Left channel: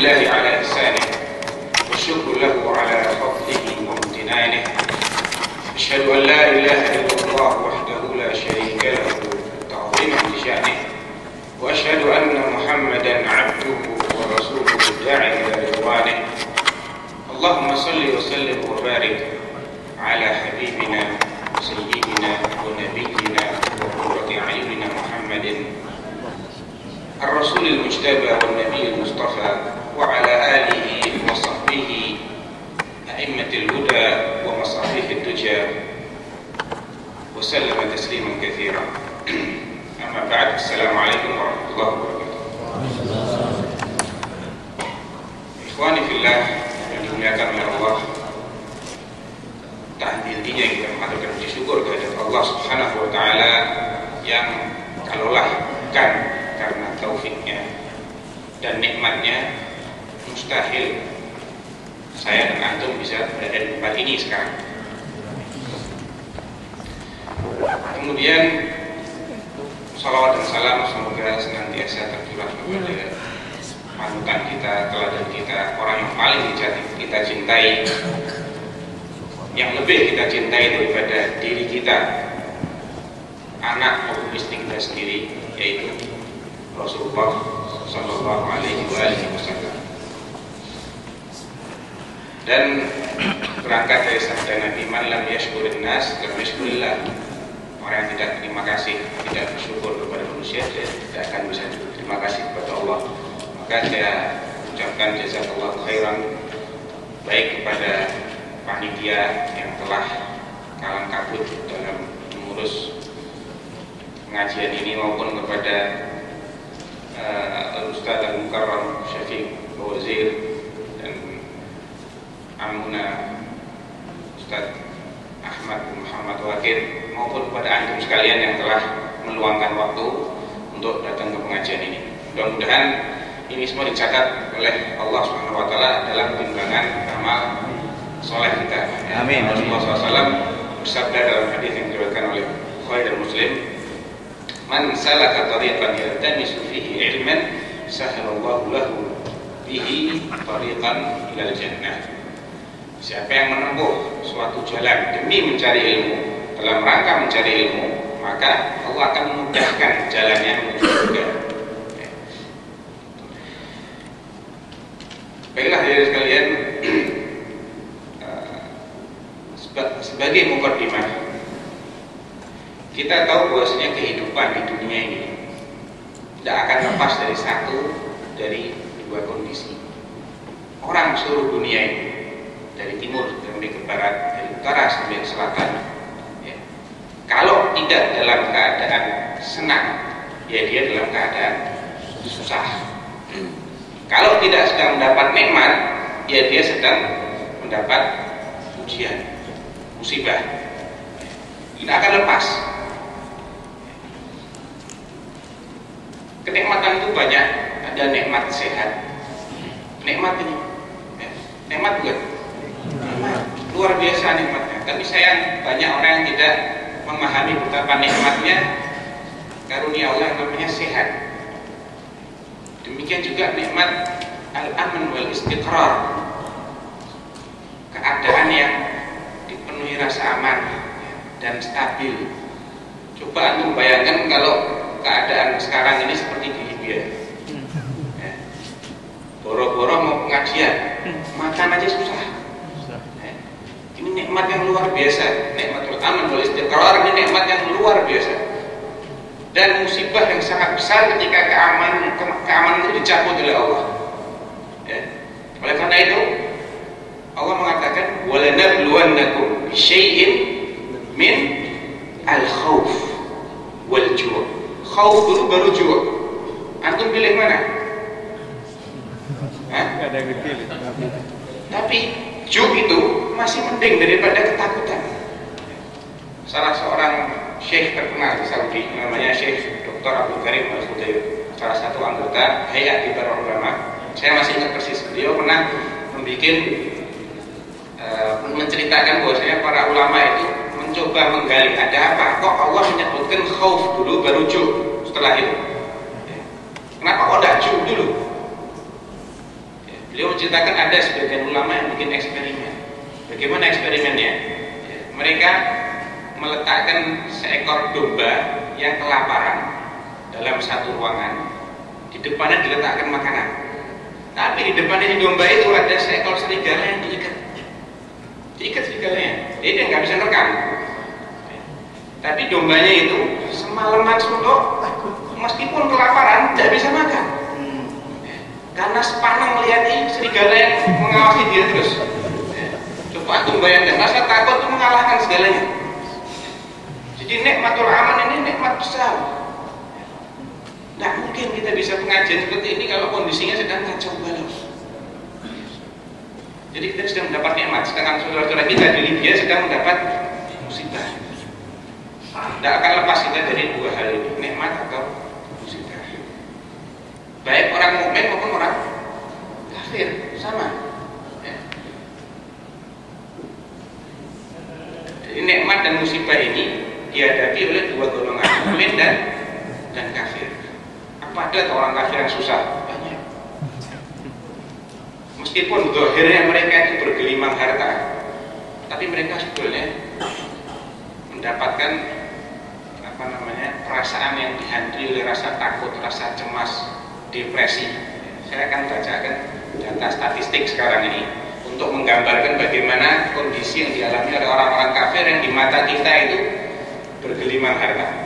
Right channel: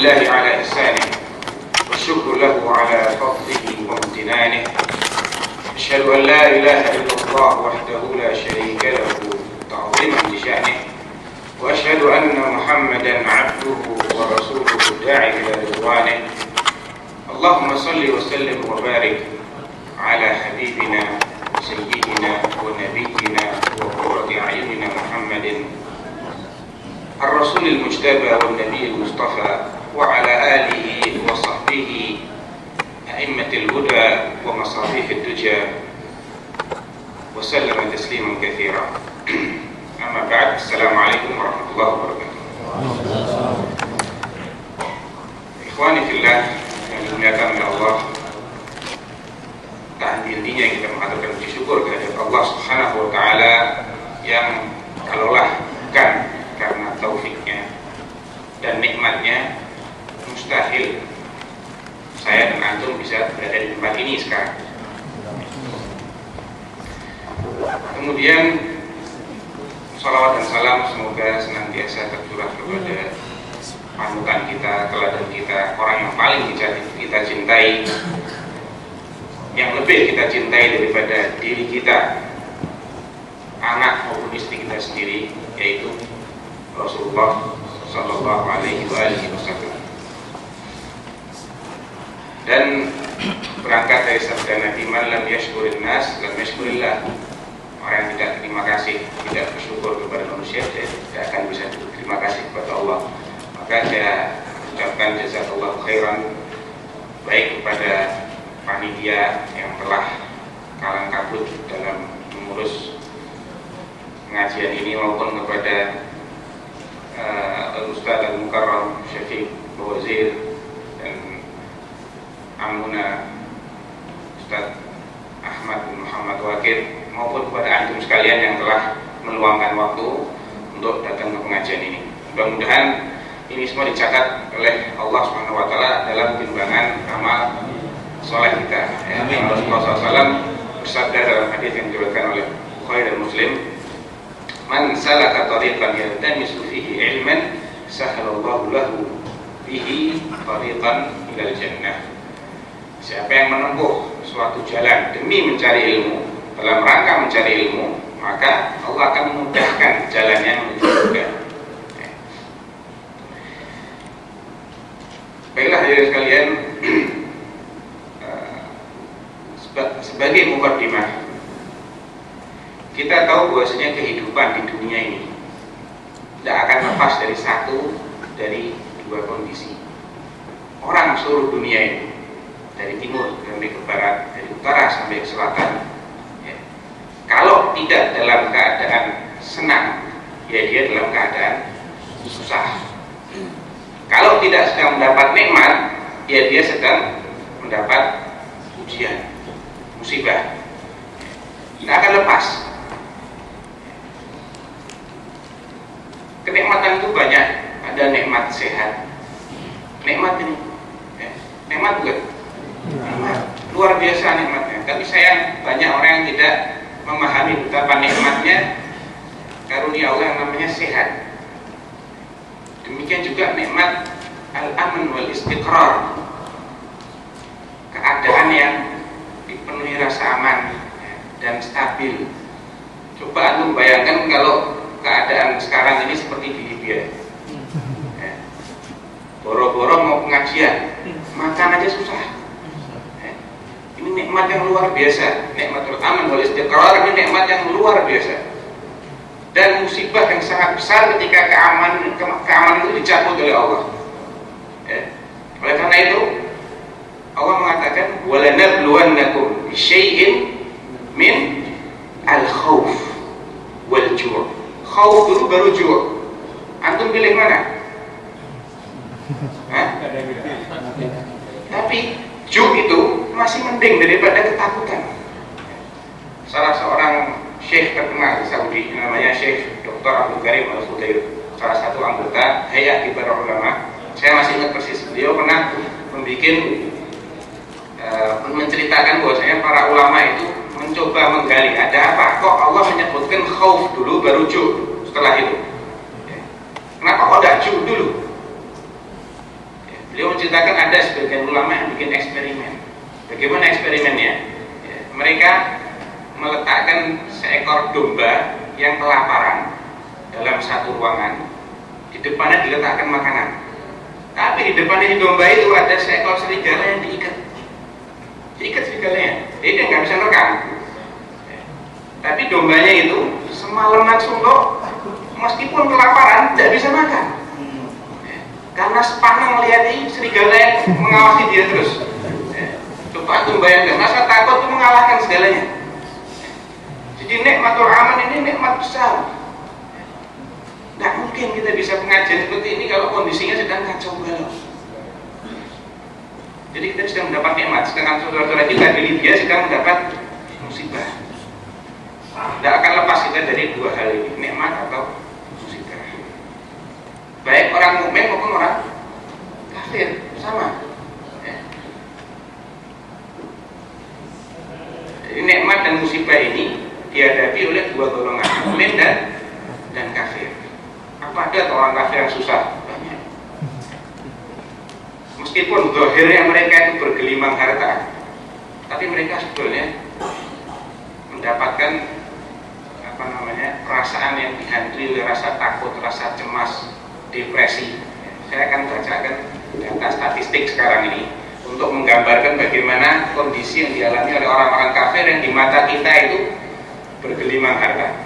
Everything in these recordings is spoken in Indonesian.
لله على إحسانه والشكر له على فضله وامتنانه. أشهد أن لا إله إلا الله وحده لا شريك له تعظيما لشأنه، وأشهد أن محمدا عبده ورسوله الداعي إلى رضوانه. اللهم صل وسلم وبارك على حبيبنا وسيدنا ونبينا وقرة أعيننا محمد الرسول المجتبى والنبي المصطفى، وعلى آله وصحبه أئمة الهدى ومصابيح الدجى، وسلم تسليما كثيرا. أما بعد، السلام عليكم ورحمة الله وبركاته. Ikhwani fillah yang dimuliakan oleh Allah, tak henti-hentinya kita mengaturkan puji syukur kehadirat Allah Subhanahu wa Ta'ala yang kalaulah bukan karena taufiknya dan nikmatnya, mustahil saya dan antum bisa berada di tempat ini sekarang. Kemudian salawat dan salam semoga senantiasa tercurah kepada panutan kita, teladan kita, orang yang paling kita cintai, yang lebih kita cintai daripada diri kita, anak maupun istri kita sendiri, yaitu Rasulullah Sallallahu Alaihi Wasallam. Dan berangkat dari sabda Nabi, man lam yashkurin nas lam yashkurillah. Orang yang tidak terima kasih, tidak bersyukur kepada manusia, dia tidak akan bisa terima kasih kepada Allah. Maka saya ucapkan jazakallahu khairan, baik kepada panitia yang telah kalang kabut dalam mengurus pengajian ini, maupun kepada Ustaz Al-Mukarram Syafiq Bawazir dan Amuna Ustaz Ahmad bin Muhammad Wakil, maupun kepada antum sekalian yang telah meluangkan waktu untuk datang ke pengajian ini. Mudah-mudahan ini semua dicatat oleh Allah Subhanahu wa Ta'ala dalam timbangan amal soleh kita. Amin. Rasulullah SAW bersabda dalam hadis yang diriwayatkan oleh Bukhari dan Muslim, man salaka tariqan yaltamisu fihi ilman sahhalallahu lahu bihi tariqan ilal jannah. Siapa yang menempuh suatu jalan demi mencari ilmu, dalam rangka mencari ilmu, maka Allah akan memudahkan jalannya menuju surga. Baiklah hadirin sekalian, sebagai mukaddimah, kita tahu bahwasanya kehidupan di dunia ini tidak akan lepas dari satu dari dua kondisi. Orang seluruh dunia ini, dari timur sampai ke barat, dari utara sampai ke selatan, ya, kalau tidak dalam keadaan senang, ya dia dalam keadaan susah. Kalau tidak sedang mendapat nikmat, ya dia sedang mendapat ujian, musibah. Tidak akan lepas. Kenikmatan itu banyak. Ada nikmat sehat, nikmat ini, ya, nikmat bukan? Nikmat luar biasa nikmatnya. Tapi sayang banyak orang yang tidak memahami betapa nikmatnya karunia Allah yang namanya sehat. Demikian juga nikmat al-aman wal istiqrar, keadaan yang dipenuhi rasa aman dan stabil. Coba antum bayangkan kalau keadaan sekarang ini seperti di Libya, ya. Boro-boro mau pengajian, makan aja susah. Ya. Ini nikmat yang luar biasa, nikmatul aman wal istiqrar, ini nikmat yang luar biasa. Dan musibah yang sangat besar ketika keamanan itu dicabut oleh Allah. Ya. Oleh karena itu Allah mengatakan walanabluwannakum bisyai'in min al-khauf wal ju'. Khauf dulu baru ju'. Antum pilih mana? Tapi ju' itu masih mending daripada ketakutan. Salah seorang syekh terkenal di Saudi, namanya Syekh Dr. Abdul Karim Al-Fudair, salah satu anggota Hayat Kibar Ulama. Saya masih ingat persis, beliau pernah menceritakan bahwasanya para ulama itu mencoba menggali ada apa, kok Allah menyebutkan khauf dulu baru ju' setelah itu. Kenapa kok tidak ju' dulu? Beliau menceritakan ada sebagian ulama yang bikin eksperimen. Bagaimana eksperimennya? Ya, mereka meletakkan seekor domba yang kelaparan dalam satu ruangan. Di depannya diletakkan makanan. Tapi di depannya si domba itu ada seekor serigala yang diikat. Diikat serigalanya. Jadi dia nggak bisa nerekam. Ya. Tapi dombanya itu semalaman suntuk, meskipun kelaparan tidak bisa makan. Ya. Karena sepaneng melihat ini serigala yang mengawasi dia terus. Ya. Coba aku bayangkan, rasa takut itu mengalahkan segalanya. Ya. Jadi nikmatul aman ini nikmat besar. Tidak mungkin kita bisa pengajian seperti ini kalau kondisinya sedang kacau balau. Jadi kita sedang mendapat nikmat, sedangkan saudara-saudara kita di Libya sedang mendapat musibah. Tidak akan lepas kita dari dua hal ini, nikmat atau musibah. Baik orang mukmin maupun orang kafir, sama. Ya. Jadi nikmat dan musibah ini dihadapi oleh dua golongan, mukmin dan kafir. Apa ada orang kafir yang susah? Banyak. Meskipun zahirnya mereka itu bergelimang harta, tapi mereka sebetulnya mendapatkan perasaan yang dihantui oleh rasa takut, rasa cemas, depresi. Saya akan bacakan data statistik sekarang ini untuk menggambarkan bagaimana kondisi yang dialami oleh orang-orang kafir yang di mata kita itu bergelimang harta.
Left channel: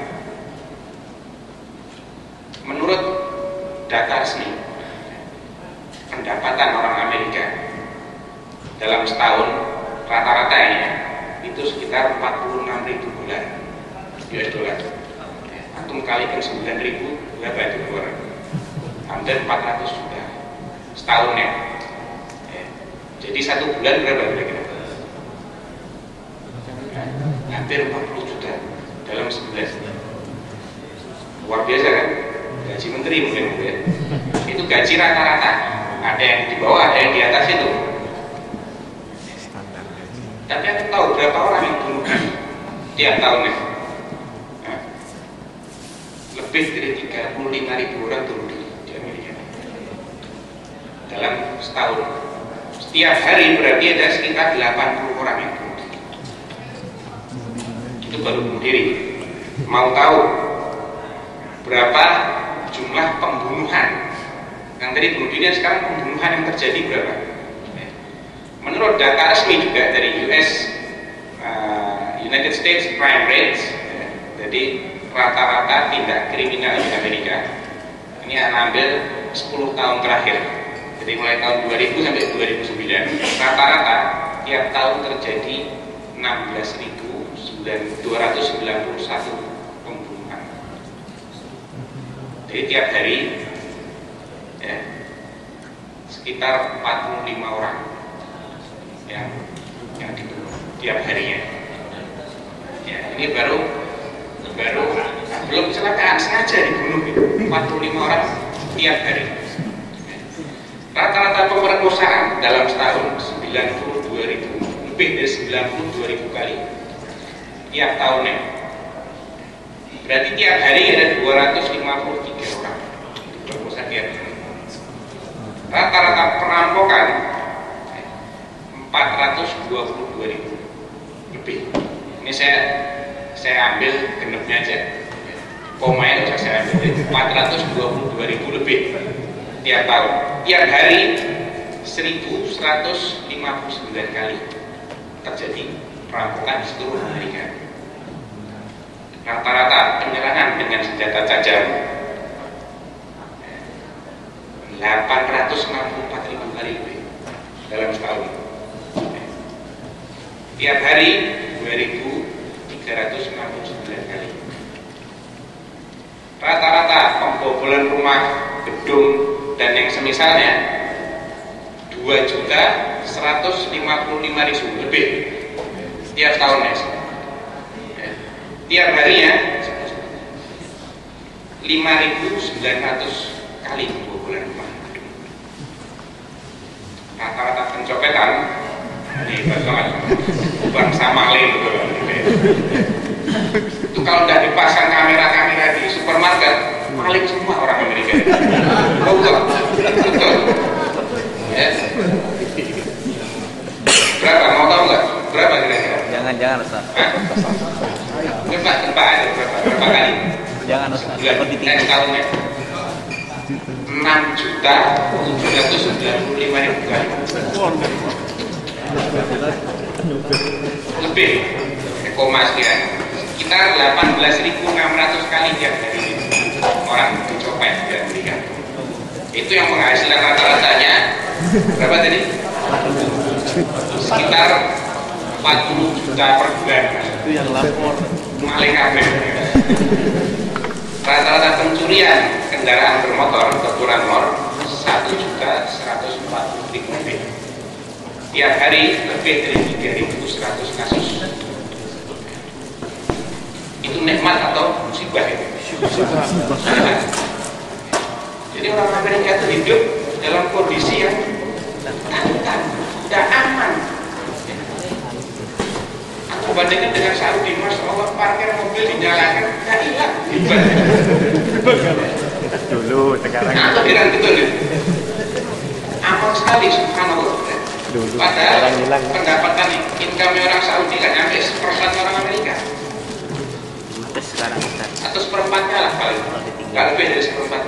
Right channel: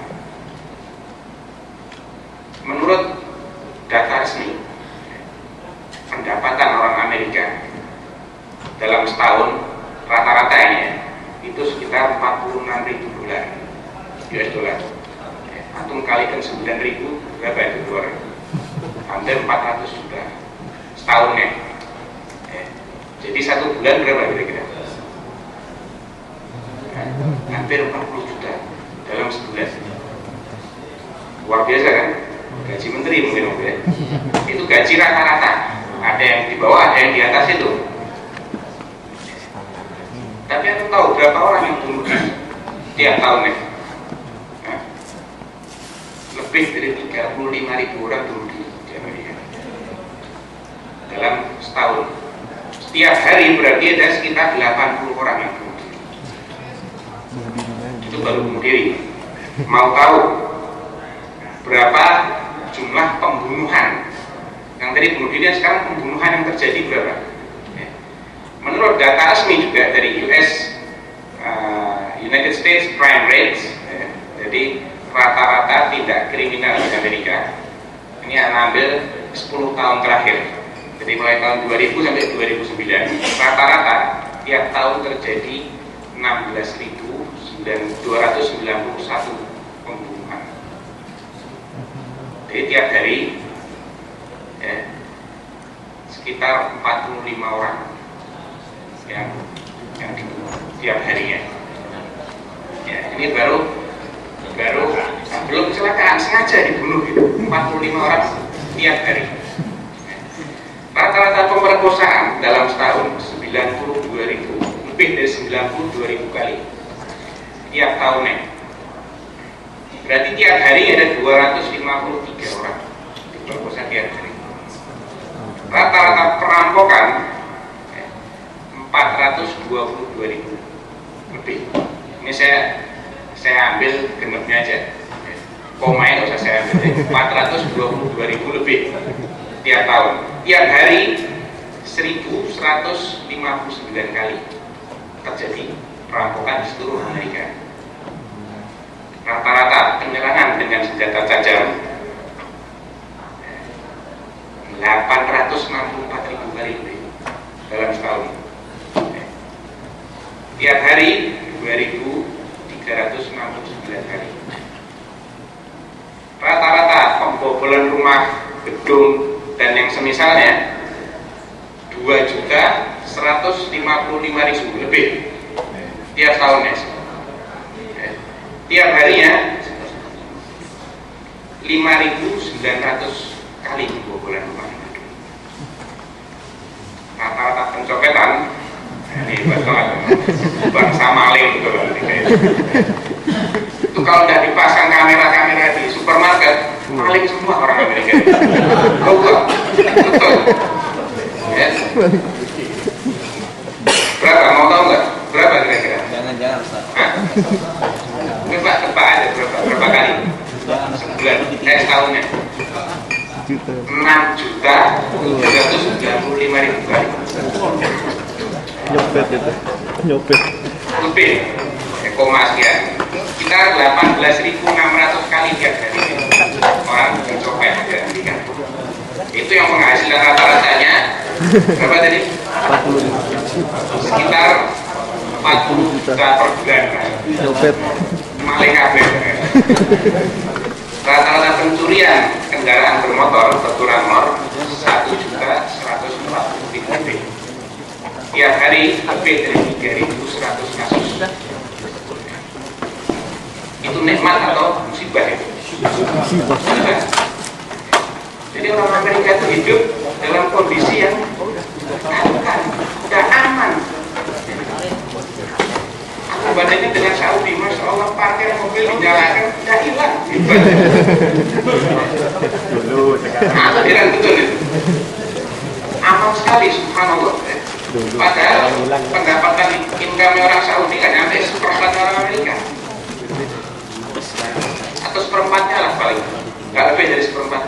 Menurut data resmi, pendapatan orang Amerika dalam setahun rata-rata ini ya, itu sekitar 46.000 dolar US dollar. Antum kalikan 9.000 berapa itu keluar? Hampir 400 juta setahun ya. Jadi satu bulan berapa kira-kira? Hampir 40 juta dalam sebulan. Luar biasa kan? Gaji menteri mungkin ya. Itu gaji rata-rata. Ada yang di bawah, ada yang di atas itu. Tapi aku tahu berapa orang yang bunuh diri tiap tahunnya. Nah, lebih dari 35.000 orang bunuh diri di Amerika dalam setahun. Setiap hari berarti ada sekitar 80 orang yang bunuh diri. Itu baru bunuh diri. Mau tahu berapa jumlah pembunuhan? Yang tadi bunuh diri, sekarang pembunuhan yang terjadi berapa? Menurut data resmi juga dari United States Crime Rates, jadi rata-rata tindak kriminal di Amerika ini ambil 10 tahun terakhir, jadi mulai tahun 2000 sampai 2009 rata-rata tiap tahun terjadi 16.291 pembunuhan. Jadi tiap hari ya, sekitar 45 orang yang dibunuh tiap harinya. Ya, ini baru belum kecelakaan, sengaja dibunuh gitu. 45 orang tiap hari. Rata-rata pemerkosaan dalam setahun 92.000, lebih dari 92.000 kali tiap tahunnya. Berarti tiap hari ada 253 orang diperkosa tiap hari. Rata-rata perampokan 422.000 lebih. Ini saya ambil genepnya aja. Komanya nggak usah saya ambil. 422.000 lebih tiap tahun. Tiap hari 1.159 kali terjadi perampokan di seluruh Amerika. Rata-rata penyerangan dengan senjata tajam 864.000 kali lebih dalam setahun. Tiap hari 2.369 kali. Rata-rata pembobolan rumah, gedung, dan yang semisalnya 2.155.000 lebih tiap tahunnya. Tiap harinya 5.900 kali pembobolan rumah. Rata-rata pencopetan ini banget, bangsa maling betul. Itu kalau tidak dipasang kamera-kamera di supermarket, maling semua orang Amerika. Betul. Ya. Berapa? Mau tahu nggak? Berapa kira-kira? Jangan Ustaz. Tebak aja berapa kali? Jangan Ustaz. Sebulan, tahunnya 6.795.000 kali. Nyopet. Lebih koma sekian. Sekitar 18.600 kali tiap hari orang mencopet di Amerika. Itu yang penghasilan rata-ratanya berapa tadi? Sekitar 40 juta per bulan. Maling kabeh. Rata-rata pencurian kendaraan bermotor berkurang 1.140.000. Tiap hari lebih dari 3.100 kasus. Itu nikmat atau musibah itu? Musibah. Jadi orang Amerika itu hidup dalam kondisi yang tidak aman. Aku bandingkan dengan Saudi, Masya Allah, parkir mobil dinyalakan, tidak hilang. Dulu sekarang. Aku bilang betul itu. Aman sekali, subhanallah. Padahal pendapatan income orang Saudi kan sampai 1/4 orang Amerika. Atau 1/4-nya lah paling. Nggak lebih dari 1/4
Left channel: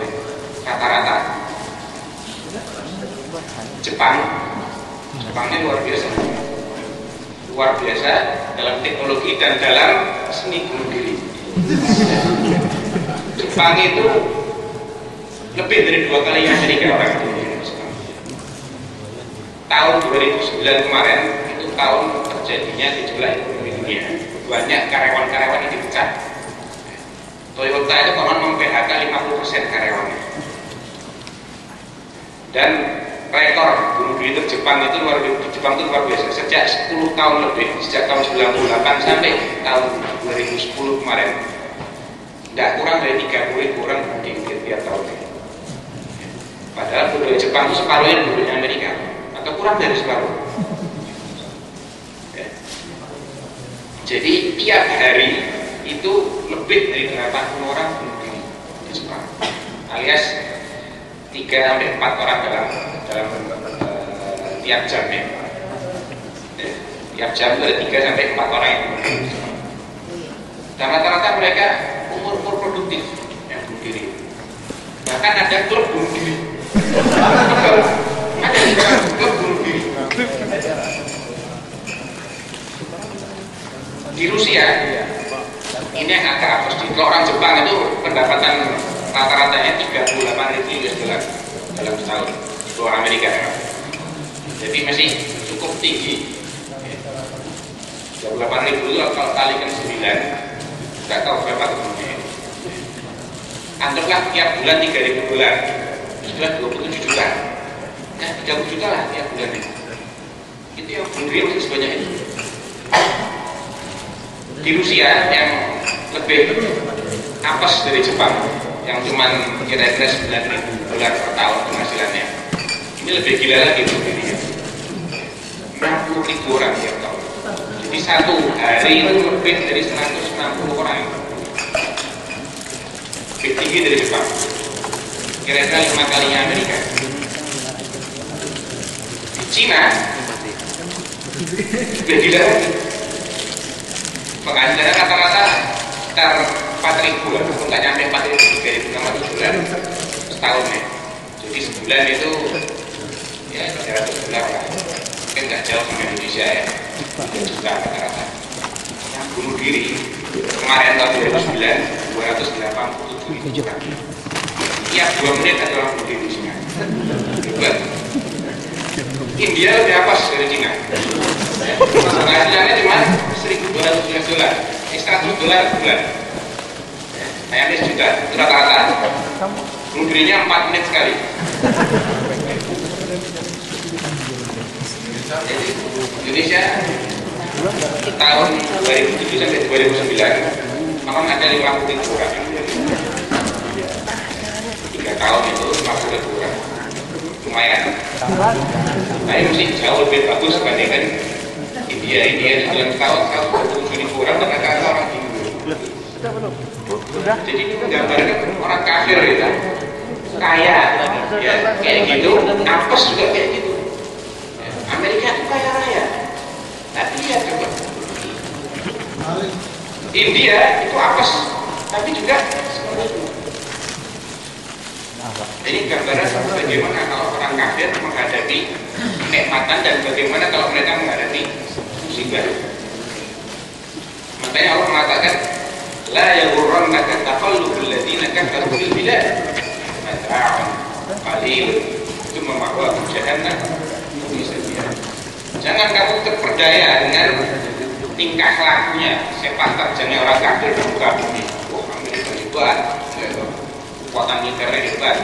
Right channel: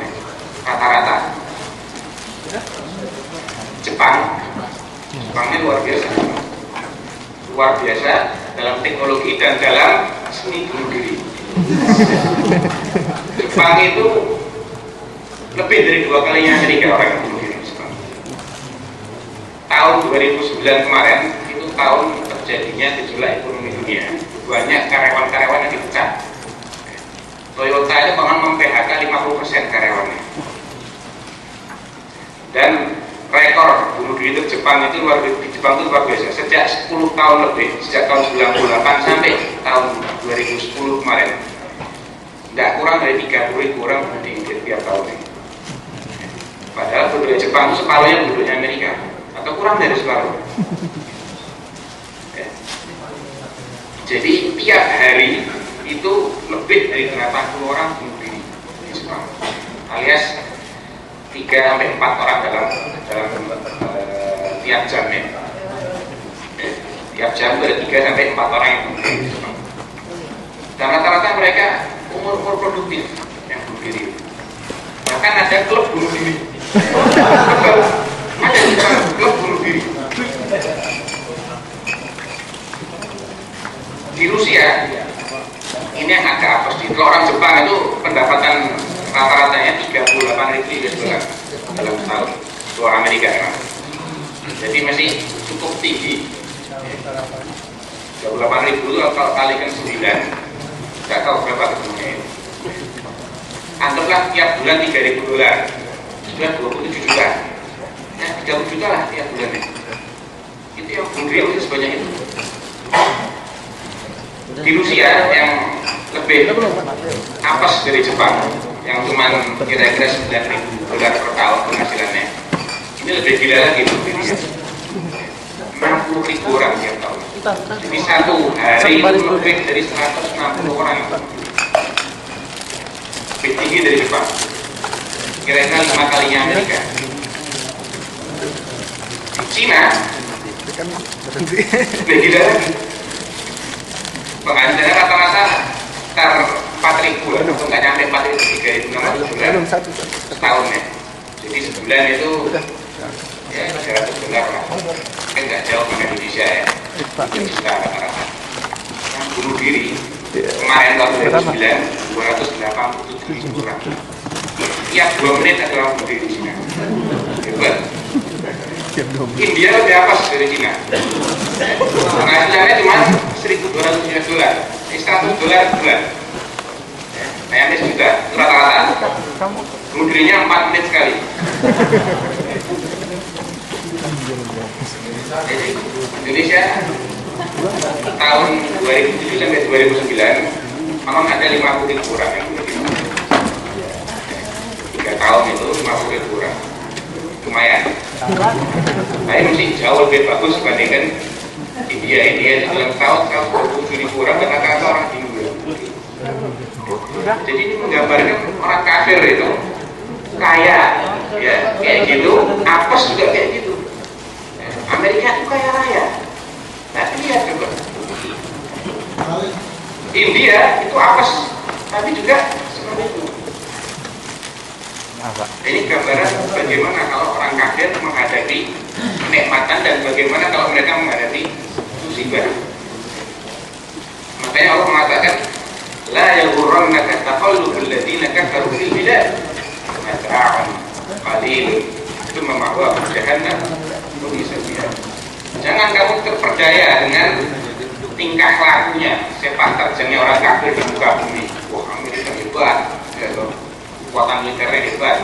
rata-rata. Jepangnya luar biasa dalam teknologi dan dalam seni bunuh diri. Jepang itu lebih dari 2 kalinya Amerika orang yang bunuh diri. Tahun 2009 kemarin itu tahun terjadinya gejolak ekonomi dunia. Banyak karyawan-karyawan yang dipecat. Toyota itu bahkan mem-PHK 50% karyawannya. Dan rekor bunuh diri di Jepang itu luar biasa. Sejak 10 tahun lebih, sejak tahun 98 sampai tahun 2010 kemarin, tidak kurang dari 30.000 orang bunuh diri tiap tahun. Padahal penduduk Jepang itu separuhnya penduduknya Amerika, atau kurang dari separuh. Jadi tiap hari itu lebih dari 80 orang bunuh diri di Jepang, alias 3-4 orang dalam tiap jam ya. Tiap jam ada 3-4 orang yang bunuh diri di Jepang. Dan rata-rata mereka umur produktif yang bunuh diri. Bahkan ada klub bunuh diri. Ada klub bunuh diri. Di Rusia ini yang agak apes. Kalau orang Jepang itu pendapatan rata-ratanya 38.000 US dollar dalam setahun. Dolar Amerika ya. Jadi masih cukup tinggi. 38.000 itu kalau kalikan 9, nggak tahu berapa kebutuhannya. Anggaplah tiap bulan 3.000 dolar, sudah 27 juta. Nah, 30 juta lah tiap bulannya. Itu yang bunuh diri sebanyak itu. Di Rusia yang lebih apes dari Jepang, yang cuma kira-kira 9.000 dolar per tahun penghasilannya, ini lebih gila lagi bunuh dirinya. 60.000 orang tiap tahun. Jadi satu hari itu lebih dari 160 orang. Lebih tinggi dari Jepang. Kira-kira 5 kalinya Amerika. Di Cina lebih gila lagi. Penghasilannya rata-rata sekitar 4.000 lah, atau nggak nyampe 4.000, 3.000 dolar setahun ya. Jadi sebulan itu ya 300 dolar lah. Mungkin nggak jauh sama Indonesia ya. 3 juta rata-rata. Yang bunuh diri kemarin tahun 2009 287.000 orang. Tiap 2 menit ada orang bunuh diri di Cina. Hebat. India lebih apes dari Cina. Penghasilannya cuma 1.200 US dollar, 100 dolar sebulan. Ayamnya sejuta, itu rata-rata. Bunuh dirinya 4 menit sekali. Jadi Indonesia tahun 2007 sampai 2009 memang ada 50.000 orang yang bunuh diri. 3 tahun itu 50.000 orang. Lumayan. Tapi masih jauh lebih bagus dibandingkan India itu dalam tahun 127.000 orang dan rata-rata orang Hindu. Jadi ini menggambarkan orang kafir itu kaya, ya kayak gitu, apes juga kayak gitu. Amerika itu kaya raya. Tapi lihat coba, India itu apes, tapi juga seperti itu. Ini gambaran bagaimana kalau orang kafir menghadapi kenikmatan dan bagaimana kalau mereka menghadapi musibah. Makanya Allah mengatakan, la yaghurrannaka taqallubul ladzina kafaru fil bilad mata'un qalil tsumma ma'wahum jahannam wa bi'sal mihad. Jangan kamu terperdaya dengan tingkah lakunya, sepak terjangnya orang kafir di muka bumi. Wah, Amerika hebat, ya, kekuatan militernya hebat.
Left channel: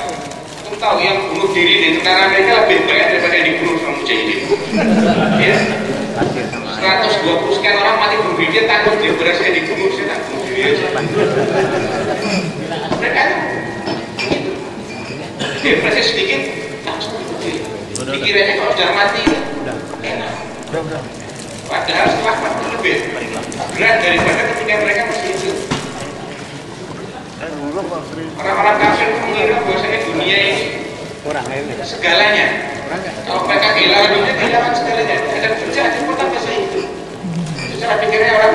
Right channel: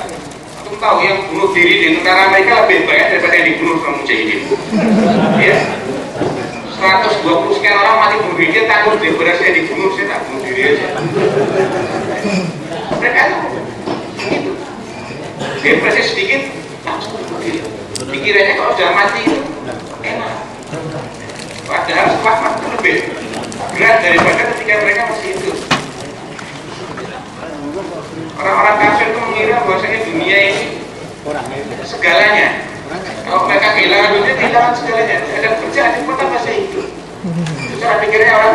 Kamu tahu yang bunuh diri di tentara Amerika lebih banyak daripada yang dibunuh sama mujahidin. Ya, 120 sekian orang mati bunuh diri, dia takut dia berhasil dibunuh, saya tak bunuh diri aja. Mereka itu begitu. Depresi sedikit, langsung bunuh diri. Pikirannya kalau sudah mati itu enak. Padahal setelah mati lebih berat daripada ketika mereka masih hidup. Orang-orang kafir itu mengira bahwasanya dunia ini segalanya. Kalau mereka kehilangan dunia, kehilangan segalanya. Ada kerjaan yang pertama masih hidup. Itu cara pikirnya orang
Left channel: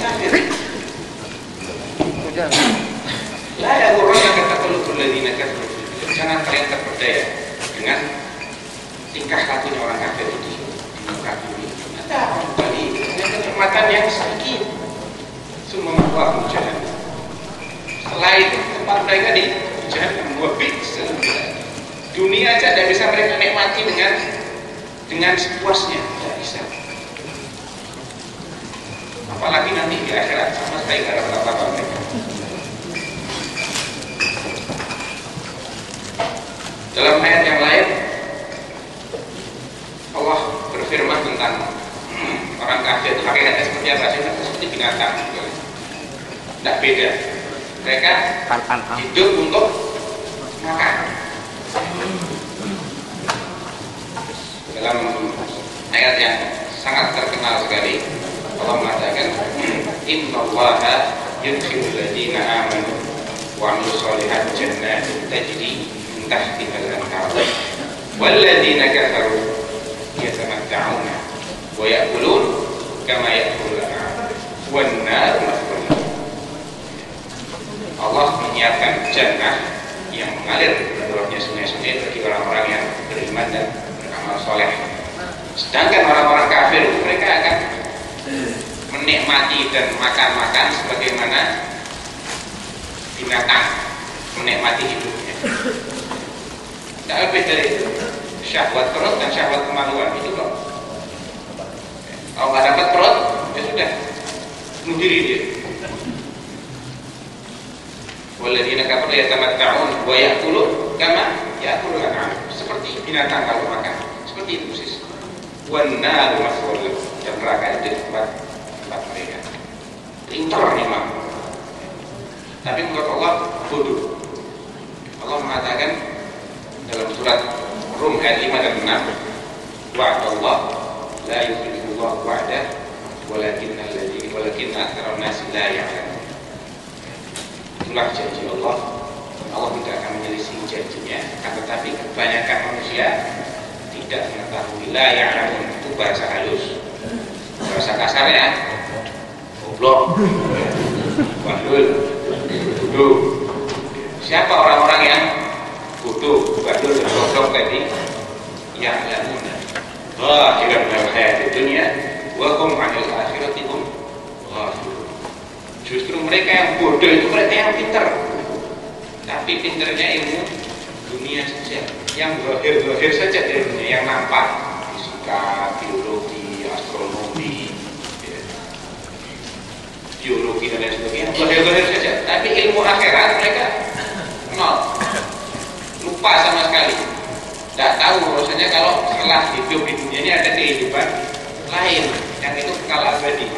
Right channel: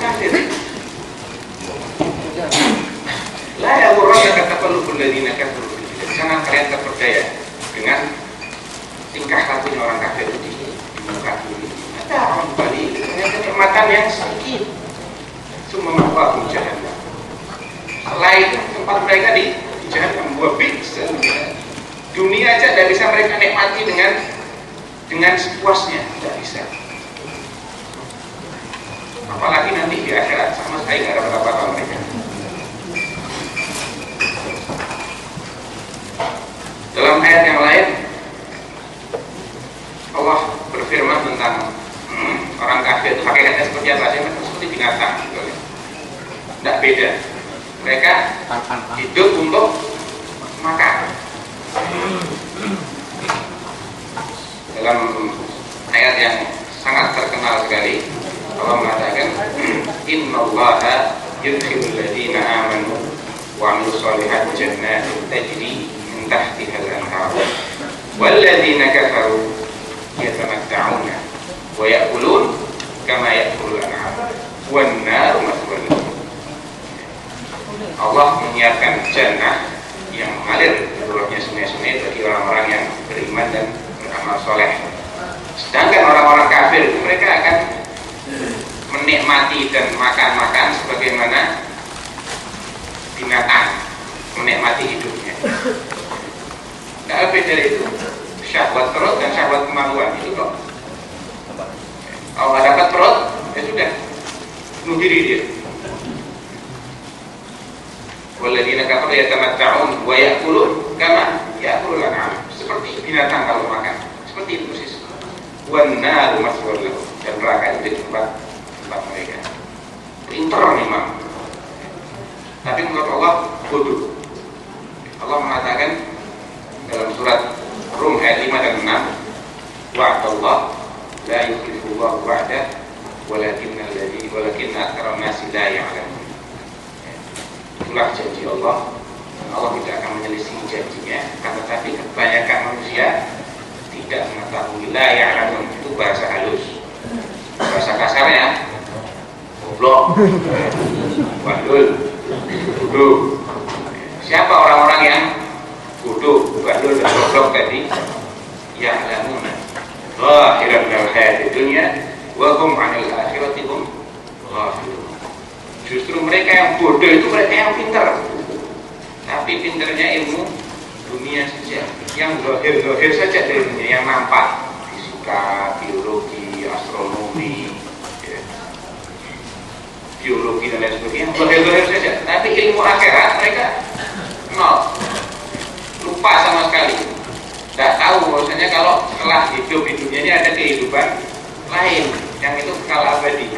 kafir. La yaghurrannaka taqallubul ladzina kafaru. Jangan kalian terperdaya dengan tingkah lakunya orang kafir di muka bumi. Ada orang kembali dengan kenikmatan yang sedikit. Semua ma'wahum jahannam. Setelah itu tempat mereka di jahannam. Wa bi'sal mihad. Dunia aja tidak bisa mereka nikmati dengan sepuasnya, tidak bisa. Apalagi nanti di akhirat sama sekali tidak ada apa-apa mereka. Dalam ayat yang lain Allah berfirman tentang orang kafir itu hakikatnya seperti apa sih? Seperti binatang, tidak beda. Mereka hidup untuk makan. Dalam ayat yang sangat terkenal sekali Allah mengatakan, innallaha yudkhilul ladzina amanu wa 'amilus solihati jannatin tajri min tahtihal anhar wal ladzina kafaru yatamatta'una wa ya'kulun kama ya'kulul an'am wan naru maswal lahum. Allah menyiapkan jannah yang mengalir bawahnya sungai-sungai bagi orang-orang yang beriman dan beramal soleh. Sedangkan orang-orang kafir mereka akan menikmati dan makan-makan sebagaimana binatang menikmati hidupnya. Tidak lebih dari itu. Syahwat perut dan syahwat kemaluan itu kok. Kalau nggak dapat perut, ya sudah bunuh diri dia. Walladzina kafaru yatamatta'un wa ya'kulun kama ya'kulul an'am. Seperti binatang kalau makan. Seperti itu persis. Wan naru maswal lahum. Dan neraka itu tempat mereka. Pintar memang. Tapi menurut Allah bodoh. Allah mengatakan dalam surat Rum ayat 5 dan 6, wa'adallah la yukhlifullahu wa'dah walakinna aktsara an-nasi la ya'lamun. Itulah janji Allah, dan Allah tidak akan menyelisih janjinya. Akan tetapi kebanyakan manusia tidak mengetahui. La ya'lamun itu bahasa halus, bahasa kasarnya goblok, bandul, bodoh. Siapa orang-orang yang bodoh, bandul dan goblok tadi? Ya'lamuna zahiran minal hayatid dunya wa hum 'anil akhirati hum ghafilun. Justru mereka yang bodoh itu mereka yang pintar, tapi pintarnya ilmu dunia saja, yang zahir saja dari dunia, yang nampak, fisika, biologi, astronomi, ya, biologi dan lain sebagainya, zahir saja. Tapi ilmu akhirat mereka nol, lupa sama sekali, tidak tahu bahwasanya kalau setelah hidup di dunia ini ada kehidupan lain yang itu kekal abadi.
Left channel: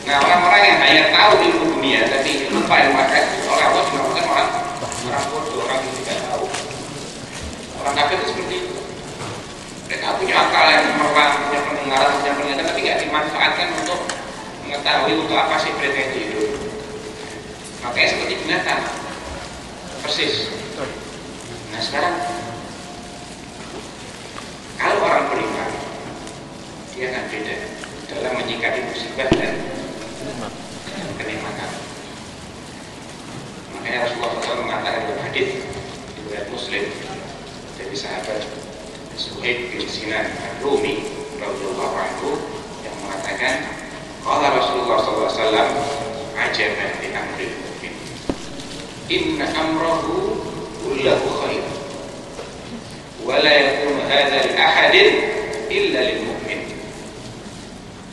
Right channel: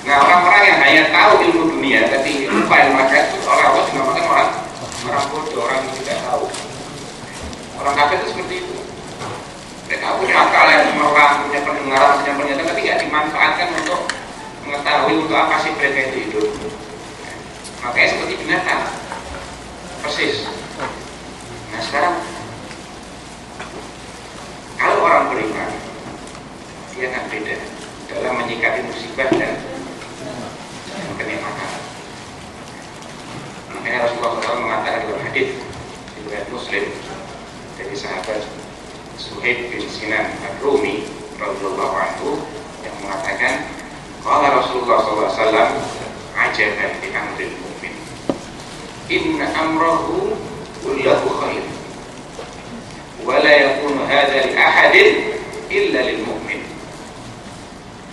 Nah, orang-orang yang hanya tahu ilmu dunia tapi lupa ilmu akhirat itu orang-orang dinamakan orang bodoh, orang yang tidak tahu. Orang kafir itu seperti itu. Mereka punya akal yang cemerlang, punya pendengaran, punya penglihatan, tapi tidak dimanfaatkan untuk mengetahui untuk apa sih mereka itu hidup. Makanya seperti binatang, persis. Nah sekarang, kalau orang beriman dia akan beda dalam menyikapi musibah dan kenikmatan. Makanya Rasulullah SAW mengatakan dalam hadis riwayat Muslim dari sahabat Suhaib bin Sinan Ar-Rumi radhiyallahu anhu yang mengatakan, qala Rasulullah SAW, ajaban li amril mu'min, inna amrahu kullahu khair, wa la yakunu hadha li ahadin illa lil mu'min.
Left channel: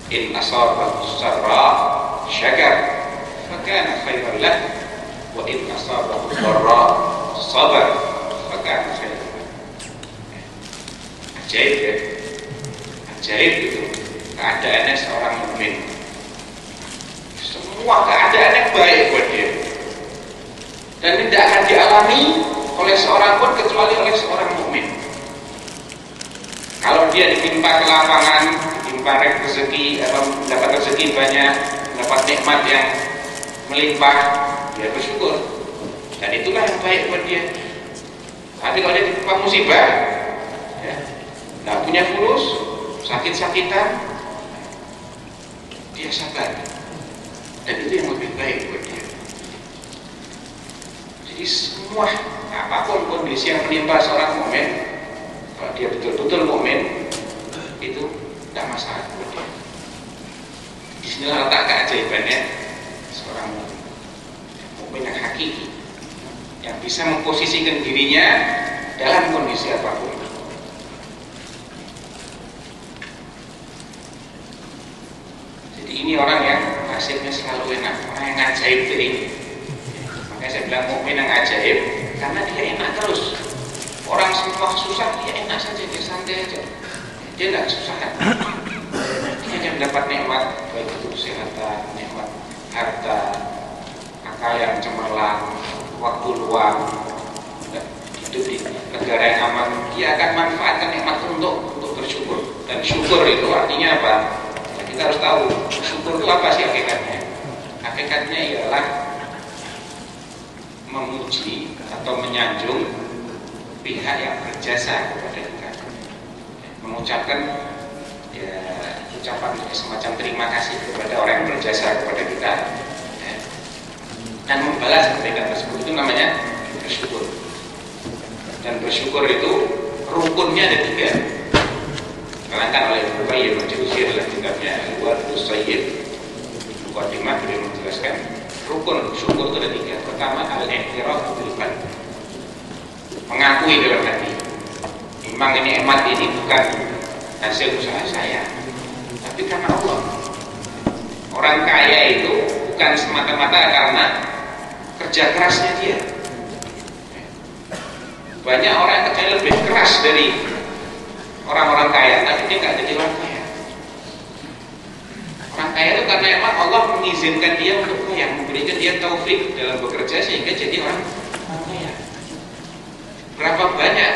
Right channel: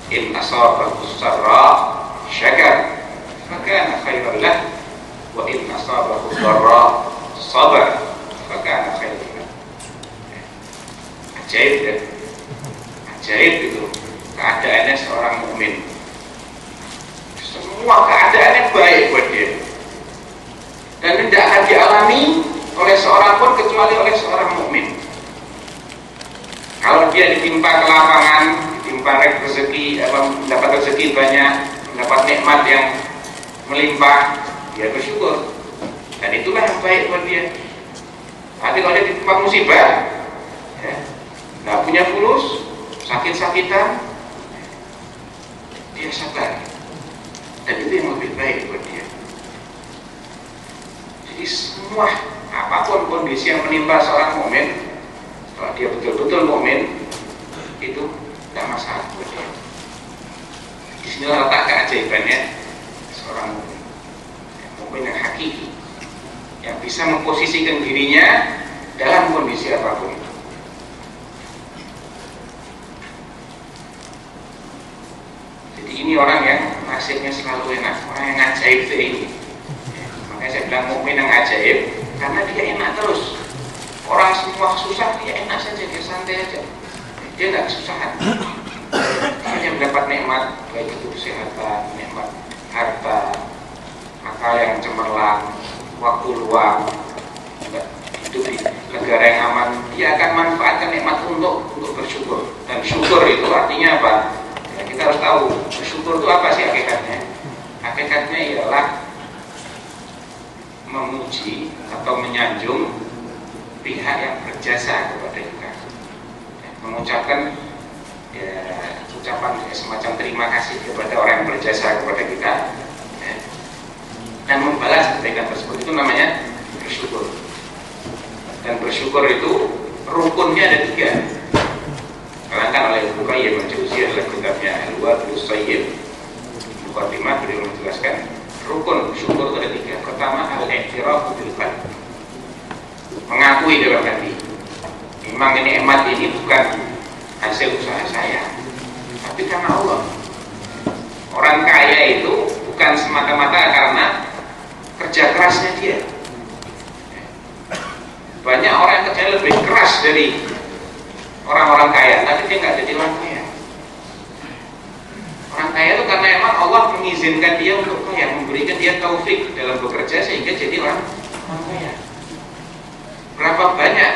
In asabahu sarra syakar fakana khairan lah, wa in asabahu dharra sabar fakana khairan lah. Ajaib ya, ajaib itu keadaannya seorang mukmin. Semua keadaannya baik buat dia, dan tidak akan dialami oleh seorang pun kecuali oleh seorang mukmin. Kalau dia ditimpa kelapangan, ditimpa rezeki, mendapat rezeki banyak, mendapat nikmat yang melimpah, dia bersyukur, dan itulah yang baik buat dia. Tapi kalau dia ditimpa musibah, ya, nggak punya fulus, sakit-sakitan, dia sabar, dan itu yang lebih baik buat dia. Jadi semua apapun kondisi yang menimpa seorang mukmin, kalau dia betul-betul mukmin, itu tidak masalah buat dia. Disinilah letak keajaibannya seorang mukmin, mukmin yang hakiki, yang bisa memposisikan dirinya dalam kondisi apapun. Jadi ini orang yang hasilnya selalu enak, orang yang ajaib itu ini. Makanya saya bilang mukmin yang ajaib, karena dia enak terus. Orang semua susah, dia enak saja, dia santai aja, dia tidak kesusahan. Dia hanya mendapat nikmat, baik itu kesehatan, nikmat harta, akal yang cemerlang, waktu luang, hidup di negara yang aman. Dia akan manfaatkan nikmat untuk bersyukur. Dan syukur itu artinya apa? Ya, kita harus tahu syukur itu apa sih hakikatnya. Hakikatnya ialah memuji atau menyanjung pihak yang berjasa kepada kita, mengucapkan ya, ucapan semacam terima kasih kepada orang yang berjasa kepada kita, ya, dan membalas kebaikan tersebut, itu namanya bersyukur. Dan bersyukur itu rukunnya ada 3. Diterangkan oleh Al-Qayyim Al-Jauziyah dalam kitabnya Al-Wabilus Sayyid. Muqaddimah beliau menjelaskan rukun syukur itu ada 3. Pertama, al-i'tirafu bil qalb, mengakui dalam hati, memang ini nikmat ini bukan hasil usaha saya, tapi karena Allah. Orang kaya itu bukan semata-mata karena kerja kerasnya dia. Banyak orang yang kerja lebih keras dari orang-orang kaya, tapi dia nggak jadi orang kaya. Orang kaya itu karena emang Allah mengizinkan dia untuk kaya, memberikan dia taufik dalam bekerja sehingga jadi orang kaya. Berapa banyak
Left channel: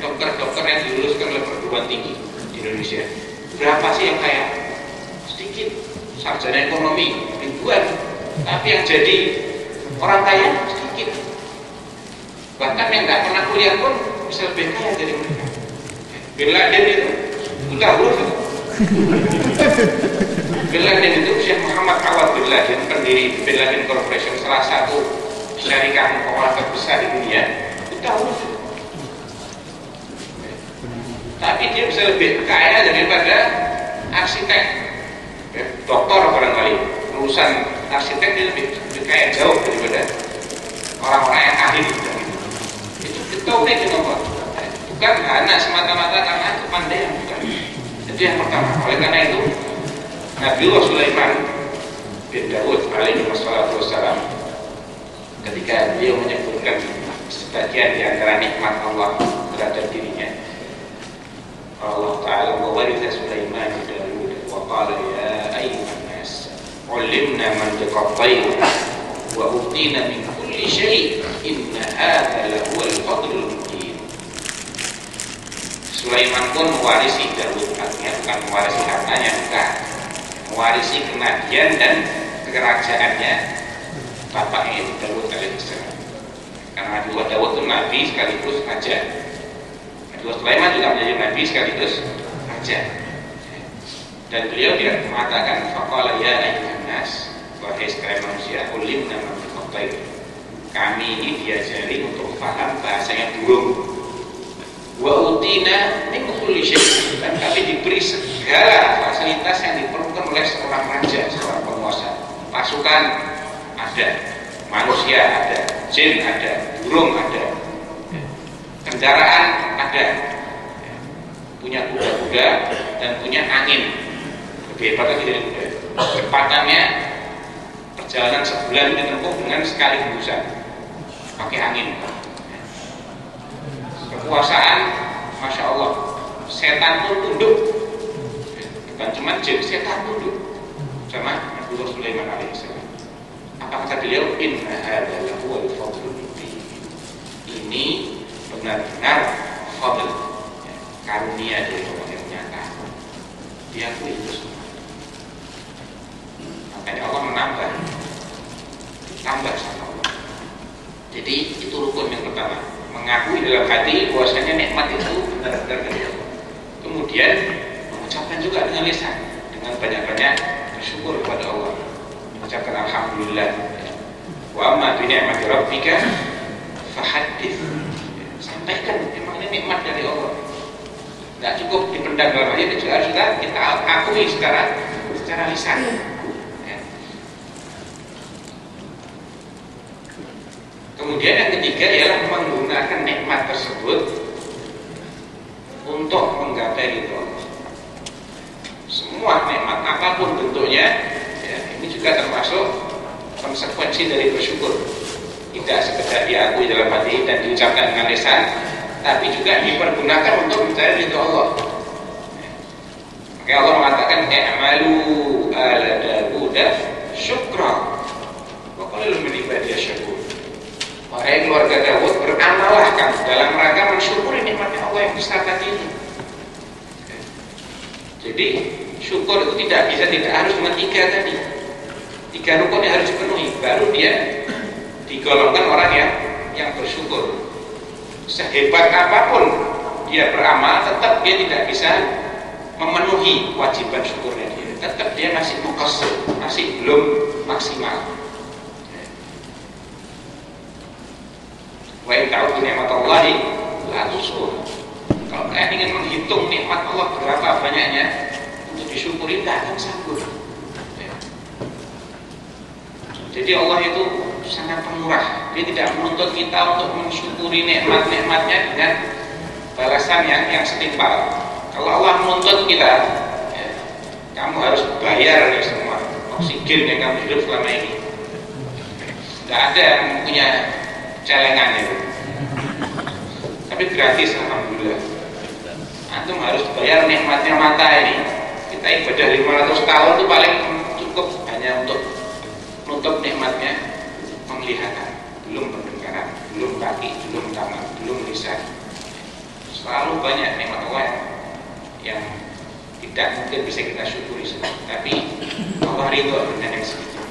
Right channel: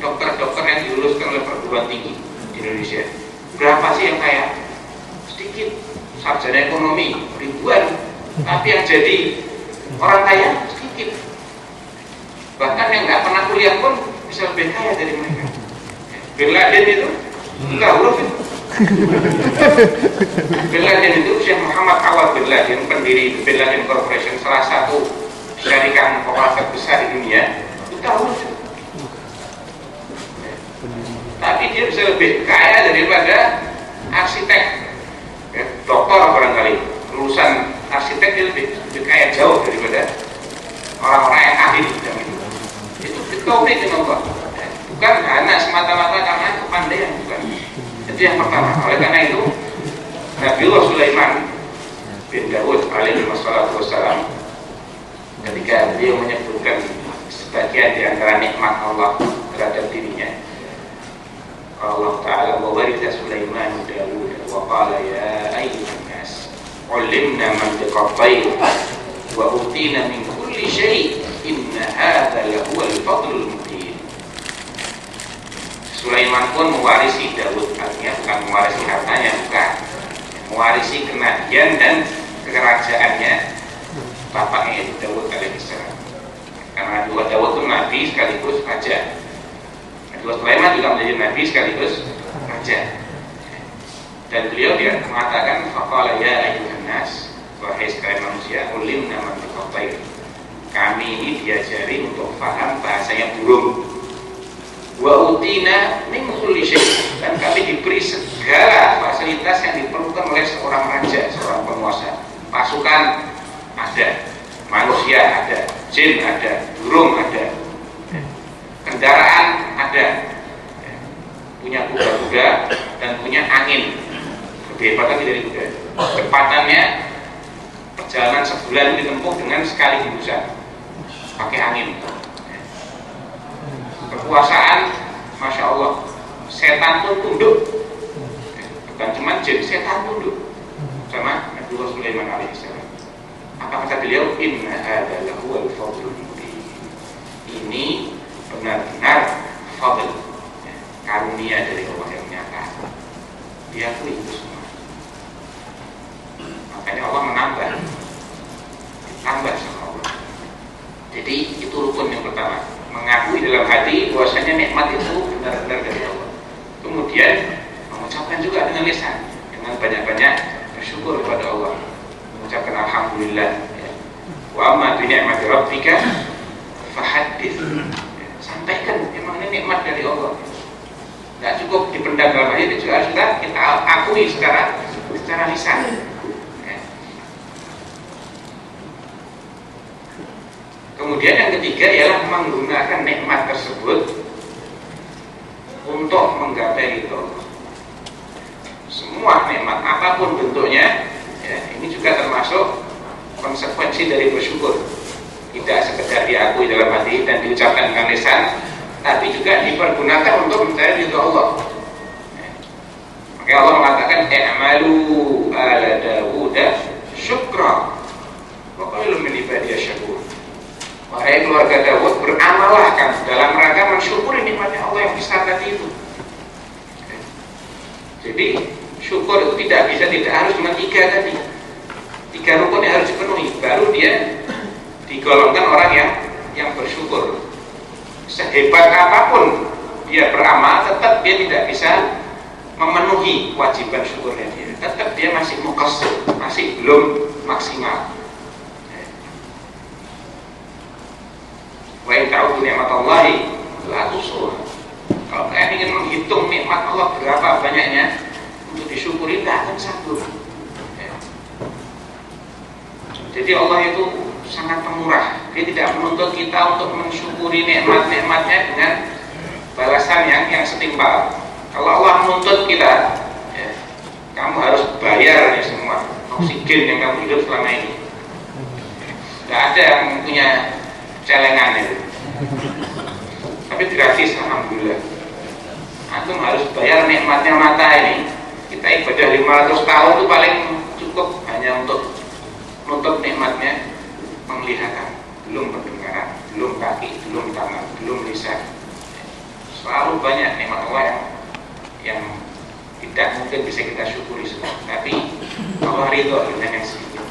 dokter-dokter yang diluluskan oleh perguruan tinggi di Indonesia? Berapa sih yang kaya? Sedikit. Sarjana ekonomi ribuan, tapi yang jadi orang kaya sedikit. Bahkan yang nggak pernah kuliah pun bisa lebih kaya dari mereka. Bin Laden itu enggak huruf itu. Bin Laden itu Syekh Muhammad Awad bin Laden, pendiri Bin Laden Corporation, salah satu syarikat kooperasi besar di dunia, itu huruf itu. Tapi dia bisa lebih kaya daripada arsitek, ya, dokter barangkali, lulusan arsitek dia lebih kaya jauh daripada orang-orang yang ahli di bidang itu. Itu taufik dengan Allah, bukan hanya semata-mata karena kepandaian, bukan. Itu yang pertama. Oleh karena itu Nabiullah Sulaiman bin Daud alaihi wassalam, ketika beliau menyebutkan sebagian di antara nikmat Allah terhadap dirinya, Allah Ta'ala wawaritha Sulaiman Daud wa qala ya ayyuhan nas ulimna mantiqat tayr wa utina min kulli syai' inna hadha lahuwal fadlul mubin. Sulaiman pun mewarisi Daud, artinya bukan mewarisi hartanya, bukan, mewarisi kenabian dan kerajaannya bapaknya yaitu Daud alaihissalam. Karena Daud itu nabi sekaligus raja. Sulaiman juga menjadi nabi sekaligus raja. Dan beliau dia mengatakan faqala ya ayyuhan nas, wahai sekalian manusia, ulimna mantiqat tayr. Kami ini diajari untuk paham bahasanya burung. Wa utina min kulli syai', dan kami diberi segala fasilitas yang diperlukan oleh seorang raja, seorang penguasa. Pasukan ada, manusia ada, jin ada, burung ada, kendaraan ada, punya kuda-kuda dan punya angin. Lebih hebat lagi dari kuda. Kecepatannya perjalanan sebulan ditempuh dengan sekali hembusan pakai angin. Kekuasaan, masya Allah, setan pun tunduk. Bukan cuma jin, setan tunduk sama Nabi Sulaiman alaihissalam. Apa kata beliau? Inna hadza lahuwal fadlul mubin. Ini benar-benar fadl, karunia dari Allah yang nyata. Diakui itu semua. Makanya Allah menambah, ditambah sama Allah. Jadi itu rukun yang pertama, mengakui dalam hati bahwasanya nikmat itu benar-benar dari Allah. Kemudian mengucapkan juga dengan lisan, dengan banyak-banyak bersyukur kepada Allah, mengucapkan alhamdulillah. Wa amma bi ni'mati rabbika fahaddits. Sampaikan, memang ini nikmat dari Allah. Tidak cukup dipendam dalam hati, itu juga harus kita akui secara lisan. Kemudian yang ketiga ialah menggunakan nikmat tersebut untuk menggapai ridho Allah. Semua nikmat apapun bentuknya, ini juga termasuk konsekuensi dari bersyukur. Tidak sekedar diakui dalam hati dan diucapkan dengan lisan, tapi juga dipergunakan untuk mencari ridho Allah. Maka Allah mengatakan i'malu ala Dawud syukra wa qalilun min ibadiyasy syakur. Wahai keluarga Dawud, beramalah kamu dalam rangka mensyukuri nikmatnya Allah yang besar tadi itu. Jadi syukur itu tidak harus dengan tiga tadi. Tiga rukun yang harus dipenuhi, baru dia digolongkan orang yang bersyukur. Sehebat apapun dia beramal, tetap dia tidak bisa memenuhi kewajiban syukurnya dia. Tetap dia masih muqassir, masih belum maksimal. Wa in ta'udzu ni'matallahi la tuhsuha. Kalau kalian ingin menghitung nikmat Allah berapa banyaknya untuk disyukuri, tidak akan sanggup. Jadi Allah itu sangat pemurah. Dia tidak menuntut kita untuk mensyukuri nikmat-nikmatnya dengan balasan yang setimpal. Kalau Allah menuntut kita, kamu harus bayar ya semua oksigen yang kamu hidup selama ini. Tidak ada yang punya celengan itu, tapi gratis alhamdulillah. Antum harus bayar nikmatnya mata ini. Kita ibadah 500 tahun itu paling cukup hanya untuk nutup nikmatnya penglihatan, belum pendengaran, belum kaki, belum tangan, belum lisan. Selalu banyak nikmat Allah yang tidak mungkin bisa kita syukuri semua. Tapi Allah ridho dengan yang sedikit.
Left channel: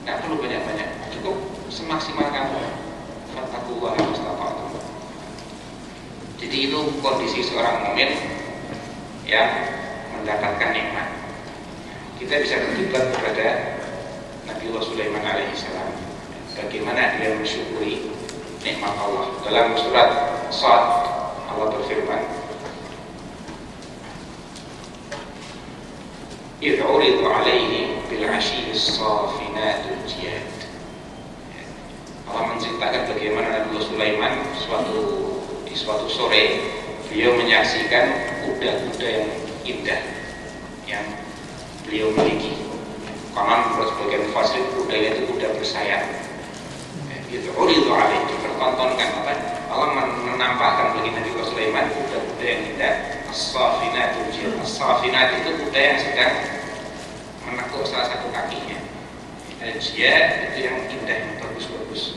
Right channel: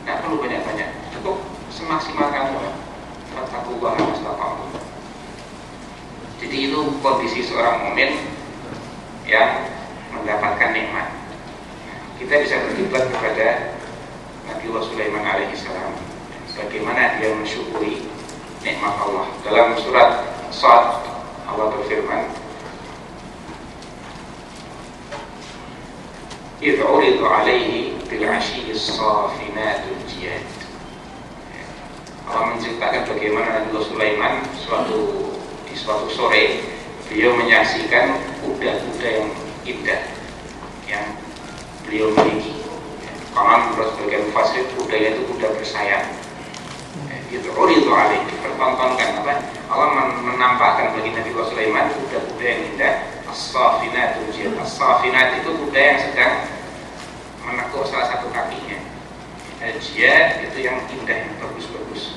Tidak perlu banyak-banyak, cukup semaksimal kamu. Fattaqullaha mastata'tum. Jadi itu kondisi seorang mukmin yang mendapatkan nikmat. Kita bisa berdebat kepada Nabi Sulaiman alaihissalam bagaimana dia mensyukuri nikmat Allah. Dalam surat Shad Allah berfirman, idh uridu alaihi bil asyiyyis safinatul jiyad. Allah menceritakan bagaimana Nabi Sulaiman di suatu sore beliau menyaksikan kuda-kuda yang indah yang beliau miliki. Konon menurut sebagian mufassir kudanya itu kuda bersayap. Itu uridu alaihi, dipertontonkan apa? Allah menampakkan bagi Nabi Sulaiman kuda-kuda yang indah. As-safinatul jiyad. As-safinat itu kuda yang sedang menekuk salah satu kakinya. Al-jiyad itu yang indah, yang bagus-bagus.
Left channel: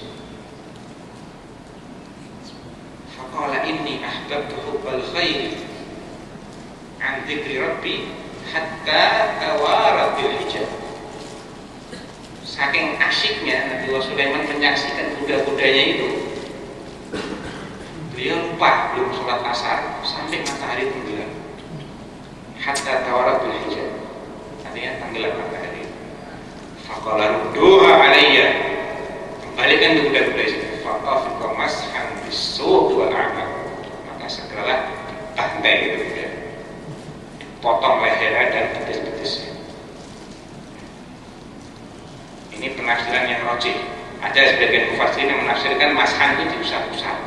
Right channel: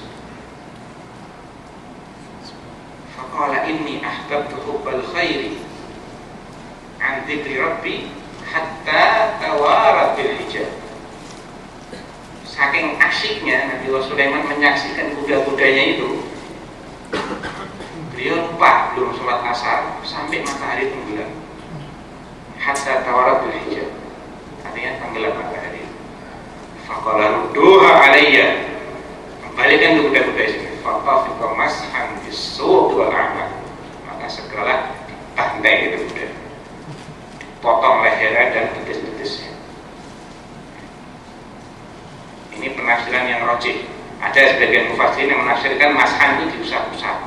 Faqala inni ahbabtu hubbal khairi an dzikri rabbi hatta tawarat bil hijab. Saking asyiknya Nabi Sulaiman menyaksikan kuda-kudanya itu, beliau lupa belum sholat asar sampai matahari tenggelam. hatta tawarat bil hijab, artinya tenggelam matahari. Faqala rudduha alayya, kembalikan ke kuda-kuda itu. Faqafiqa mashan bis-suq wal a'maq, maka segeralah dibantai itu kuda, dipotong lehernya dan betis-betisnya. Ini penafsiran yang rajih. Ada sebagian mufassirin yang menafsirkan mashan itu diusap-usap,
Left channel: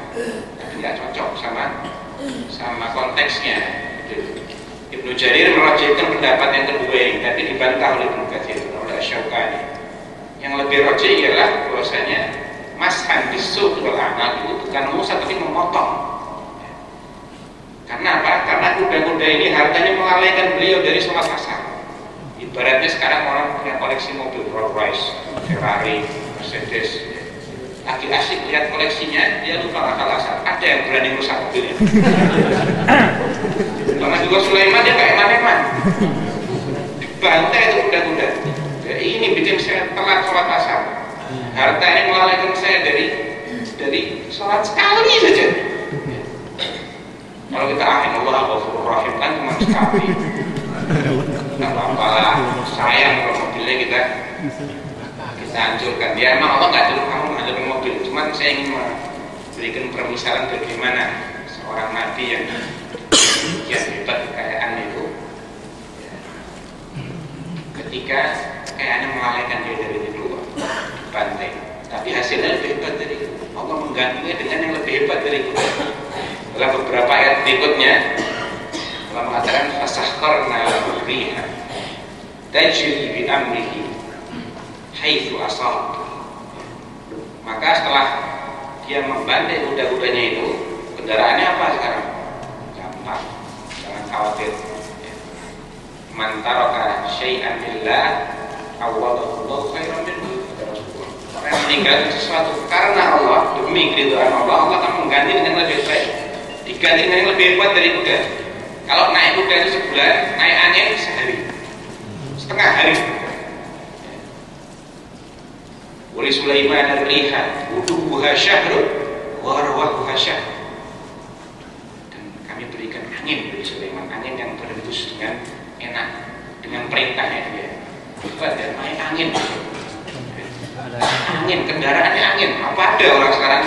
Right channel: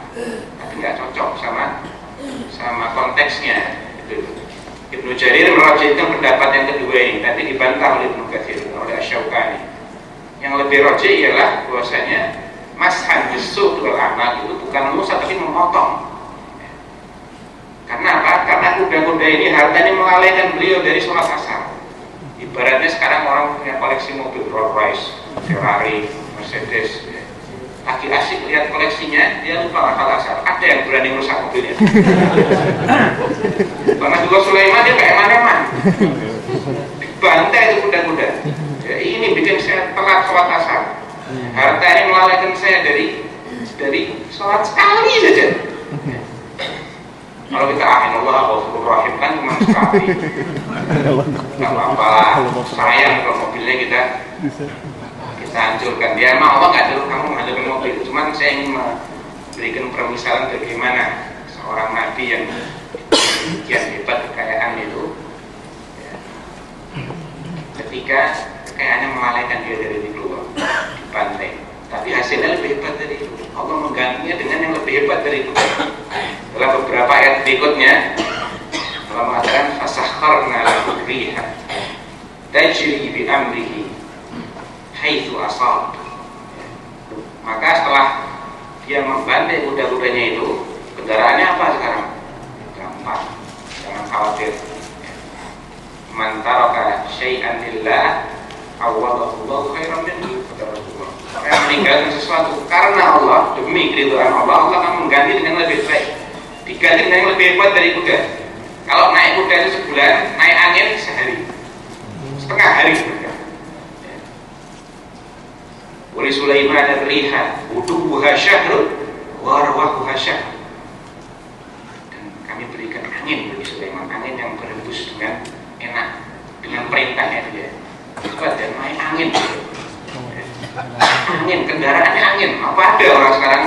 tapi nggak cocok sama konteksnya. Ibnu Jarir merajihkan pendapat yang kedua ini, tapi dibantah oleh Ibnu Katsir, oleh Asy-Syaukani. Yang lebih rajih ialah bahwasanya mashan bis-suq wal a'maq itu bukan musah tapi memotong. Karena apa? Karena kuda-kuda ini hartanya melalaikan beliau dari sholat asar. Ibaratnya sekarang orang punya koleksi mobil Rolls Royce, Ferrari, Mercedes, lagi asik lihat koleksinya, dia lupa akal asar. Ada yang berani merusak mobilnya. Karena juga Sulaiman dia kayak eman-eman, dibantai itu kuda-kuda. Jadi ini bikin saya telat sholat asar. Harta ini melalaikan saya dari sholat sekali saja. Kalau kita Allah Ghafurur Rahim kan cuma sekali, nggak apa-apa, sayang kalau mobilnya kita hancurkan. Dia emang Allah nggak dulu kamu menghancurkan mobil, cuman saya ingin memberikan permisalan bagaimana seorang nabi yang demikian hebat kekayaan itu, ya, ketika kekayaannya melalaikan dia dari Ridho, dibantai. Tapi hasilnya lebih hebat dari itu. Allah menggantinya dengan yang lebih hebat dari itu. Dalam beberapa ayat berikutnya Allah mengatakan fasakharna lahu riha tajri bi amrihi haitsu asab. Maka setelah dia membantai kuda-kudanya itu, kendaraannya apa sekarang? Gampang, jangan khawatir. Man taraka syai'an lillah awwadallahu khairan minhu, kata Rasulullah. Orang yang meninggalkan sesuatu karena Allah, demi keridhaan Allah, Allah akan mengganti dengan lebih baik, diganti dengan yang lebih hebat dari kuda. Kalau naik kuda itu sebulan, naik angin sehari, setengah hari sebenarnya. Wali Sulaiman ar-riha uduha syahrun wa rawahuha syahrun. Dan kami berikan angin bagi Sulaiman, angin yang berhembus dengan enak, dengan perintahnya dia. Hebat dan naik angin. Angin, kendaraannya angin. Apa ada orang sekarang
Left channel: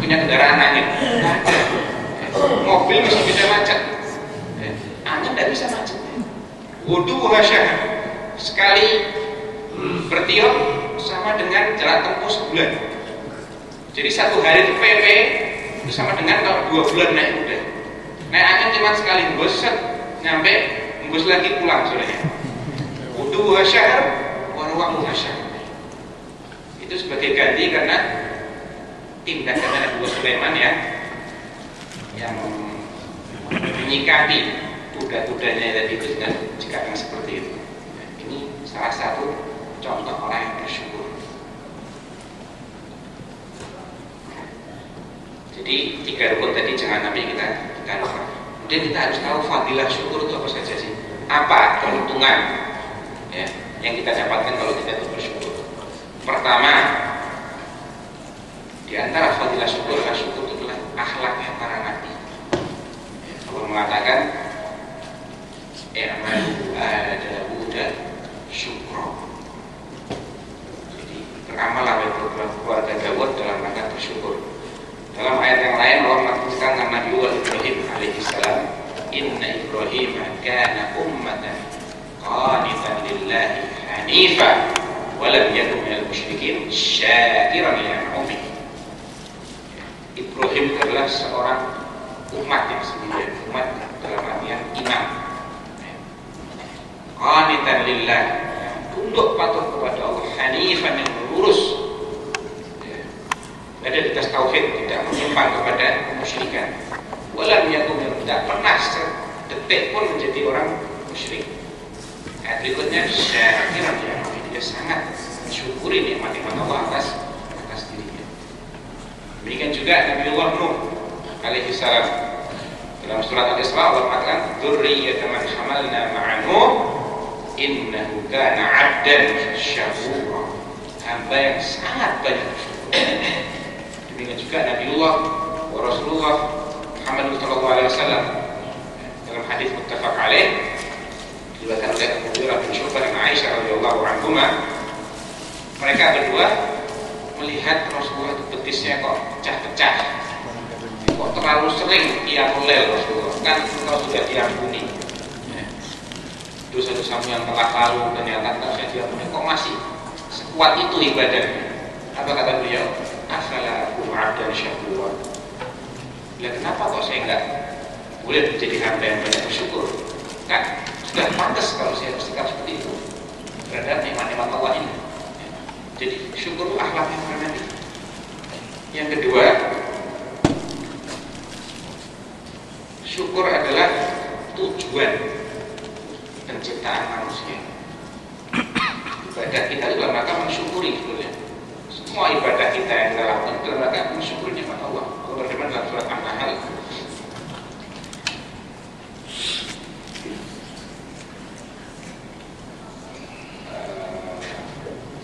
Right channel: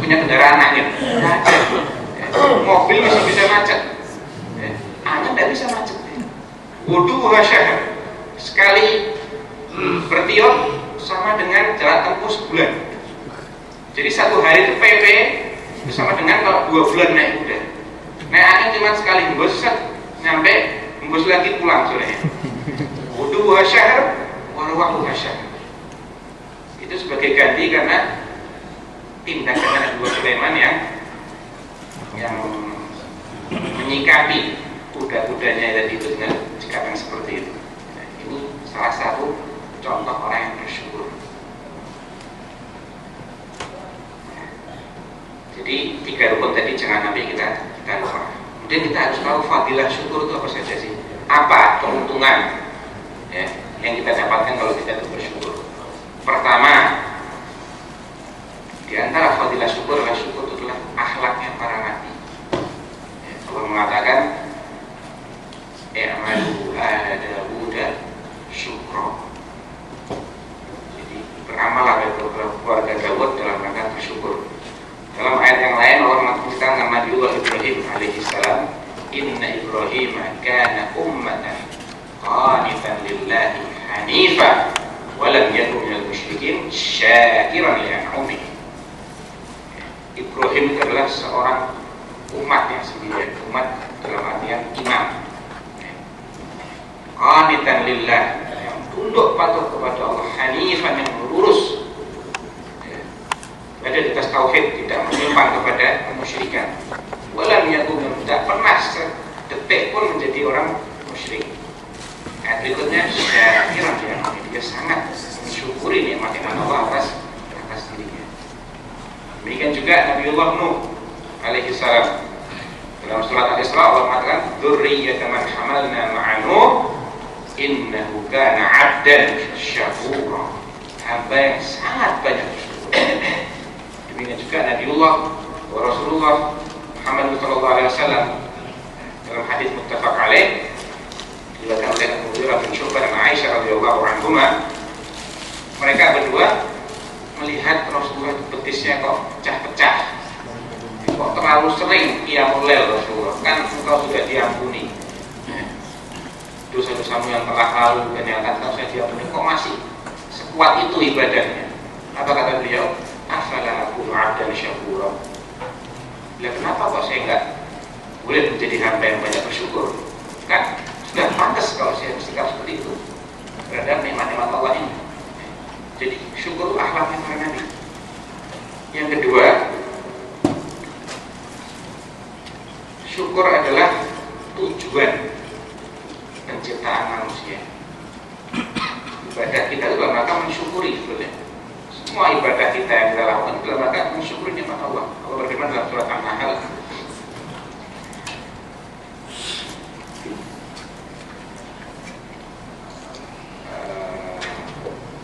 punya kendaraan angin? Tidak ada. Mobil masih bisa macet, angin tidak bisa macet. Wuduha syahr, sekali bertiup sama dengan jalan tempuh sebulan. Jadi satu hari itu PP itu sama dengan kalau 2 bulan naik kuda. Naik angin cuma sekali hembus, nyampe hembus lagi pulang sorenya. Wuduha syahr, warwahuha syahr. Itu sebagai ganti karena tindakan Nabi Sulaiman yang menyikapi kuda-kudanya tadi itu dengan sikap yang seperti itu. Nah, ini salah satu contoh orang yang bersyukur. Jadi 3 rukun tadi jangan sampai kita lupa. Kemudian kita harus tahu fadilah syukur itu apa saja sih? Apa keuntungan ya, yang kita dapatkan kalau kita itu bersyukur? Pertama, di antara fadilah syukur adalah syukur itu adalah akhlaknya para nabi. Ya, Allah mengatakan, "I'malu ala Dawud syukra." Jadi beramallah keluarga Dawud dalam rangka bersyukur. Dalam ayat yang lain Allah mengatakan nama Nabi Ibrahim alaihissalam, "Inna Ibrahim kana ummatan qanitan lillahi hanifa walam yakun minal musyrikin syakiran li an'amihi." Ibrahim adalah seorang umat yang sendirian, umat dalam artian imam. Qanitan lillah, yang tunduk patuh kepada Allah, hanifan yang lurus, ada di atas tauhid, tidak menyimpan kepada kemusyrikan. Walam yakun, tidak pernah sedetik pun menjadi orang musyrik. Ayat berikutnya syakiran ya, dia sangat mensyukuri nikmat-nikmat Allah atas dirinya. Demikian juga Nabiullah Nuh alaihi salam. Dalam surat Al-Isra Allah mengatakan, "Dzurriyyatan man hamalna ma'a Nuh innahu kana 'abdan syakura." Hamba yang sangat banyak bersyukur. Demikian juga Nabiullah wa Rasulullah Muhammad sallallahu alaihi wasallam dalam hadis muttafaq alaih, Diriwayatkan oleh Abu Hurairah bin Syu'bah dan Aisyah radhiyallahu anhuma, mereka berdua melihat Rasulullah itu betisnya kok pecah-pecah, kok terlalu sering qiyamul lail Rasulullah, kan engkau sudah diampuni dosa-dosamu yang telah lalu dan yang akan sudah diampuni, kok masih sekuat itu ibadahnya. Apa kata beliau? Afala akunu 'abdan syakura. Lah kenapa kok saya enggak boleh menjadi hamba yang banyak bersyukur? Kan sudah pantas kalau saya bersikap seperti itu terhadap nikmat-nikmat Allah ini. Jadi syukur akhlaknya para nabi. Yang kedua, syukur adalah tujuan penciptaan manusia. Ibadah kita itu dalam rangka mensyukuri sebenarnya. Semua ibadah kita yang kita lakukan itu dalam rangka mensyukuri nikmat Allah. Allah berfirman dalam surat An-Nahl,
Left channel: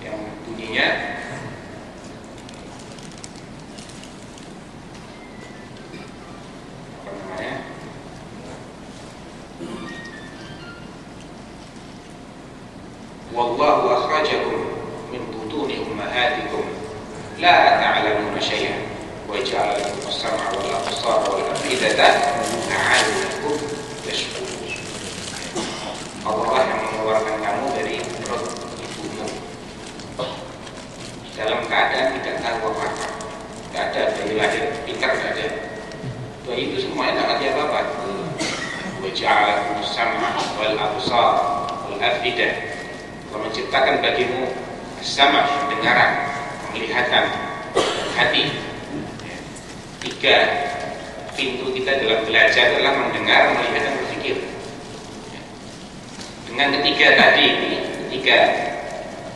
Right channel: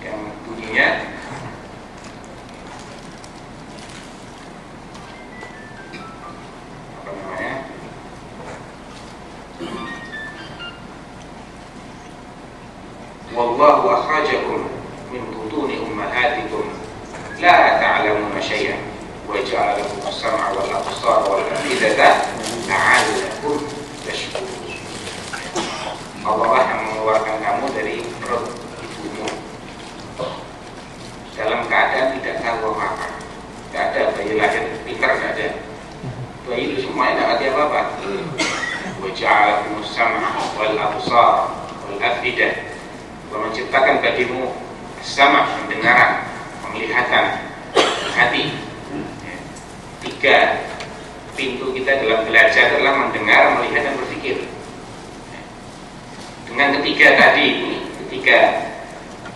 yang bunyinya apa namanya? Wallahu akhrajakum min butuni ummahatikum la ta'lamuna syai'an wa ja'ala lakum as-sam'a wal absara wal afidata la'allakum tashkurun. Allah yang mengeluarkan kamu dari perut ibumu dalam keadaan tidak tahu apa-apa. Tidak ada bayi lahir pintar, tidak ada. Bayi itu semuanya tidak ngerti apa-apa. Wa ja'ala lakum as-sam'a wal absara wal afidah. Allah menciptakan bagimu sama pendengaran, penglihatan, hati. Tiga pintu kita dalam belajar adalah mendengar, melihat, dan berpikir. Dengan ketiga tadi, ketiga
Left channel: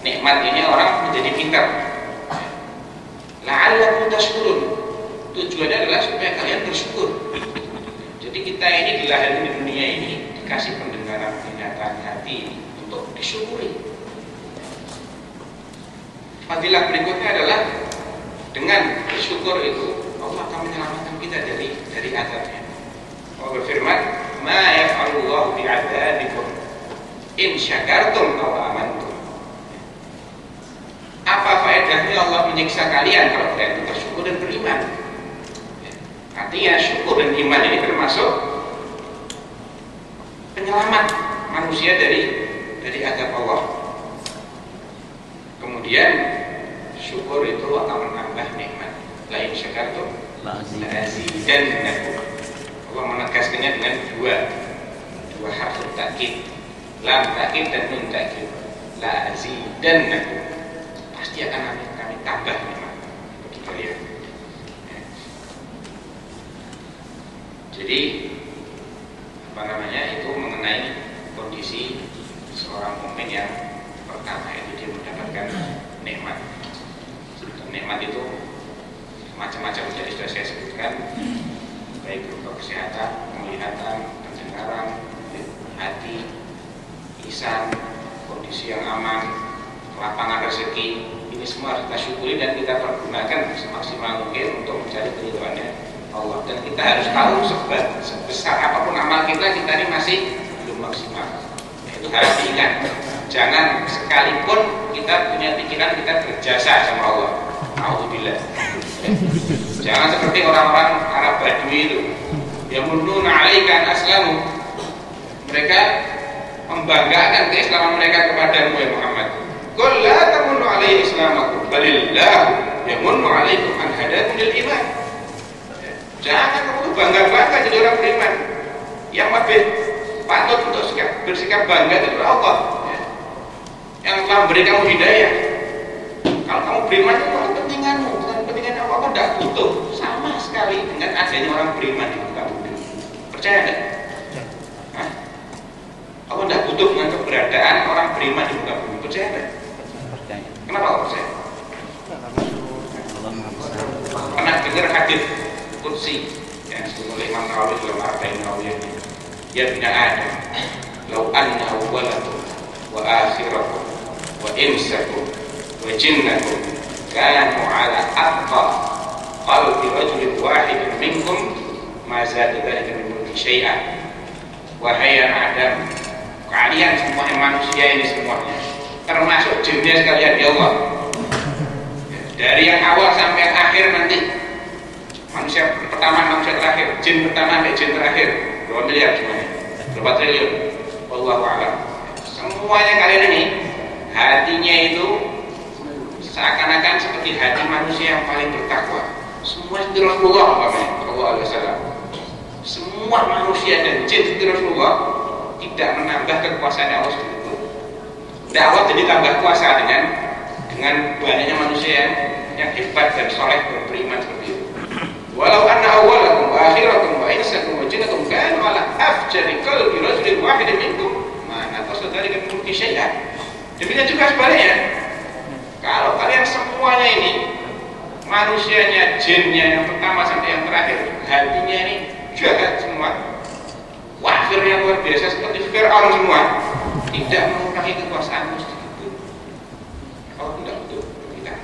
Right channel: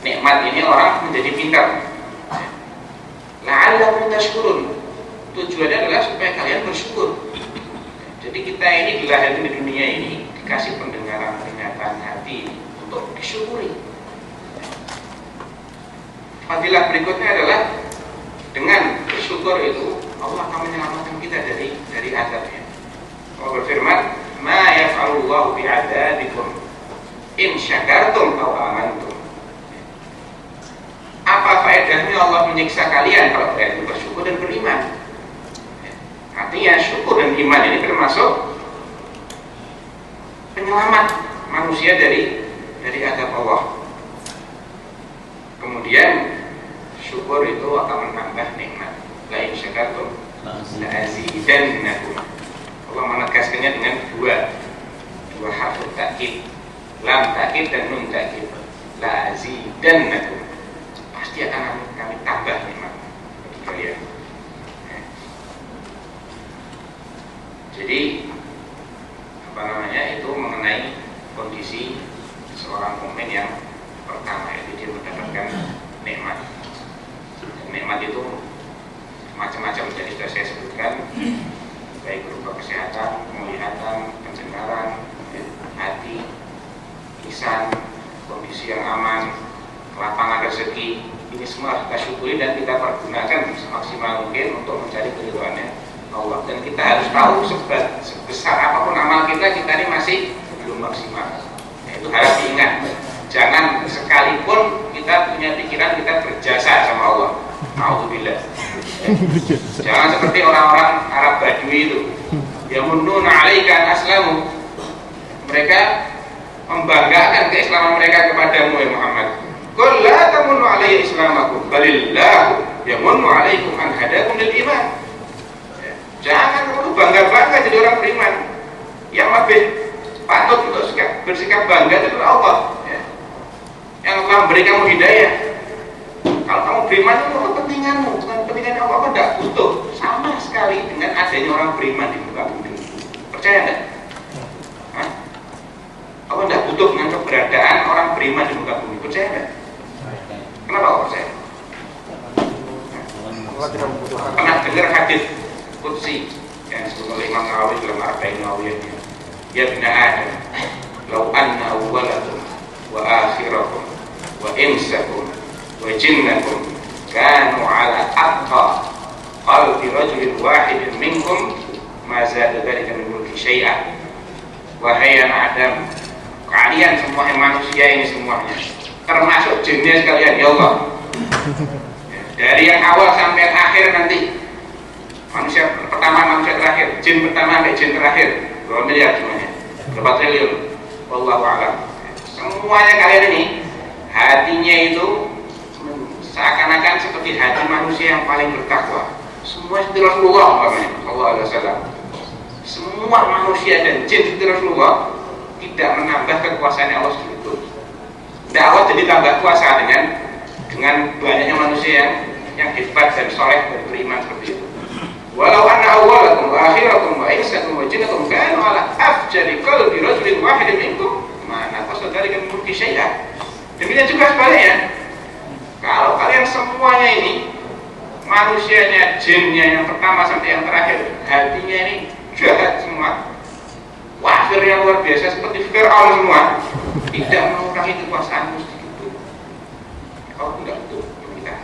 nikmat ini orang menjadi pintar. La'allakum tashkurun. Tujuannya adalah supaya kalian bersyukur. Jadi kita ini dilahirkan di dunia ini dikasih pendengaran, penglihatan, hati untuk disyukuri. Fadilah berikutnya adalah dengan bersyukur itu Allah akan menyelamatkan kita dari azabnya. Allah berfirman, "Ma yaf'alullahu bi'adzabikum in syakartum aw amantum." Apa faedahnya Allah menyiksa kalian kalau kalian itu bersyukur dan beriman? Artinya syukur dan iman ini termasuk penyelamat manusia dari azab Allah. Kemudian syukur itu akan menambah nikmat. La in syakartum la azidannakum. Allah menegaskannya dengan dua harf takkid, lam takkid dan nun takkid. La azidannakum. Pasti akan kami tambah nikmat bagi kalian. Jadi apa namanya, itu mengenai kondisi seorang mukmin yang pertama, itu dia mendapatkan nikmat. Dan nikmat itu macam-macam, jadi sudah saya sebutkan, baik berupa kesehatan, penglihatan, pendengaran, hati, lisan, kondisi yang aman, kelapangan rezeki. Ini semua harus kita syukuri dan kita pergunakan semaksimal mungkin untuk mencari keridhaannya Allah. Dan kita harus tahu sebesar apapun amal kita ini masih belum maksimal. Itu harus diingat. Jangan sekalipun kita punya pikiran kita berjasa sama Allah. Alhamdulillah. Jangan seperti orang-orang Arab Badui itu, yamunnuna 'alaika an aslamu. Mereka membanggakan keislaman mereka kepadamu ya Muhammad. Qul la tamunnu 'alayya islamakum, balillahu yamunnu 'alaikum an hadakum lil iman. Jangan kamu bangga-bangga jadi orang beriman. Yang lebih patut untuk bersikap bangga itu adalah Allah, yang telah memberi kamu hidayah. Kalau kamu beriman itu kepentinganmu, bukan kepentingan Allah. Allah tidak butuh sama sekali dengan adanya orang beriman di muka bumi. Percaya enggak? Allah tidak butuh dengan keberadaan orang beriman di muka bumi. Percaya enggak? Kenapa Allah percaya? Pernah dengar hadis qudsi yang disebut oleh Imam Nawawi dalam Arba'in Nawawiyahnya? Ya bina Adam, law anna awwalakum wa akhirakum wa insakum wa jinnakum kanu ala atqa qalbi rajulin wahidin minkum ma zada dzalika min mulki syai'an. Wahai anak Adam, kalian semua yang manusia ini semuanya, termasuk jinnya sekalian ya Allah. Dari yang awal sampai yang akhir nanti, manusia pertama, manusia terakhir, jin pertama sampai jin terakhir, 2 miliar semuanya, berapa triliun, wallahu a'lam. Semuanya kalian ini hatinya itu seakan-akan seperti hati manusia yang paling bertakwa. Semua itu Rasulullah sallallahu alaihi wasallam. Semua manusia dan jin itu Rasulullah tidak menambah kekuasaan Allah sedikit. Tidak Allah jadi tambah kuasa dengan banyaknya manusia yang hebat dan soleh dan beriman seperti itu. Walau anna awwalakum wa akhirakum wa insakum wa jinnakum kanu ala afjari qalbi rajulin wahidin minkum ma naqasa dzalika min mulki syai'an. Demikian juga sebaliknya. Kalau kalian semuanya ini, manusianya, jinnya yang pertama sampai yang terakhir, hatinya ini jahat semua, wafir yang luar biasa seperti Fir'aun semua, tidak mengurangi kekuasaanmu sedikit pun. Kalau tidak betul kita.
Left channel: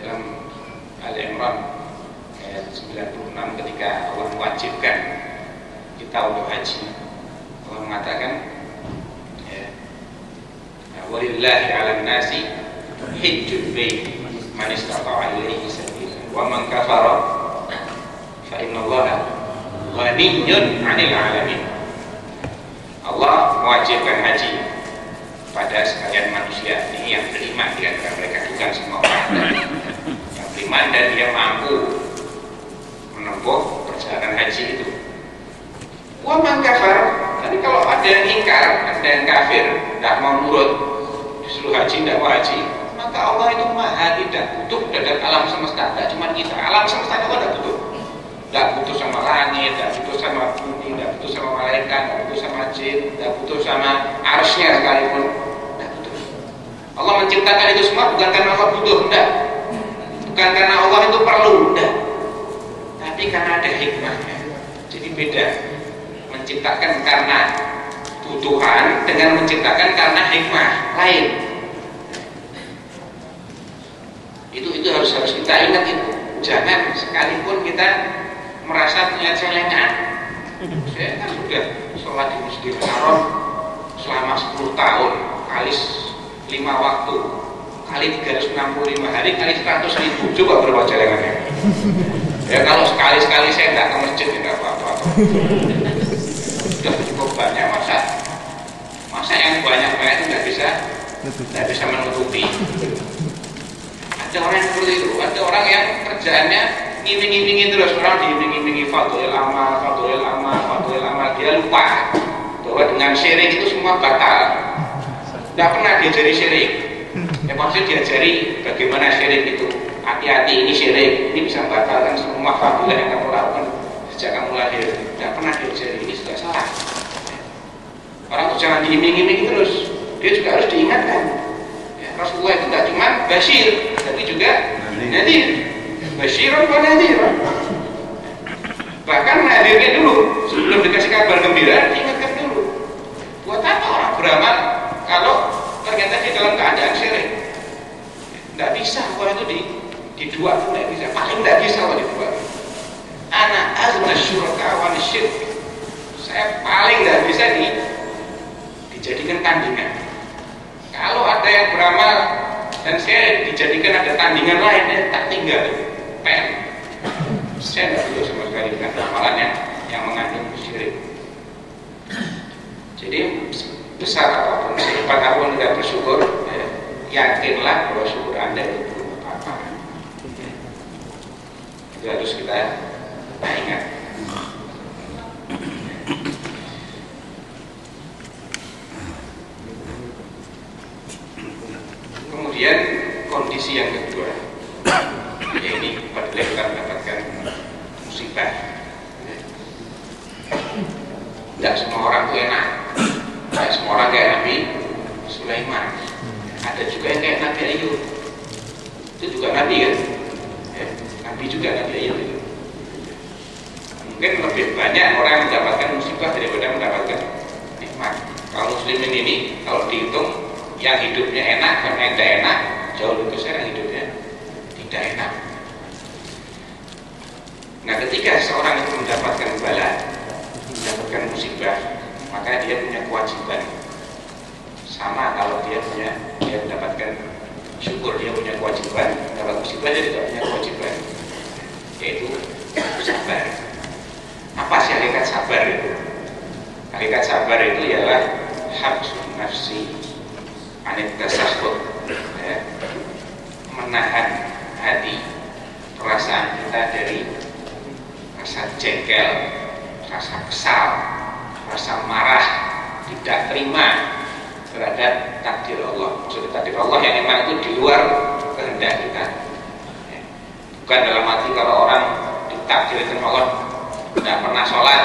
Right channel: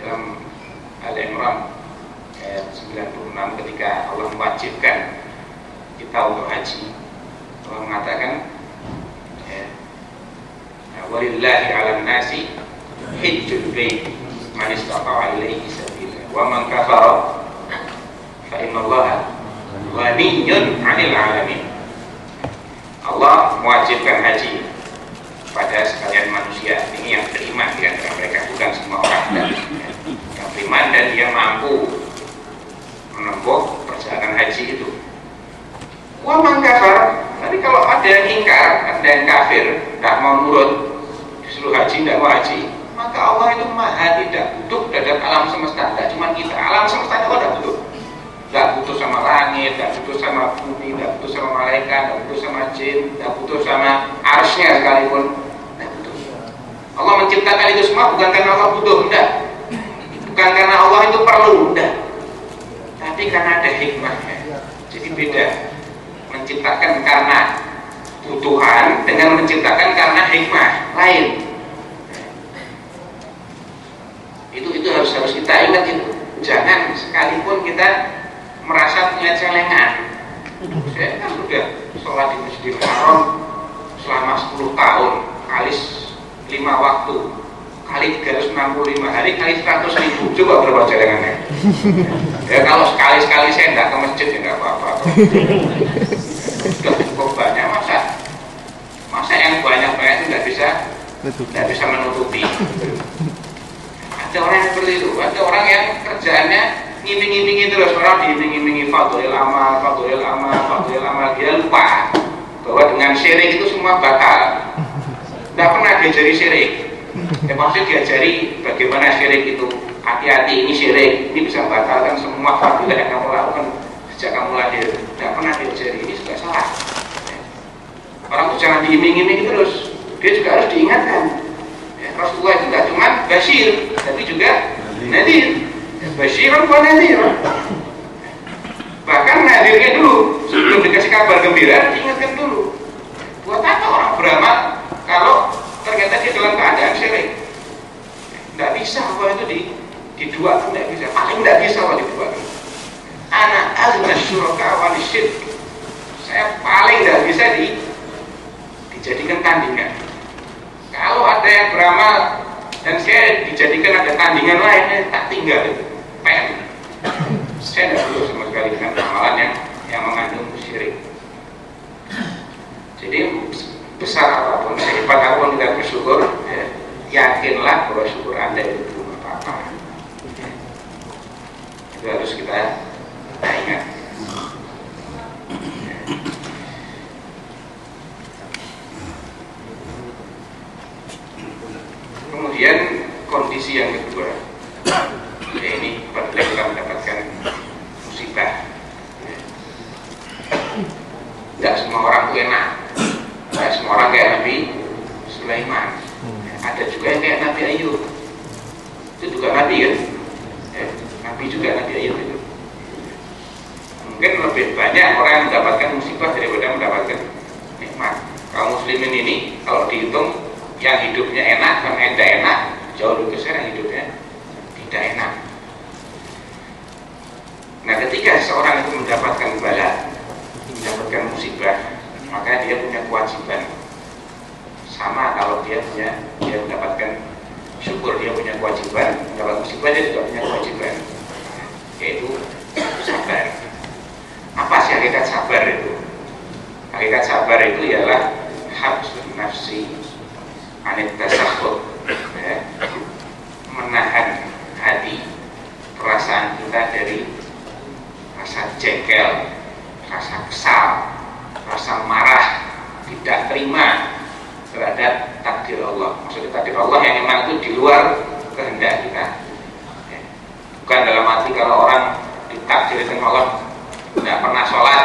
Dalam Al-Imran ayat 96 ketika Allah mewajibkan kita untuk haji, Allah mengatakan, walillahi 'alan nasi hajjul bait man istata'a ilaihi sabila wa man kafara fa innallaha ghaniyyun 'anil 'alamin. Allah mewajibkan haji pada sekalian manusia ini yang beriman di antara mereka, bukan semua orang, yang beriman dan dia mampu menempuh perjalanan haji itu. Wa man kafara, tapi kalau ada yang ingkar, ada yang kafir, tidak mau nurut, disuruh haji, tidak mau haji, maka Allah itu maha tidak butuh terhadap alam semesta. Tidak cuma kita, alam semesta Allah tidak butuh. Tidak butuh sama langit, tidak butuh sama bumi, tidak butuh sama malaikat, tidak butuh sama jin, tidak butuh sama arsy-Nya sekalipun, tidak butuh. Allah menciptakan itu semua bukan karena Allah butuh, tidak. Bukan karena Allah itu perlu, tidak. Tapi karena ada hikmahnya. Jadi beda. Menciptakan karena kebutuhan dengan menciptakan karena hikmah lain. Itu harus kita ingat itu. Jangan sekalipun kita merasa punya celengan. Saya kan sudah sholat di Masjidil Haram selama 10 tahun kali 5 waktu kali 365 hari kali 100.000. Coba berapa celengannya? Ya kalau sekali-sekali saya tidak ke masjid ya nggak apa-apa. Sudah cukup banyak, masa yang banyak-banyak itu tidak bisa menutupi. Ada orang yang seperti itu, ada orang yang kerjaannya ngiming-ngimingi terus, orang diiming-ngimingi fadhil amal, dia lupa bahwa dengan syirik itu semua batal. Tidak pernah diajari syirik. Ya maksudnya diajari bagaimana syirik itu. Hati-hati, ini syirik, ini bisa membatalkan semua fadilah yang kamu lakukan sejak kamu lahir. Tidak pernah diajari, ini sudah salah. Orang itu jangan diiming-imingi terus, dia juga harus diingatkan. Ya, Rasulullah itu tidak cuma basyir, tapi juga nadir. Basyiran wa nadir. Bahkan nadirnya dulu, sebelum dikasih kabar gembira, diingatkan dulu. Buat apa orang beramal kalau ternyata dia dalam keadaan syirik? Tidak bisa kalau itu didua, tidak bisa. Paling tidak bisa kalau didua. Ana azna syuraka wa nisyirk. Saya paling tidak bisa dijadikan tandingan. Kalau ada yang beramal dan saya dijadikan ada tandingan lain, tak tinggal pen. Saya tidak perlu sama sekali dengan amalan yang mengandung syirik. Jadi besar apapun, sehebat apapun kita bersyukur, ya, yakinlah bahwa syukur Anda itu belum apa-apa. Itu harus kita ingat. Kemudian kondisi yang kedua, ya ini apabila kita mendapatkan musibah. Tidak semua orang itu enak. Tidak semua orang kayak Nabi Sulaiman. Ada juga yang kayak Nabi Ayub. Itu juga Nabi kan? Nabi juga Nabi Ayub itu. Mungkin lebih banyak orang yang mendapatkan musibah daripada mendapatkan nikmat. Kaum muslimin ini kalau dihitung yang hidupnya enak dan tidak enak jauh lebih besar yang hidupnya tidak enak. Nah ketika seorang itu mendapatkan bala, mendapatkan musibah, maka dia punya kewajiban. Sama kalau dia mendapatkan syukur, dia punya kewajiban, mendapat musibah dia juga punya kewajiban, yaitu sabar. Apa sih hakikat sabar itu? Hakikat sabar itu ialah habsun nafsi anit tasakhut, ya, menahan hati, perasaan kita dari rasa jengkel, rasa kesal, rasa marah, tidak terima terhadap takdir Allah. Maksudnya takdir Allah yang memang itu di luar kehendak kita, ya. Bukan dalam arti kalau orang ditakdirkan Allah tidak pernah sholat,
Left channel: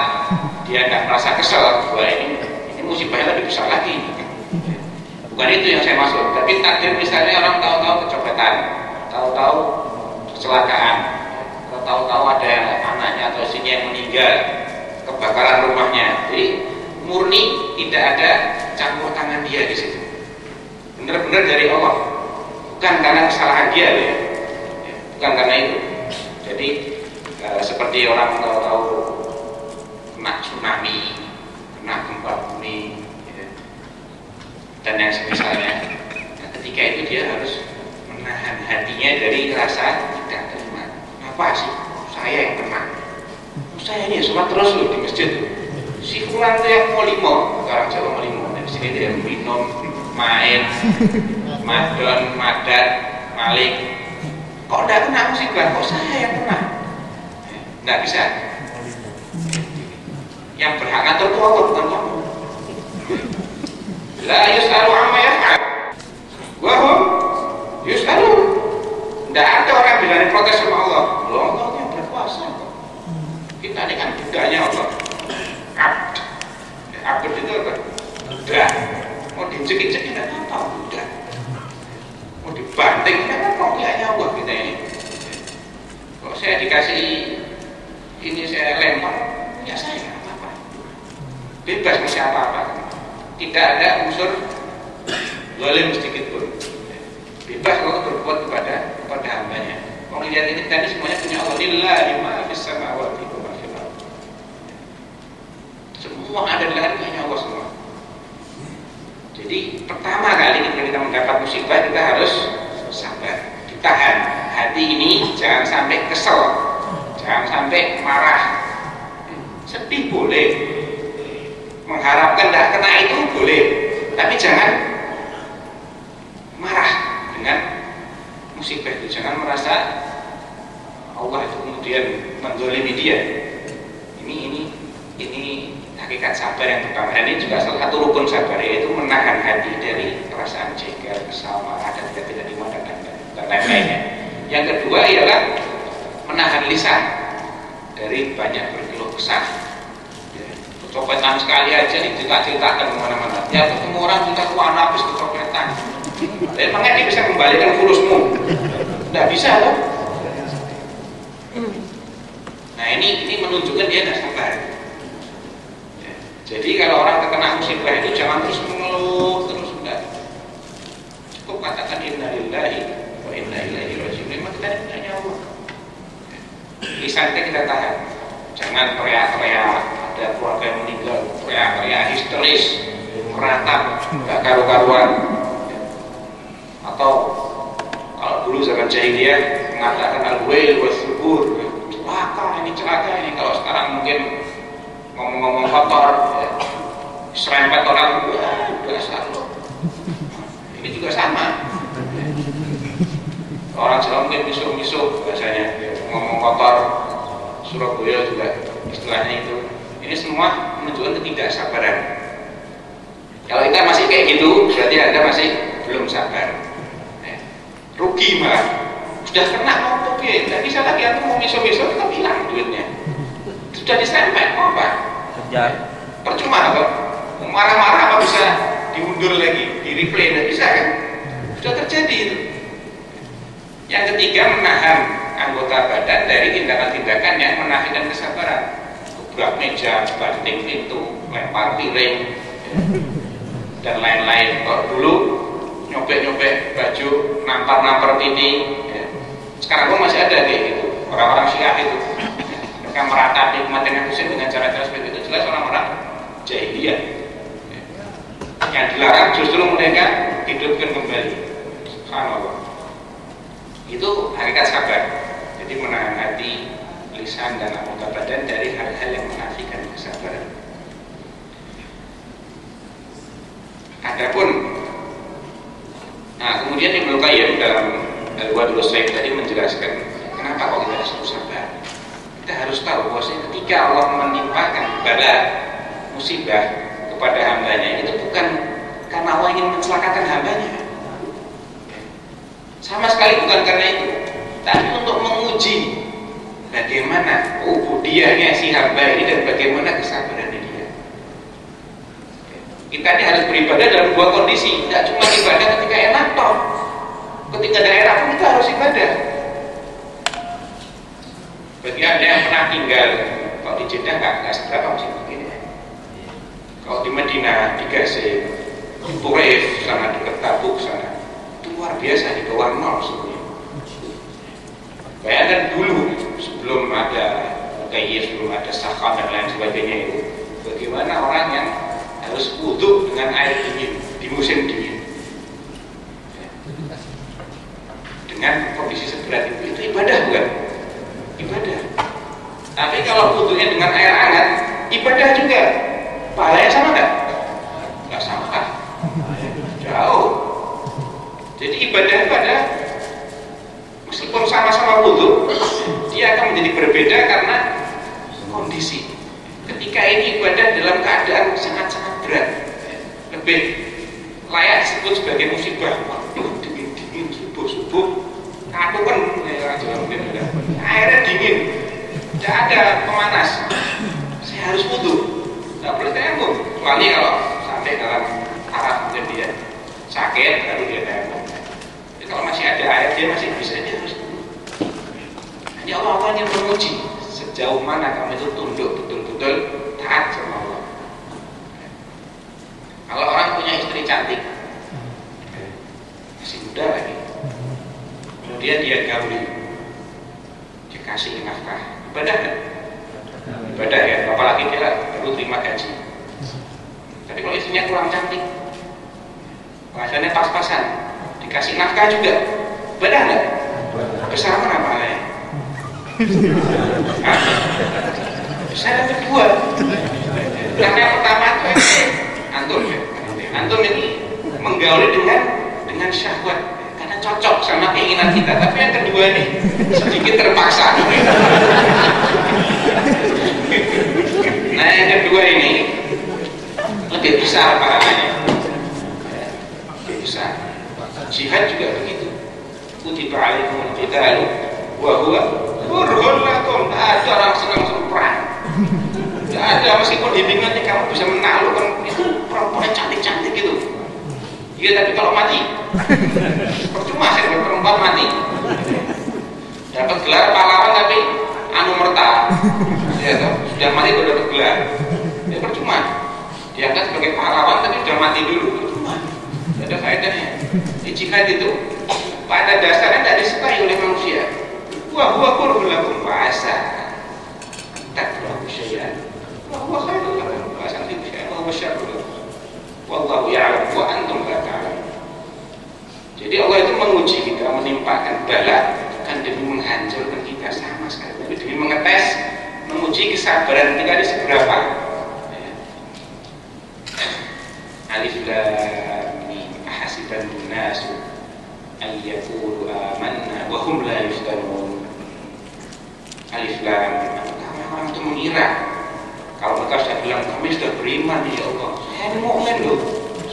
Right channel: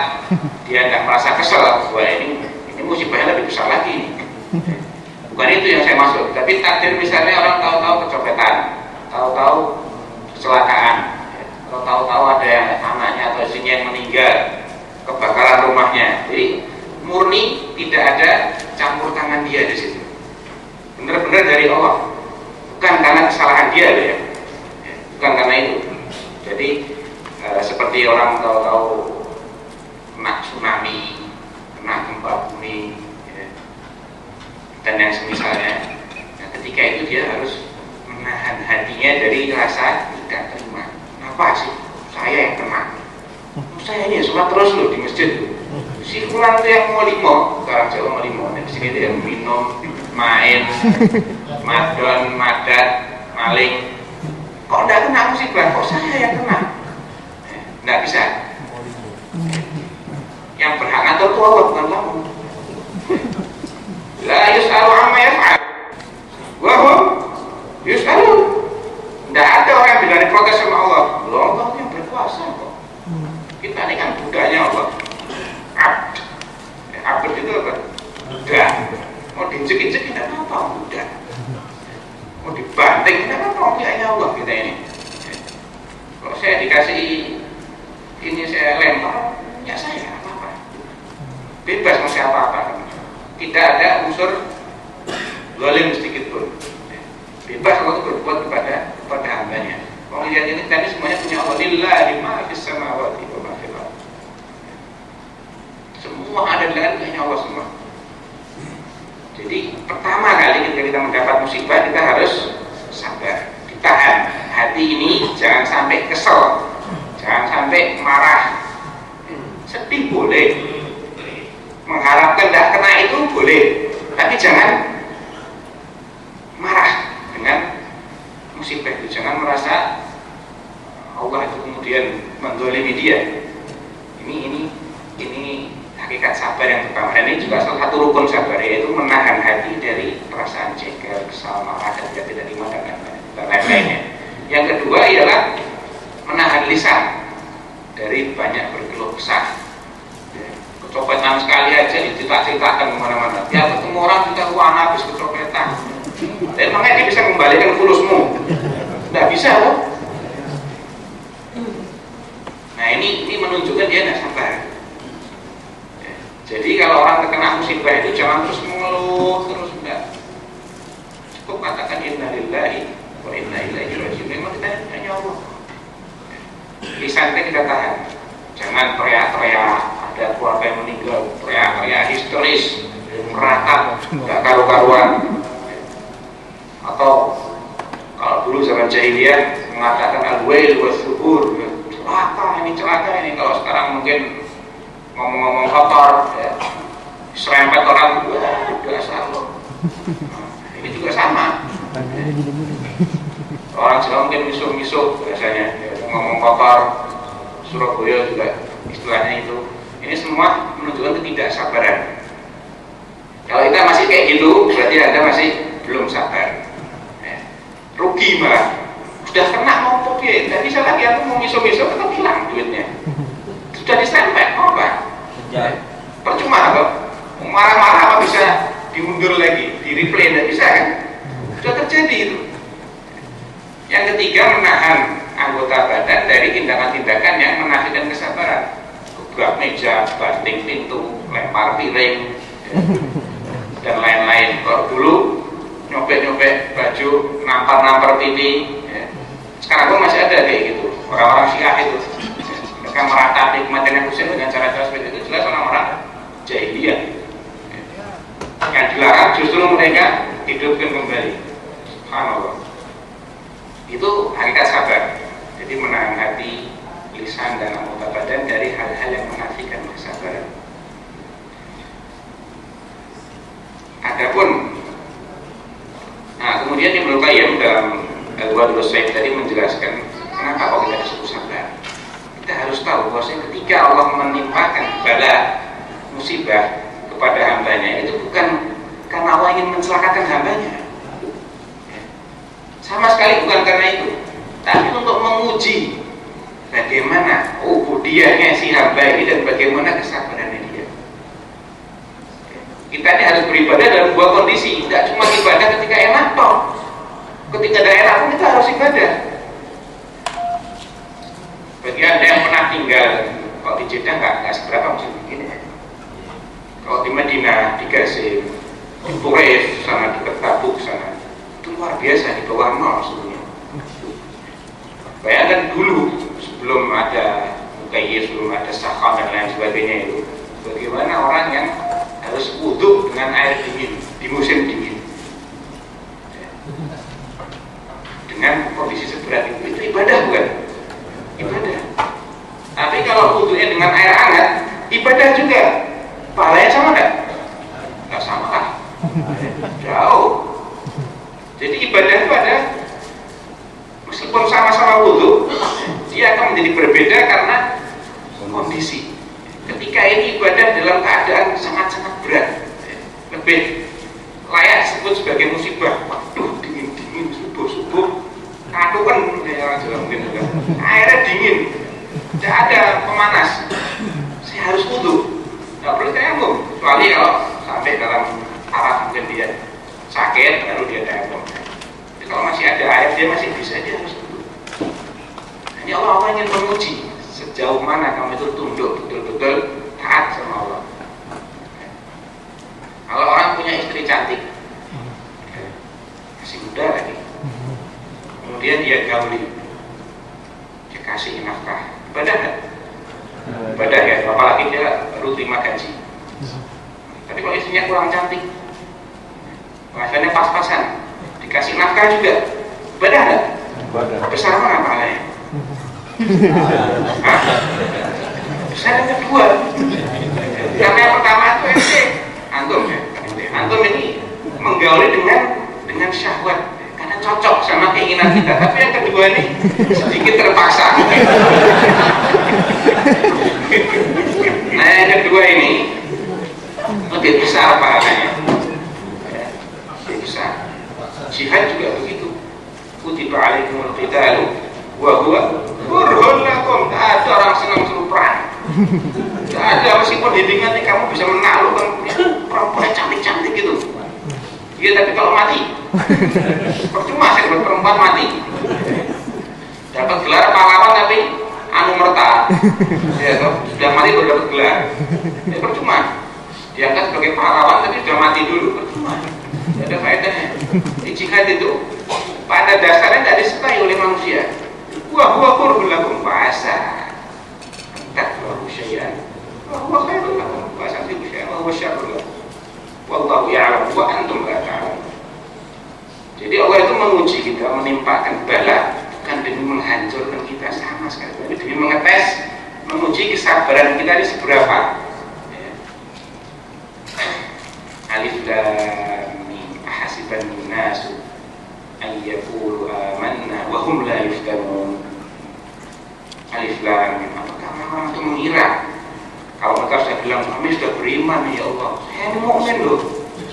dia tidak merasa kesel, wah ini musibahnya lebih besar lagi. Bukan itu yang saya maksud. Tapi takdir misalnya orang tahu-tahu kecopetan, tahu-tahu kecelakaan, atau tahu-tahu ada yang anaknya atau istrinya yang meninggal, kebakaran rumahnya. Jadi murni tidak ada campur tangan dia di situ. Benar-benar dari Allah, bukan karena kesalahan dia, ya. Bukan karena itu. Jadi seperti orang tahu-tahu kena tsunami, kena gempa bumi, ya, dan yang semisalnya. Nah, ketika itu dia harus menahan hatinya dari rasa tidak terima. Apa sih? Saya yang kena. Saya ini sholat terus loh di masjid loh. Si fulan itu yang mau limo, orang Jawa mau limo. Di sini dia minum, main, madon, madat, maling. Kok tidak kena musibah? Kok saya yang kena? Tidak bisa. Yang berhak ngatur itu Allah, bukan kamu. La yus'alu amma yaf'al wa hum yus'alun. Tidak ada orang yang berani protes sama Allah. Allah yang berkuasa kok. Kita ini kan budaknya Allah. Abd. Abd itu apa? Budak. Mau diinjek-injek tidak apa-apa, budak. Mau dibanting tidak apa-apa, punyanya Allah kita ini. Kalau saya dikasih ini saya lempar, ya saya apa-apa. Bebas mau siapa apa. Tidak ada unsur zalim sedikit pun. Bebas kalau berbuat kepada hambanya. Kalau lihat ini tadi semuanya punya Allah. Lillahi ma fis samawati wa ma fil ardh. Semua ada di langit hanya Allah semua. Jadi pertama kali ketika kita mendapat musibah kita harus sabar, ditahan. Hati ini jangan sampai kesel, jangan sampai marah. Sedih boleh, mengharapkan tidak kena itu boleh, tapi jangan marah dengan musibah itu. Jangan merasa Allah itu kemudian menzalimi dia. Ini hakikat sabar yang pertama. Dan ini juga salah satu rukun sabar, yaitu menahan hati dari perasaan jengkel, kesal, marah, dan tidak terima dan lain-lainnya. Yang kedua ialah menahan lisan dari banyak berkeluh kesah. Kecopetan sekali aja diceritakan kemana-mana. Ya ketemu orang sudah habis kecopetan. Dan makanya dia bisa kembalikan fulusmu. Tidak bisa loh. Nah ini menunjukkan dia tidak sabar. Jadi kalau orang terkena musibah itu jangan terus mengeluh, terus enggak. Cukup katakan innalillahi wa inna ilaihi raji'un. Memang kita ini punya Allah. Lisan kita tahan. Jangan teriak-teriak, ada keluarga yang meninggal, teriak-teriak histeris, meratap, enggak karu-karuan. Atau kalau dulu zaman jahiliyah mengatakan al-wail was-subur, celaka ini. Kalau sekarang mungkin ngomong-ngomong kotor, ya, serempet orang, wah dasar loh. Ini juga sama. Orang Jawa mungkin misuh-misuh biasanya, ya, ngomong kotor. Surabaya juga istilahnya itu. Ini semua menunjukkan ketidaksabaran. Kalau kita masih kayak gitu, berarti Anda masih belum sabar. Ya. Rugi malah. Sudah kena mau pergi, tidak bisa lagi aku mau misuh-misuh, tetap hilang duitnya. Sudah disempet, mau apa? Percuma kok. Marah-marah apa bisa diundur lagi, di replay, tidak bisa kan? Sudah terjadi itu. Yang ketiga, menahan anggota badan dari tindakan-tindakan yang menafikan kesabaran. Gebrak meja, banting pintu, lempar piring, ya, dan lain-lain. Kalau dulu nyopek-nyopek baju, nampar-nampar pipi, ya. Sekarang pun masih ada kayak gitu. Orang-orang Syiah itu mereka meratapi kematian Husain dengan cara-cara seperti itu. Jelas orang-orang jahiliyah. Yang dilarang justru mereka hidupkan kembali. Subhanallah. Itu hakikat sabar. Jadi menahan hati, lisan dan anggota badan dari hal-hal yang menafikan kesabaran. Adapun, kemudian Ibnu Qayyim dalam Al-Wadul Sayyid tadi menjelaskan kenapa kok kita disuruh sabar. Kita harus tahu bahwasanya ketika Allah menimpakan bala musibah kepada hambanya, itu bukan karena Allah ingin mencelakakan hambanya, sama sekali bukan karena itu, tapi untuk menguji bagaimana ubudiahnya si hamba ini dan bagaimana kesabarannya dia. Kita ini harus beribadah dalam dua kondisi, tidak cuma ibadah ketika enak toh, ketika tidak enak pun kita harus ibadah. Bagi Anda yang pernah tinggal, kalau di Jeddah nggak seberapa mesti begini. Kalau di Madinah, di Gaza, di Quraisy sana, di Tabuk sana, itu luar biasa, di bawah nol sebenarnya. Bayangkan dulu sebelum ada Mukayyif, sebelum ada Sakham dan lain sebagainya itu, bagaimana orang yang harus wudu dengan air dingin di musim dingin, dengan kondisi seberat itu ibadah bukan? Ibadah. Tapi kalau wudunya dengan air hangat, ibadah juga. Pahalanya sama enggak? Enggak sama kan? Jauh. Jadi ibadah itu ada, meskipun sama-sama wudu, dia akan menjadi berbeda karena kondisi. Ketika ini ibadah dalam keadaan sangat-sangat berat, lebih layak disebut sebagai musibah. Waduh, dingin-dingin, subuh-subuh, aku kan airnya dingin, tidak ada pemanas, saya harus wudu, tidak boleh tayamum, kecuali kalau sampai dalam taraf mungkin dia sakit baru dia tayamum. Jadi kalau masih ada air dia masih bisa, dia harus wudu. Hanya Allah ingin menguji sejauh mana kamu itu tunduk betul-betul taat sama Allah. Kalau orang punya istri cantik, masih muda lagi, kemudian dia gauli, dia kasih nafkah, ibadah kan? Ibadah ya, apalagi dia baru terima gaji. Tapi kalau istrinya kurang cantik, penghasilannya pas-pasan, dikasih nafkah juga, ibadah nggak? Besar mana pahalanya? Besar yang kedua. Karena yang pertama itu antum ini menggauli dengan syahwat, karena cocok sama keinginan kita. Tapi yang kedua ini sedikit terpaksa. Nah yang kedua ini lebih besar pahalanya, lebih besar. Jihad juga begitu. Kutiba alaikumul qitalu wa huwa kurhun lakum. Tak ada orang senang suruh perang. Tidak ada, meskipun hitungannya kamu bisa menaklukkan perempuan cantik-cantik gitu. Iya, tapi kalau mati percuma saya dapat perempuan mati. Dapat gelar pahlawan tapi anu merta. Ya, sudah mati baru dapat gelar. Ya percuma. Diangkat sebagai pahlawan tapi sudah mati dulu, percuma. Tidak ada faedahnya. Di jihad itu pada dasarnya tidak disukai oleh manusia. Wah, kurhun lakum bahasa. Takfuru syai'an wa huwa khairul lakum wa santibu syai'an wa huwa syarrul lakum wallahu ya'lam wa antum la ta'lamun. Jadi Allah itu menguji kita, menimpakan bala bukan demi menghancurkan kita sama sekali, tapi demi mengetes, menguji kesabaran kita ini seberapa. Alif lam mim ahasiban nasu an yaqulu amanna wa hum la yuftanun. Alif lam mim, orang itu mengira kalau mereka sudah bilang kami sudah beriman ya Allah, saya ini mukmin loh,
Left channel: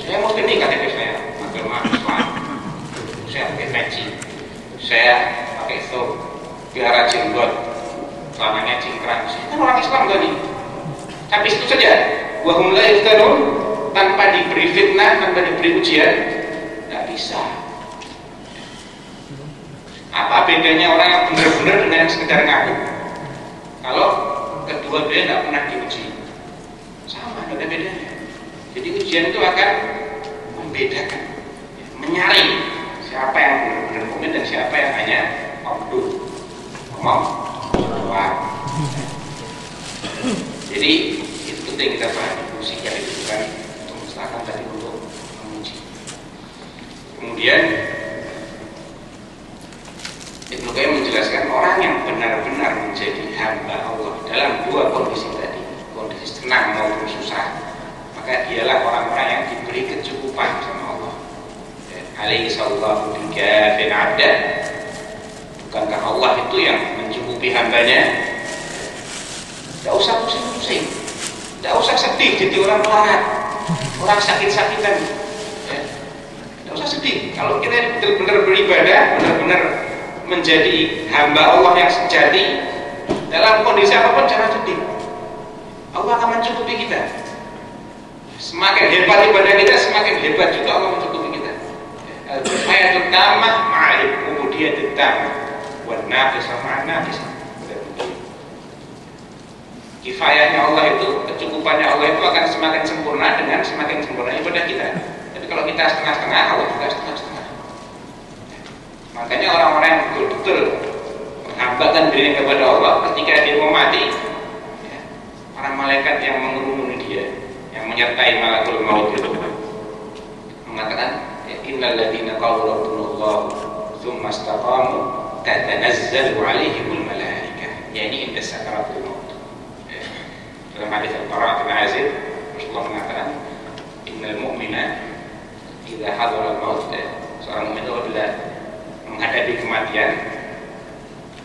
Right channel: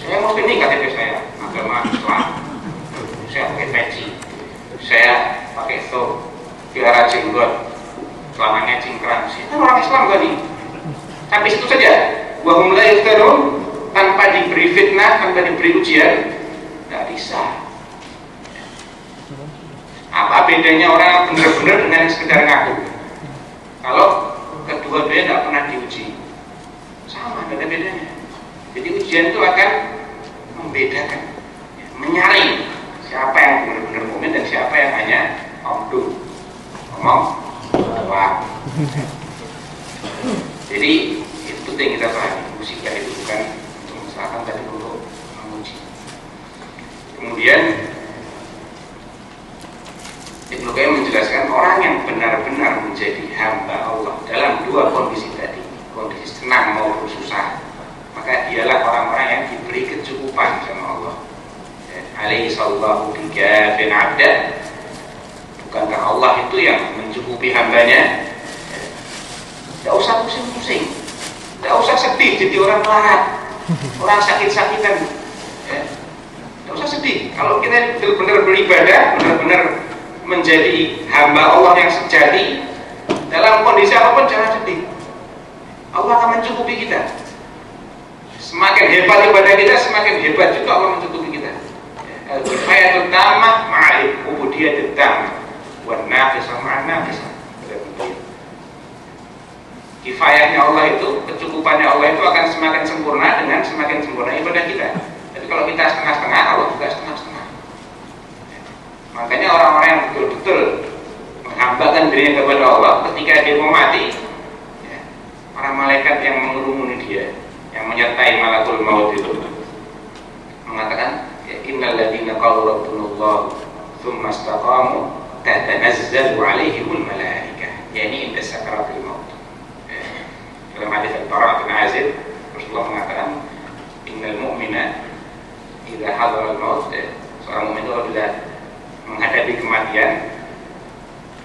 saya mukmin ini KTP saya agama Islam, saya pakai peci, saya pakai thawb, pelihara jenggot, celananya cingkrang, saya kan orang Islam tadi. Sampai situ saja, wa hum la yuftanun, tanpa diberi fitnah, tanpa diberi ujian, tidak bisa. Apa bedanya orang yang benar-benar dengan yang sekedar ngaku? Kalau kedua dia tidak pernah diuji, sama, tidak ada bedanya. Jadi ujian itu akan membedakan, menyaring siapa yang benar-benar mukmin dan siapa yang hanya ngomong doang. Jadi Itu penting kita pahami. Musikan itu bukan untuk menstakan, tapi untuk memuji. Kemudian Ibnu Qayyim menjelaskan orang yang benar-benar menjadi hamba Allah dalam dua kondisi tadi, kondisi senang maupun susah, maka dialah orang-orang yang diberi kecukupan sama Allah. Alaihi sallallahu bikafin abda. Bukankah Allah itu yang mencukupi hambanya? Tidak usah pusing-pusing, tidak usah sedih jadi orang melarat, orang sakit-sakitan. Tidak usah sedih. Kalau kita benar-benar beribadah, benar-benar menjadi hamba Allah yang sejati, dalam kondisi apapun jangan sedih. Allah akan mencukupi kita. Semakin hebat ibadah kita, semakin hebat juga Allah mencukupi kita. Al-kifayatul tammah ma'al ubudiyatul tammah wan naqisah ma'an naqisah. Kifayahnya Allah itu, kecukupannya Allah itu akan semakin sempurna dengan semakin sempurna ibadah kita. Tapi kalau kita setengah-setengah, Allah juga setengah-setengah. Makanya orang-orang yang betul-betul menghambakan dirinya kepada Allah, ketika dia mau mati, para malaikat yang mengerumuni dia, yang menyertai malakul maut itu mengatakan, innal ladzina qalu rabbunallah tsumma istaqamu tatanazzalu alaihimul malaikah. Yani inda sakaratul maut. Dalam hadis Al-Bara' bin Azib, Rasulullah mengatakan, innal mu'mina idza hadara al-maut, seorang mukmin itu apabila menghadapi kematian,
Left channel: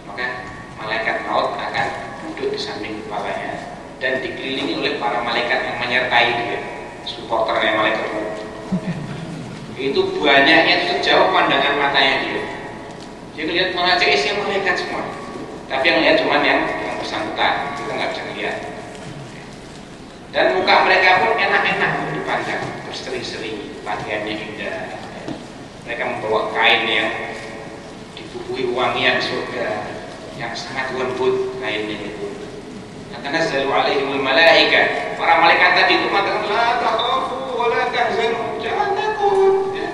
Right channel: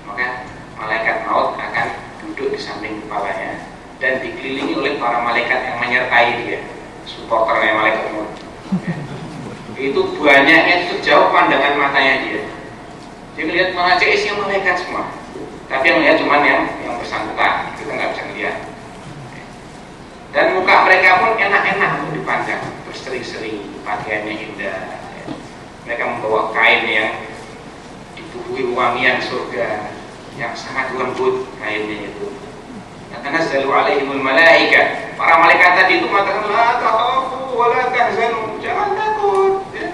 maka malaikat maut akan duduk di samping kepalanya dan dikelilingi oleh para malaikat yang menyertai dia, supporternya malaikat maut. Itu banyaknya sejauh pandangan matanya dia. Dia melihat malah isinya malaikat semua, tapi yang lihat cuma yang bersangkutan, kita nggak bisa lihat. Dan muka mereka pun enak-enak untuk dipandang, berseri-seri, pakaiannya indah. Mereka membawa kain yang dibubuhi wangian surga, yang sangat lembut kainnya itu. Tatanazzalu alaihimul malaika. Para malaikat tadi itu mengatakan, la takhafu wa la tahzanu, jangan takut, ya.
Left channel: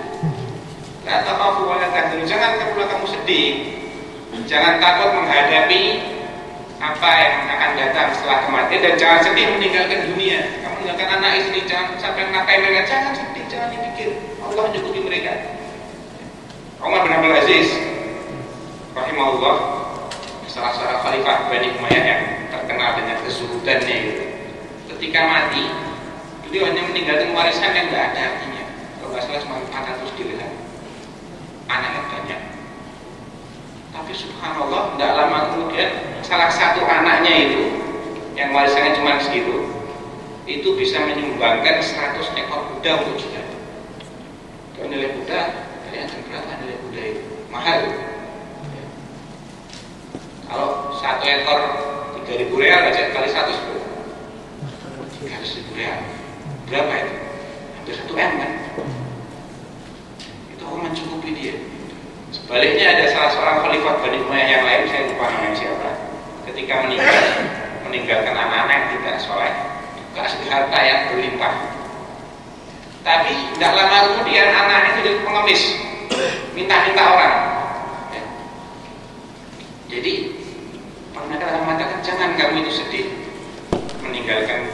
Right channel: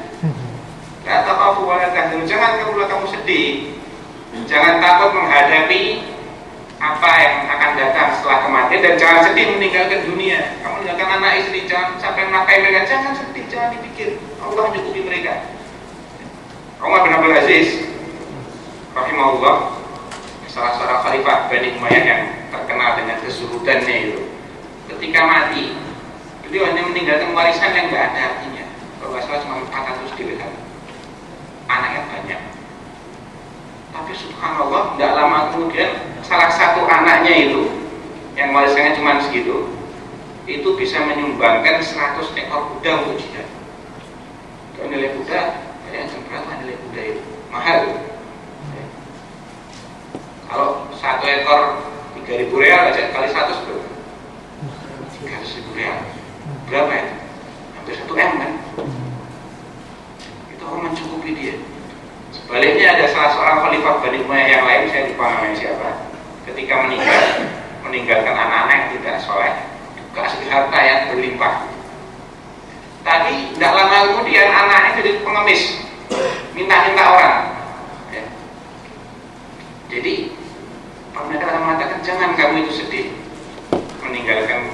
La takhafu wa la tahzanu, jangan kamu sedih, jangan takut menghadapi apa yang akan datang setelah kematian, dan jangan sedih meninggalkan dunia. Kamu meninggalkan anak istri, jangan sampai menafkahi mereka, jangan sedih, jangan dipikir, Allah mencukupi mereka. Umar bin Abdul Aziz rahimahullah, salah seorang khalifah Bani Umayyah yang terkenal dengan kezuhudannya itu, ketika mati beliau hanya meninggalkan warisan yang tidak ada artinya. Kalau nggak salah cuma 400 dirham, anaknya banyak. Tapi subhanallah, tidak lama kemudian salah satu anaknya itu yang warisannya cuma segitu, itu bisa menyumbangkan 100 ekor kuda untuk jihad. Kalau nilai kuda, kalian berapa nilai kuda itu? Mahal. Ya. Kalau 1 ekor 3.000 real aja, kali 100 berapa? 300.000 real. Berapa itu? Hampir 1 M kan? Itu Allah mencukupi dia. Sebaliknya ada salah seorang khalifah Bani Umayyah yang lain, saya lupa namanya siapa, ketika meninggalkan anak-anak yang tidak soleh, dikasih harta yang berlimpah. Tapi tidak lama kemudian anaknya jadi pengemis, minta-minta orang. Ya. Jadi mereka akan mengatakan, jangan kamu itu sedih meninggalkan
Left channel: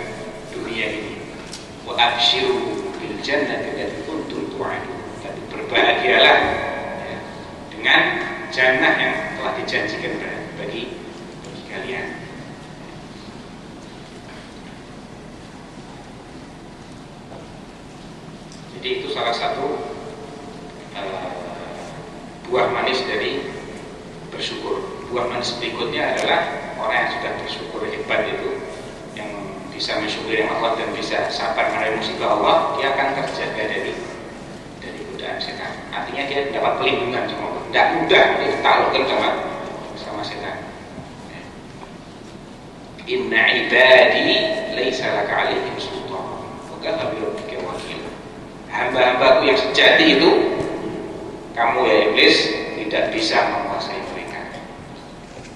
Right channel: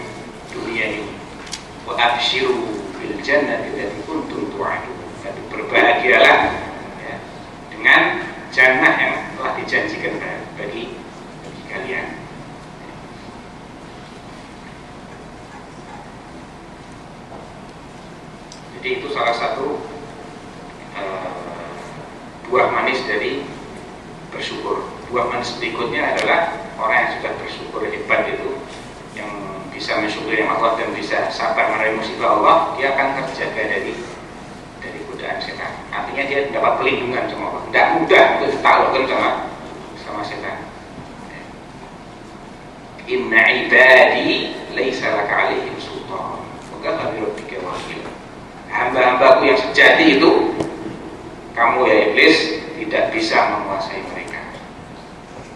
dunia ini. Wa abshiru bil jannati allati kuntum tu'adun. Tapi berbahagialah dengan jannah yang telah dijanjikan bagi kalian. Jadi itu salah satu buah manis dari bersyukur. Buah manis berikutnya adalah orang yang sudah bersyukur hebat itu, yang bisa mensyukuri Allah dan bisa sabar menerima musibah Allah, dia akan terjaga dari godaan setan. Artinya dia dapat pelindungan sama Allah. Tidak mudah untuk ditaklukkan sama setan. Inna ibadi laisa laka alaihim sultan wa kafa bi rabbika wakil. Hamba-hambaku yang sejati itu, kamu ya iblis tidak bisa menguasai mereka,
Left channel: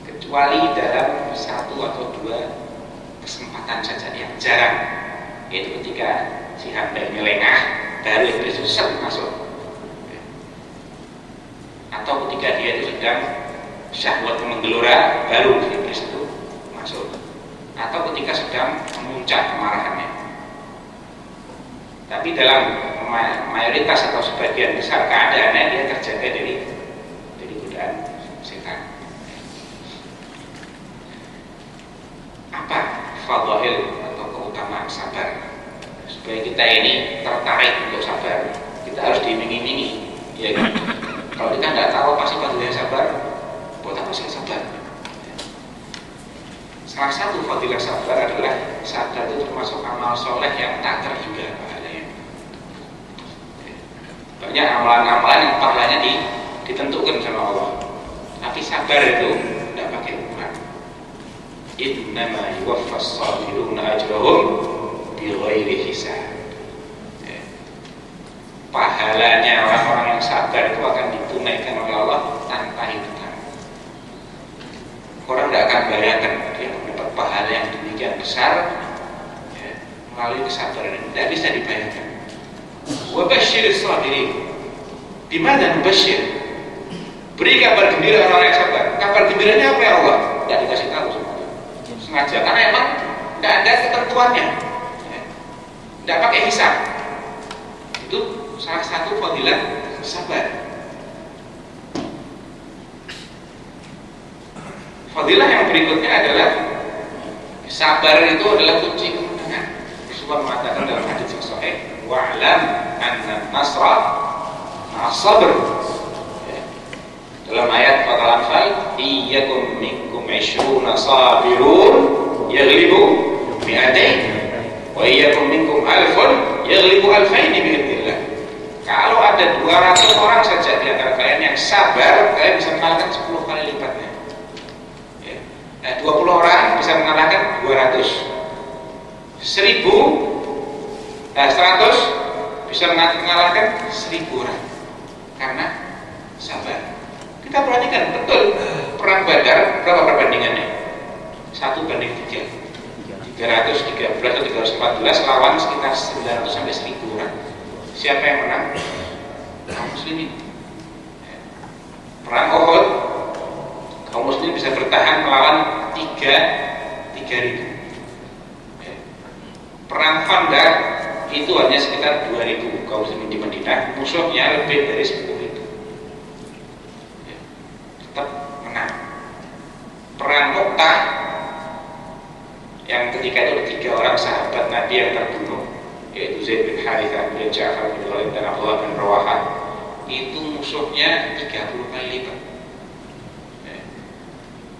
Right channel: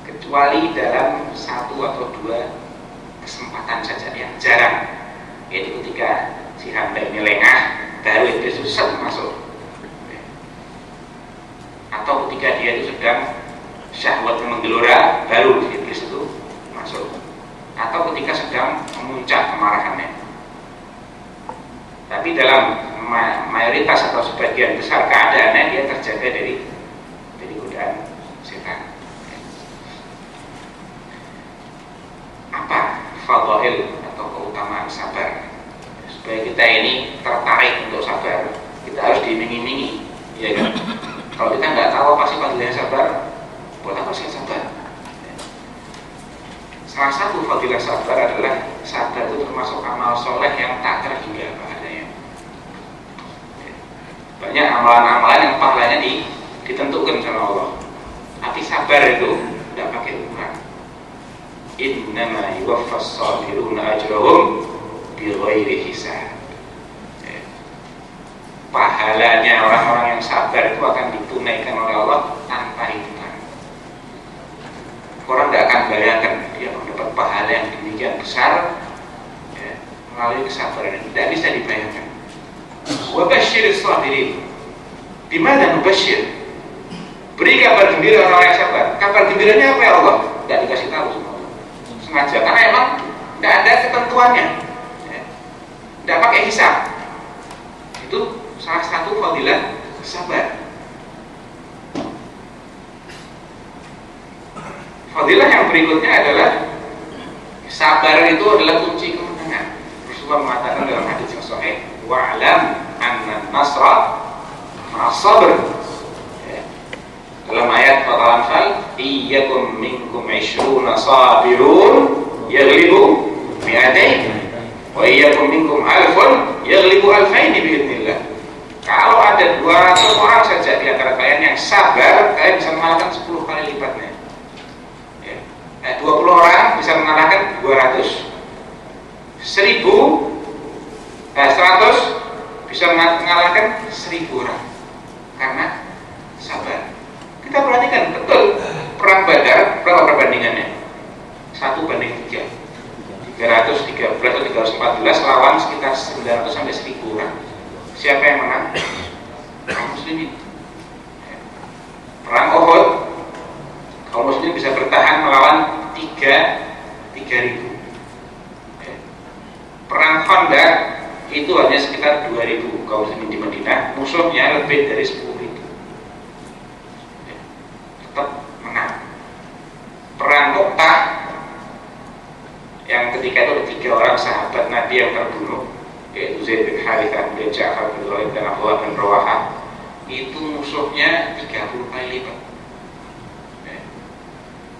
kecuali dalam 1 atau 2 kesempatan saja yang jarang, yaitu ketika si hamba ini lengah, baru iblis itu masuk. Atau ketika dia itu sedang syahwat menggelora, baru iblis itu masuk. Atau ketika sedang memuncak kemarahan tapi dalam mayoritas atau sebagian besar keadaannya dia terjaga dari godaan setan. Apa fadhail atau keutamaan sabar? Supaya kita ini tertarik untuk sabar, kita harus diiming-imingi, ya kan? Kalau kita nggak tahu apa sih fadilahnya sabar, buat apa sih sabar? Salah satu fadilah sabar adalah sabar itu termasuk amal soleh yang tak terhingga pahalanya. Banyak amalan-amalan yang pahalanya ditentukan sama Allah, tapi sabar itu tidak pakai ukuran. Innama yuwaffas sabiruna ajrahum bighairi hisab. Pahalanya orang-orang yang sabar itu akan ditunaikan oleh Allah tanpa hitungan. Orang tidak akan bayangkan dia mendapat pahala yang demikian besar melalui kesabaran ini, tidak bisa dibayangkan. Wa basyyiris sabirin. Bimana mubasysyir? Beri kabar gembira orang yang sabar. Kabar gembiranya apa ya Allah? Tidak dikasih tahu sama Allah. Sengaja, karena emang tidak ada ketentuannya, tidak pakai hisab. Itu salah satu fadilah sabar. Fadilah yang berikutnya adalah sabar itu adalah kunci kemenangan. Rasulullah mengatakan dalam hadis yang sahih, wa'lam anna nasra ma'as sabr. Dalam ayat Al-Anfal, iyyakum minkum 20 sabirun yaghlibu mi'atain wa iyyakum minkum alfun yaghlibu alfain bi'idznillah. Kalau ada 200 orang saja di antara kalian yang sabar, kalian bisa mengalahkan 10 kali lipatnya. 20 orang bisa mengalahkan 200. 100 bisa mengalahkan 1000 orang karena sabar. Kita perhatikan betul perang Badar, berapa perbandingannya? 1:3. 313 atau 314 lawan sekitar 900 sampai 1000 orang. Siapa yang menang? Kaum muslimin. Perang Uhud, kaum muslimin bisa bertahan melawan 3.000. Perang Khandaq itu hanya sekitar 2.000 kaum muslimin di Madinah, musuhnya lebih dari 10.000. Tetap menang. Perang Mu'tah yang ketika itu ada 3 orang sahabat Nabi yang terbunuh, yaitu Zaid bin Harithah, kemudian Ja'far bin Khalid dan Abdullah bin Rawahah. Itu musuhnya 30 kali lipat.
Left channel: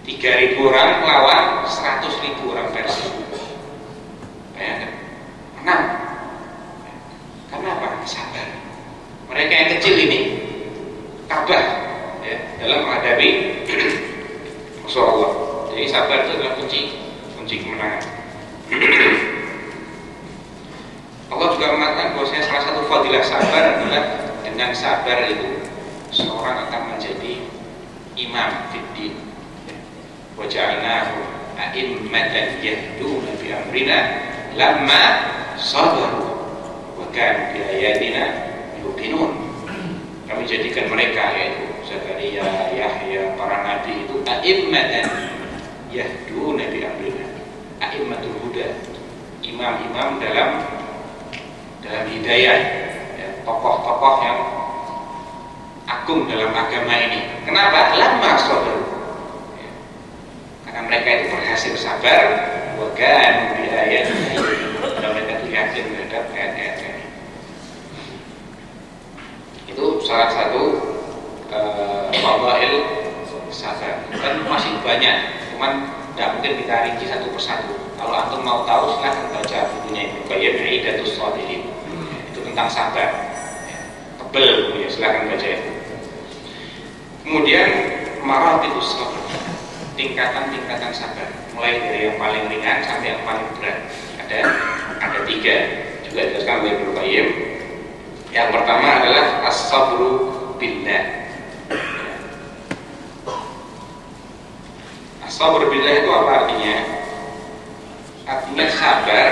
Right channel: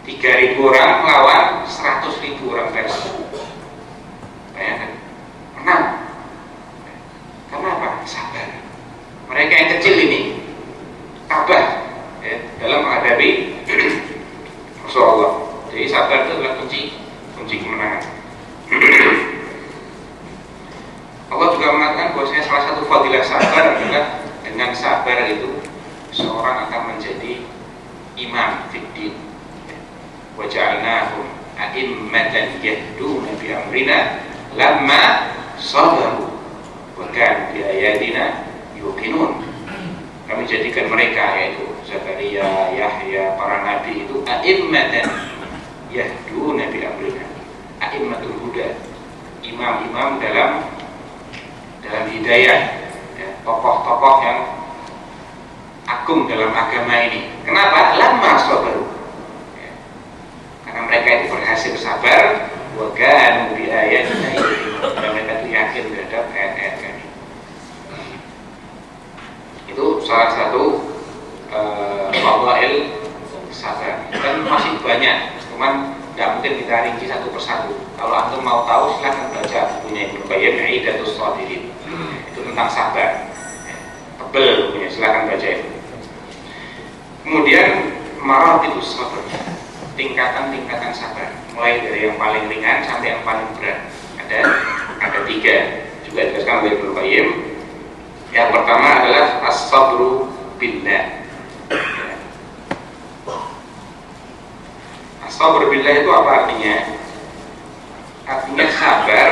3.000 orang melawan 100.000 orang Persia. Bayangkan, menang. Karena apa? Sabar. Mereka yang kecil ini tabah dalam menghadapi Rasulullah. Jadi sabar itu adalah kunci kemenangan. Allah juga mengatakan bahwasanya salah satu fadilah sabar adalah dengan sabar itu seorang akan menjadi imam fiddin. Wa ja'alnahum a'immatan yahduna bi amrina lamma sabaru wa kanu bi ayatina yuqinun. Kami jadikan mereka, yaitu Zakaria, Yahya, para nabi itu a'immatan yahduna bi amrina. A'immatul huda, imam-imam dalam hidayah, tokoh-tokoh yang agung dalam agama ini. Kenapa? Lamma sabaru. Karena mereka itu berhasil sabar, wa kanu bi ayatina yuqinun. Dan mereka itu yakin terhadap ayat-ayat kami. Itu salah satu fadhail sabar. Dan masih banyak, cuman tidak mungkin kita rinci satu persatu. Kalau antum mau tahu silahkan baca bukunya Ibnu Qayyim, Idatus Shabirin. Itu tentang sabar. Tebel bukunya, silahkan baca itu. Kemudian maratibus sabr, tingkatan-tingkatan sabar, mulai dari yang paling ringan sampai yang paling berat. Ada 3, juga dijelaskan oleh Ibnu Qayyim. Yang pertama adalah as-sabru billah. As-sabru billah itu apa artinya? Artinya sabar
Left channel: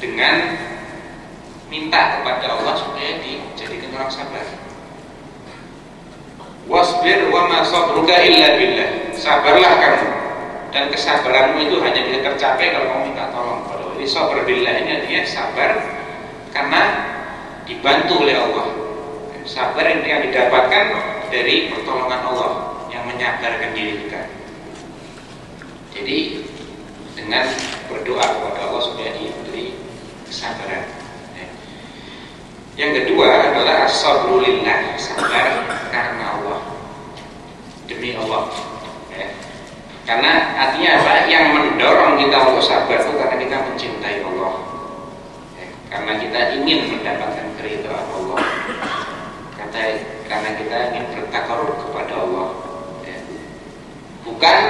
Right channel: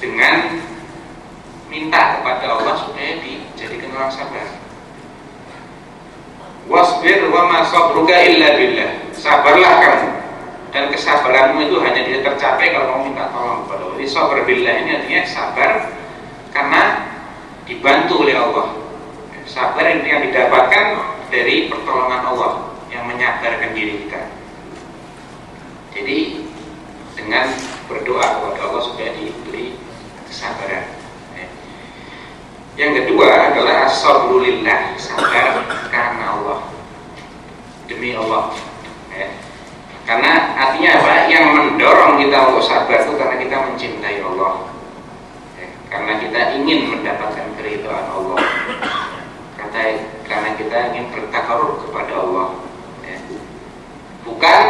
dengan minta kepada Allah supaya dijadikan orang sabar. Wasbir wa ma sabruka illa billah. Sabarlah kamu, dan kesabaranmu itu hanya bisa tercapai kalau kamu minta tolong kepada Allah. Jadi sabar billah ini artinya sabar karena dibantu oleh Allah. Sabar yang didapatkan dari pertolongan Allah yang menyadarkan diri kita. Jadi dengan berdoa kepada Allah supaya diberi kesabaran. Yang kedua adalah as-sabru lillah, sabar karena Allah, demi Allah. Karena artinya apa? Yang mendorong kita untuk sabar itu karena kita mencintai Allah, karena kita ingin mendapatkan keridhaan Allah, karena kita ingin bertakarub kepada Allah, bukan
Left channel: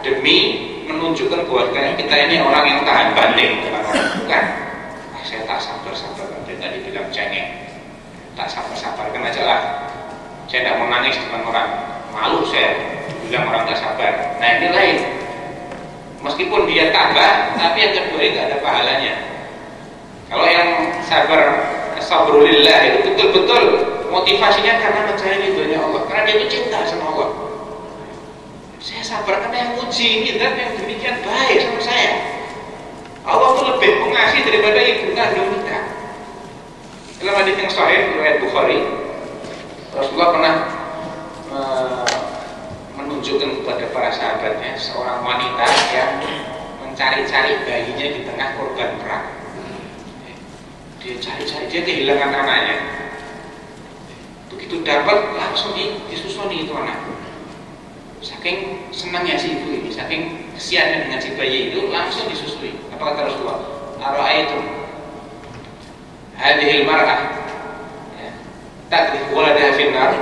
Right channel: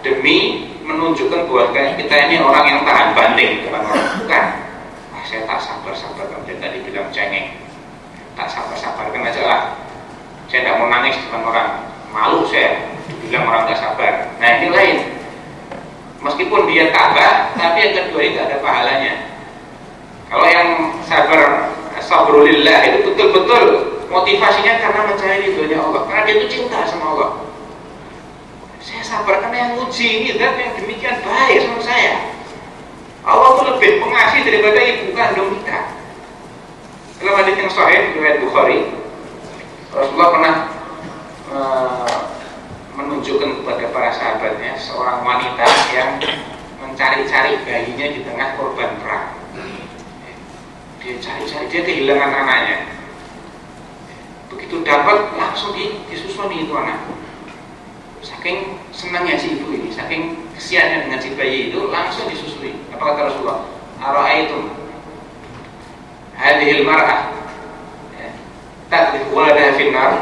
demi menunjukkan bahwa kita ini orang yang tahan banting dengan orang. Bukan. Saya tak sabar-sabar kan, tadi bilang cengeng, tak sabar-sabarkan aja lah. Saya tidak mau nangis depan orang, malu saya bilang orang tak sabar. Nah ini lain. Meskipun dia tabah, tapi yang kedua itu ada pahalanya. Kalau yang sabrulillah itu betul-betul motivasinya karena mencari ridhonya Allah, karena dia itu cinta sama Allah. Saya sabar karena yang uji ini dan yang demikian baik sama saya. Allah itu lebih pengasih daripada ibu kandung kita. Dalam hadis yang sahih riwayat Bukhari, Rasulullah pernah menunjukkan kepada para sahabatnya seorang wanita yang mencari-cari bayinya di tengah korban perang. Dia cari-cari, dia kehilangan anaknya. Begitu dapat langsung disusuni itu anak. Saking senangnya si ibu ini, saking kesiannya dengan si bayi itu, langsung disusui. Apa kata Rasulullah? Ara'aitum hadhil mar'ah tadrif waladaha finnar.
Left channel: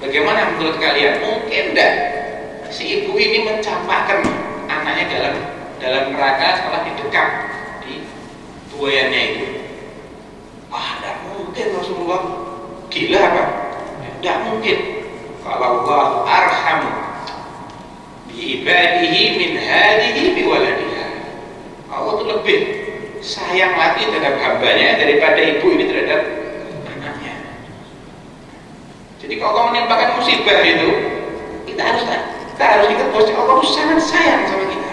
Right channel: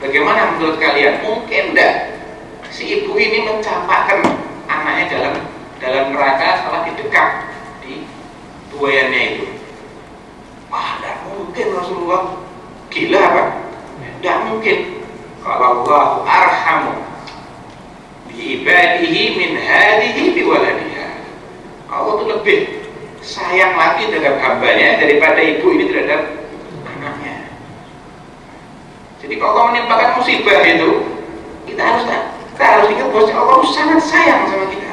Bagaimana menurut kalian? Mungkin enggak si ibu ini mencampakkan anaknya dalam neraka setelah didekap di buayannya itu? Wah, enggak mungkin Rasulullah. Gila apa? Enggak mungkin. Kalau Allah arhamu bi ibadihi min hadihi bi waladiha. Allah itu lebih sayang lagi terhadap hambanya daripada ibu ini terhadap anaknya. Jadi kalau Allah menimpakan musibah itu, kita harus ingat bahwa Allah itu sangat sayang sama kita.